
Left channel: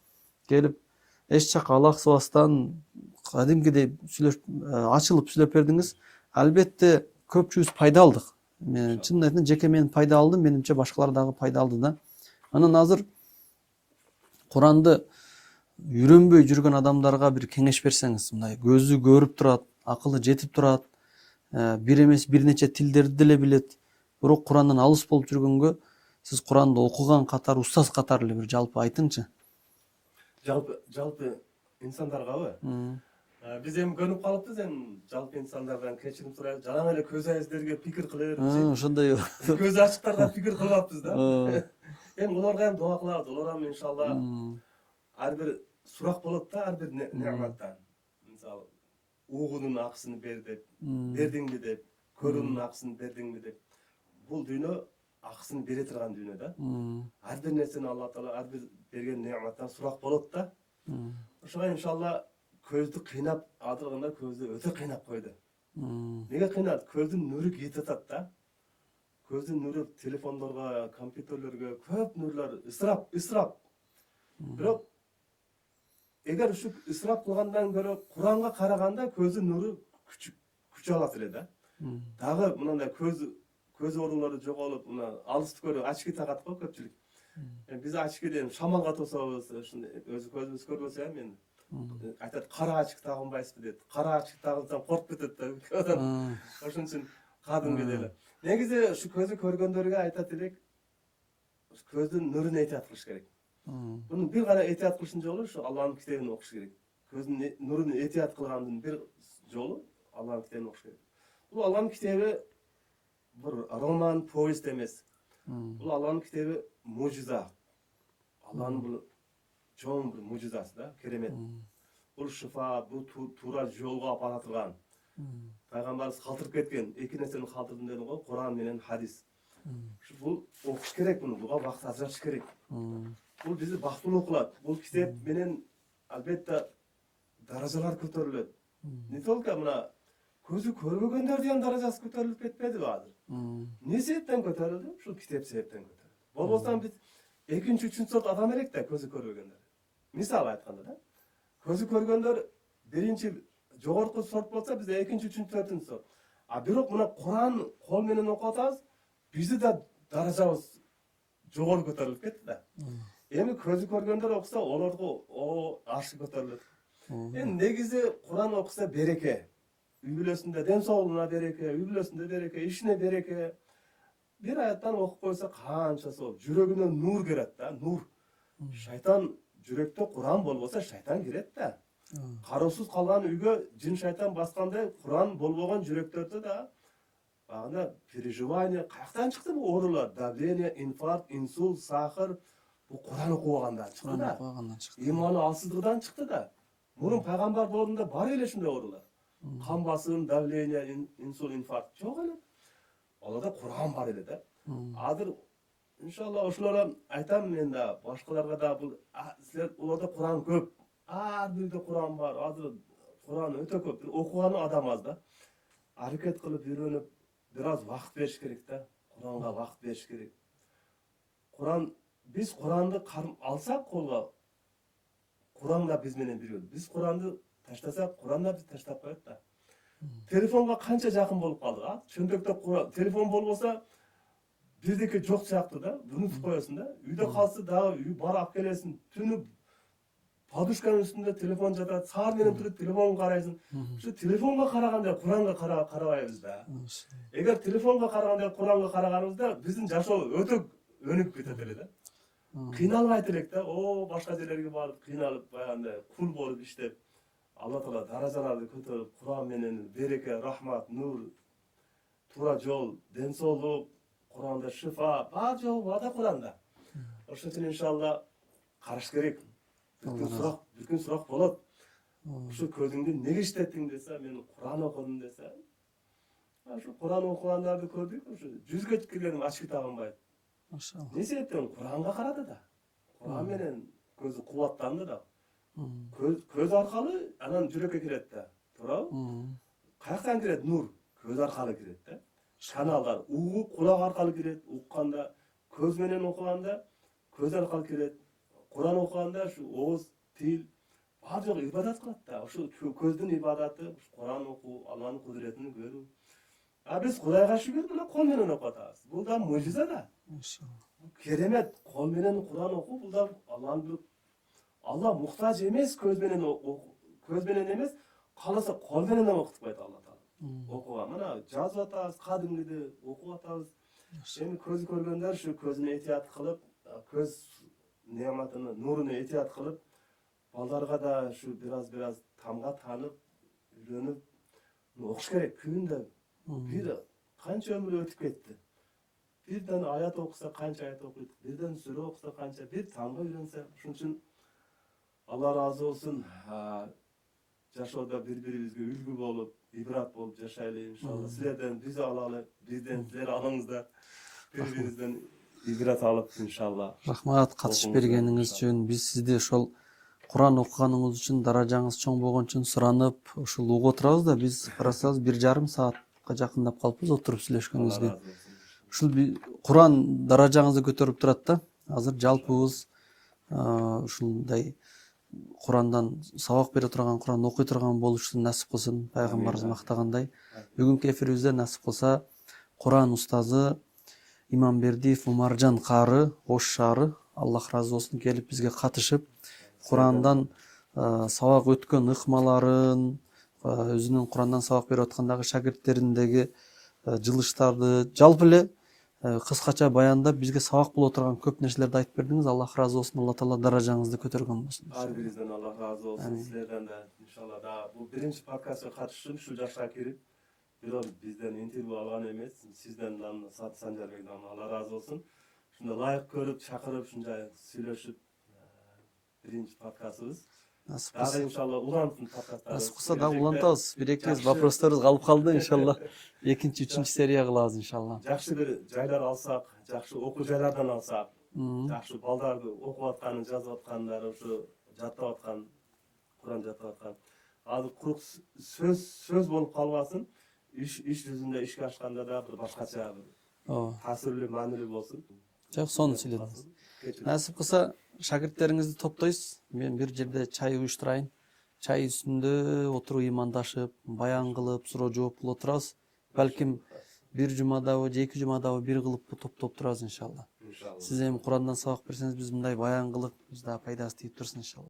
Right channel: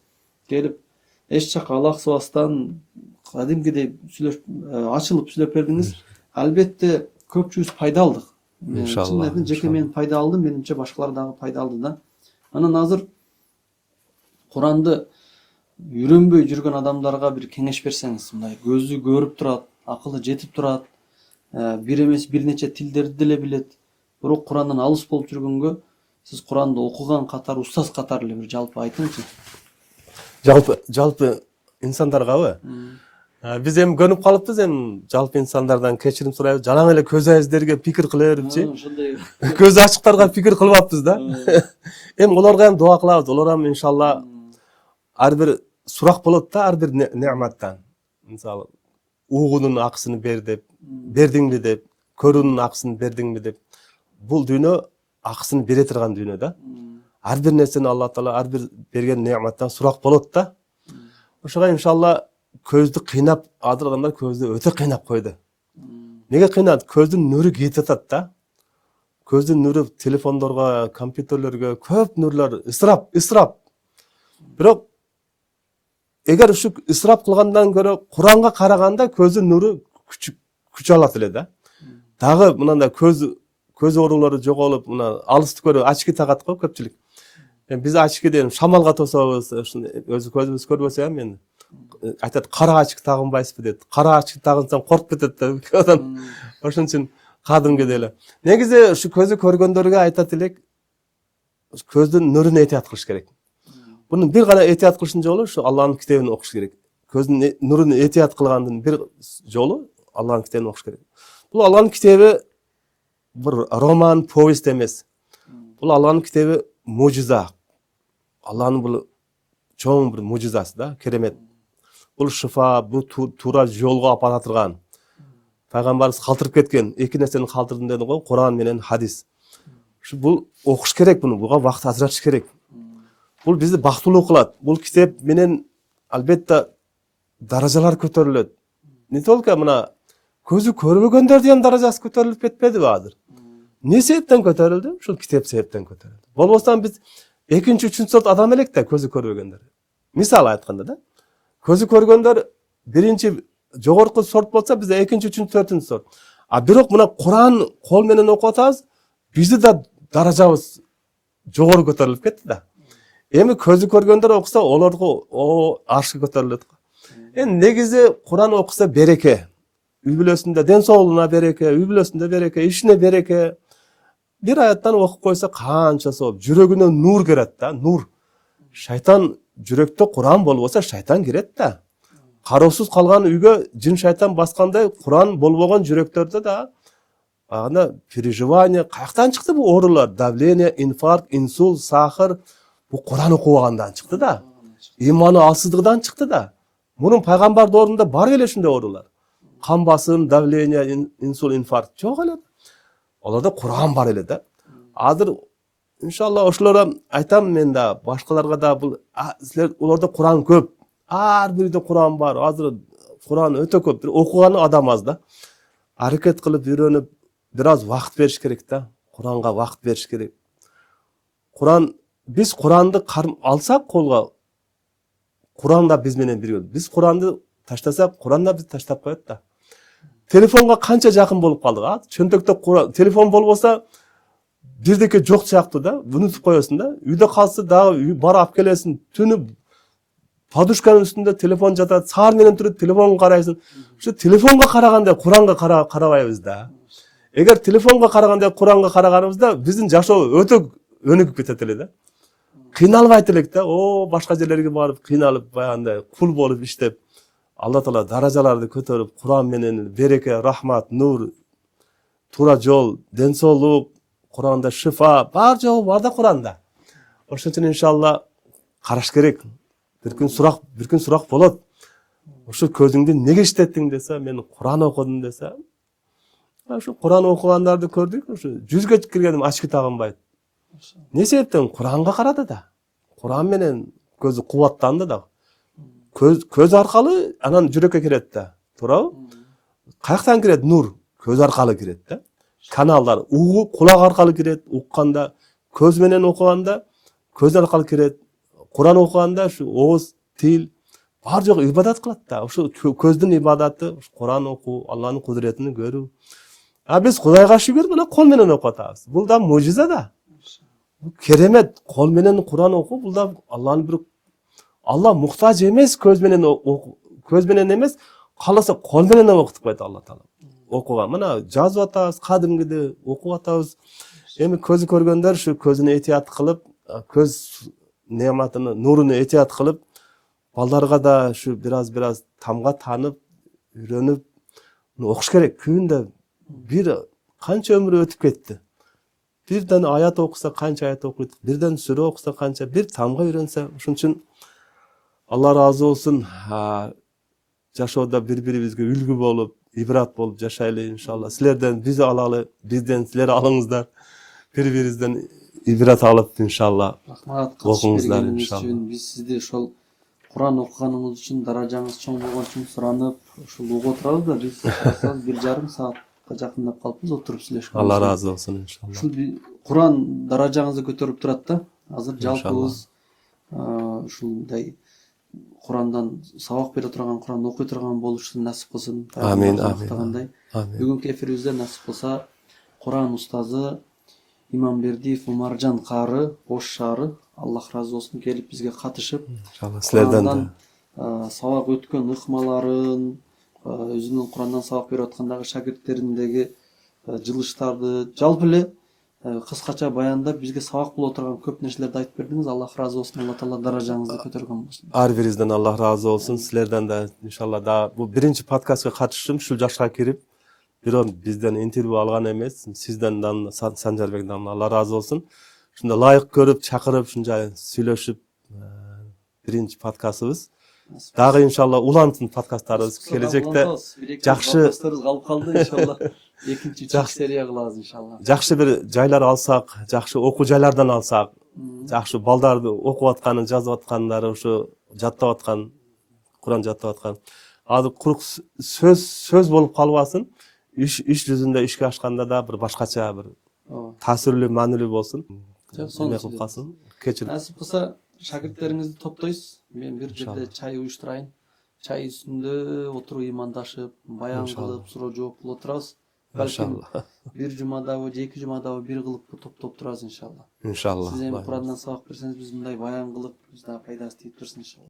Келип эч жака алаксыбастан кадимкидей ачылып сүйлөп бердиңиз. Албетте көпчүбүз пайда алдык. Чын айтайын, жеке мен пайда алдым, менимче башкалар дагы пайда алды да. Анан азыр Куранды үйрөнбөй жүргөн адамдарга бир кеңеш берсеңиз, мындай көзү көрүп турат, акылы жетип турат, бир эмес бир нече тилдерди деле билет, бирок Курандан алыс болуп жүргөнгө сиз Куранды окуган катары, устаз катары эле бир жалпы айтыңызчы. Жалпы инсандаргабы? Биз эми көнүп калыппыз, эми жалпы инсандардан кечирим сурайбыз. Жалаң эле көз айыздерге пикир кыла берипчи. Ошондой. Көз ачыктарга пикир кылбаппыз да. Эми олорго эми дуа кылабыз. Олар эми иншалла ар бир сурак болот да, ар бир неаматтан. Мисалы, угуунун акысын бер деп, бердиңби деп, көрүүнүн акысын бердиңби деп. бул дүйнө акысын бере турган дүйнө да. Ар бир нерсени Алла Таала ар бир берген неаматтан сурак болот да. Ошого иншалла көздү кыйнап, азыр адамдар көздү өтө кыйнап койду. Неге кыйнат? Көздүн нуру кетип атат да. Көздүн нуру телефондорго, компьютерлерге көп нурлар ысырап. Бирок эгер ушу ысырап кылгандан көрө Куранга караганда көздүн нуру күч алат эле да. Дагы мынандай көз оорулары жоголуп, мына алысты көрө очки тагат го көпчүлүк. Биз очкиден шамалга тособуз, өзү көзүбүз көрбөсө ham эми айтат кара очки тагынбайсызбы дейт. Кара очки тагынсаң коркуп кетет да. Ошон үчүн кадимгидей эле. Негизи ушу көзү көргөндөргө айтат элек, көздүн нурун этият кылыш керек. Bunun bir gana etiyat kılışın yolu şu Allah'ın kitabını okuş gerek. Gözün nurunu etiyat kılgandın bir yolu Allah'ın kitabını okuş gerek. Bu Allah'ın kitabı bir roman, povest emas. Bu Allah'ın kitabı mucize. Allah'ın bu çoğun bir mucizesi da, keremet. Bu şifa, bu tura yolga apara turgan. Peygamberimiz kaldırıp ketken, iki nerseni kaldırdın dedi go, Kur'an menen hadis. Şu bu okuş gerek bunu, buga vakt ajratış gerek. Бұл бізді бактылуу кылат. Бұл китеп менен албетте даражалар көтөрүлөт. Не только мына көзү көрбөгөндөрдүн ham даражасы көтөрүлүп кетпедиби азыр? Не себептен көтөрүлдү? Ушул китеп себептен көтөрүлдү. Болбосо биз экинчи, үчүнчү сорт адам элек да көзү көрбөгөндөр. Мисал айтканда да, көзү көргөндөр биринчи жогорку сорт болсо биз экинчи, үчүнчү, төртүнчү сорт. А бирок мына Куран кол менен окуп атабыз, бизди да даражабыз жогору көтөрүлүп кетти да. Эми көзү көргөндөр окуса, олорго аршка көтөрүлөт. Негизи Куран окуса береке. Үй бүлөсүндө ден соолугуна береке, үй бүлөсүндө береке, ишине береке. Бир аяттан окуп койсо канча сооп, жүрөгүнө нур келет да, нур. Шайтан жүрөктө Куран болбосо шайтан кирет да. Кароосуз калган үйгө жин шайтан баскандай, Куран болбогон жүрөктөрдө да ана переживание, каяктан чыкты бу оорулар? Давление, инфаркт, инсульт, сахар. Bu Kur'an okuğandan çıktı da. İmanı alsızlıktan çıktı da. Bunun peygamber doğrunda var öyle şimdi orular. Kan basım, davleniye, insult, infarkt. Çok öyle. Olarda Kur'an var öyle de. Adır inşallah oşulara aytam men da, başkalarga da bu sizler olarda Kur'an köp. Her birinde Kur'an var. Adır Kur'an öte köp. Okuğanı adam az da. Hareket kılıp öğrenip biraz vakt veriş gerek de. Kur'an'a vakt veriş gerek. Biz Kur'an'da alsak kolga, Kur'an'da biz menen biriyor. Biz Kur'an'da taşlasak, Kur'an'da biz taşlap koyat da. Telefonga kança jakın bolup kaldık ha. Çöntökte telefon bolbosa birdeki jok siyaktı da, unutup koyuyorsun da. Uyda kalsa daha bar ap kelesin, tünü paduşkanın üstünde telefon jatat, sağır menen turup telefon karaysın. Şu telefonga karaganda Kur'an'ga karabayız da. Eğer telefonga karaganda Kur'an'ga karaganımızda bizim jaşoo öte önüküp ketet ele da. Kıynalbайт элек да, башка жерлерге барып, кыйналып, баягындай кул болуп иштеп, Алла Таала даражаларды көтөрүп, Куран менен береке, рахмат, нур, туура жол, ден соолук, Куранда шифа, бар жогу бар да Куранда. Ошон үчүн иншалла караш керек. Бир күн сурак болот. Ошо көзүңдү неге иштеттиң десе, мен Куран окудум десе, ошо Куран окугандарды көрдүк, ошо 100гө киргеним очки тагынбайт. Ne sebepten? Kur'an'a karadı da. Kur'an menen gözü kuvvatlandı da. Köz arkalı anan jürökө kiret da. To'g'rimi? Qayaktan kiret? Nur. Köz arkalı kiret da. Kanallar kulak arkalı kiret. Ukkanda, köz menen okuganda köz arkalı kiret. Kur'an okuganda şu oğuz, til бар жок ибадат кылат да. Ошо көздүн ибадаты, Куран окуу, Алланын кудуретин көрүү. А биз Кудайга шүгүр мына кол менен окуп атабыз. Бул да мужиза да. Керемет, кол менен Куран окуу, бул да Алланын бир Алла муктаж эмес, көз менен эмес, кааласа кол менен окутуп койт Алла Таала. Окуган. Мына жазып атабыз, кадимгиде окуп атабыз. Эми көзү көргөндөр ушу көзүнө этият кылып, көз неаматыны, нурун этият кылып, балдарга да ушу бираз тамга танып, үйрөнүп окуш керек. Күндө бир канча өмүр өтүп кетти. Бирден аят окуса канча аят окуйт, бирден сүрө окуса канча, бир тамга үйрөнсө, ошон үчүн Алла разы болсун. Жашоодо бири-бирибизге үлгү болуп, ибрат болуп жашайлы иншалла. Силерден биз алалы, бизден силер алыңыздар. бири-бирибизден ибрат алып иншалла Рахмат катышып окуңуздар бергениңиз иншалла. үчүн. Биз сизди ошол Куран окуганыңыз үчүн, даражаңыз чоң болгон үчүн суранып, ушул угуп отурабыз да. Биз карасаңыз 1,5 саатка жакындап калыппыз отуруп сүйлөшкөнбүз. Алла разы болсун иншалла. Ушул Куран даражаңызды көтөрүп турат да. Азыр жалпыбыз ушундай Курандан сабак бере турган, Куранды окуй турган болушун насип кылсын. Амин, Пайгамбарыбыз амин. мактагандай. Амин. Бүгүнкү эфирибизде насип кылса Куран устазы Имамбердиев Умаржан кары, Ош шаары, Аллах разы болсун, келип бизге катышып, Иншалла силерден Курандан да. сабак өткөн ыкмаларын, өзүнүн Курандан сабак берип аткандагы шакирттериндеги жылыштарды, жалпы эле кыскача баяндап бизге сабак боло турган көп нерселерди айтып бердиңиз. Аллах разы болсун. Алла таала даражаңызды көтөргөн болсун. Ар бирибизден Аллах разы болсун. Силерден да иншалла да бул биринчи подкастка катыштым, ушул жашка кирип, бирок бизден интервью алган эмес. Сизден да Санжарбектен Алла разы болсун. Ушунда лайык көрүп, чакырып, ушунча сүйлөшүп, биринчи подкастыбыз. Дагы иншалла улантсын подкасттарыбыз келечекте. Жакшы Жакшы подкасттарыбыз калып калды иншалла. Экинчи, үчүнчү серия кылабыз иншалла. жакшы бир жайлар алсак, жакшы окуу жайлардан алсак, жакшы балдарды окуп атканы, жазып аткандары, ошо жаттап аткан, Куран жаттап аткан. Азыр курук сөз болуп калбасын. Иш жүзүндө ишке ашканда да бир башкача бир таасирлүү, маанилүү болсун. Сону кылсын. Кечирип. насип кылса шакирттериңизди топтойсуз. Мен бир жерде чай уюштурайын. Чай үстүндө отуруп ыймандашып, баян кылып, суроо жооп кылып отурабыз. Балким бир жумадабы же 2 жумадабы бир кылып топтоп турабыз иншалла. Иншалла. Сиз эми Курандан сабак берсеңиз, биз мындай баян кылып, биз да пайдасы тийип турсын иншалла.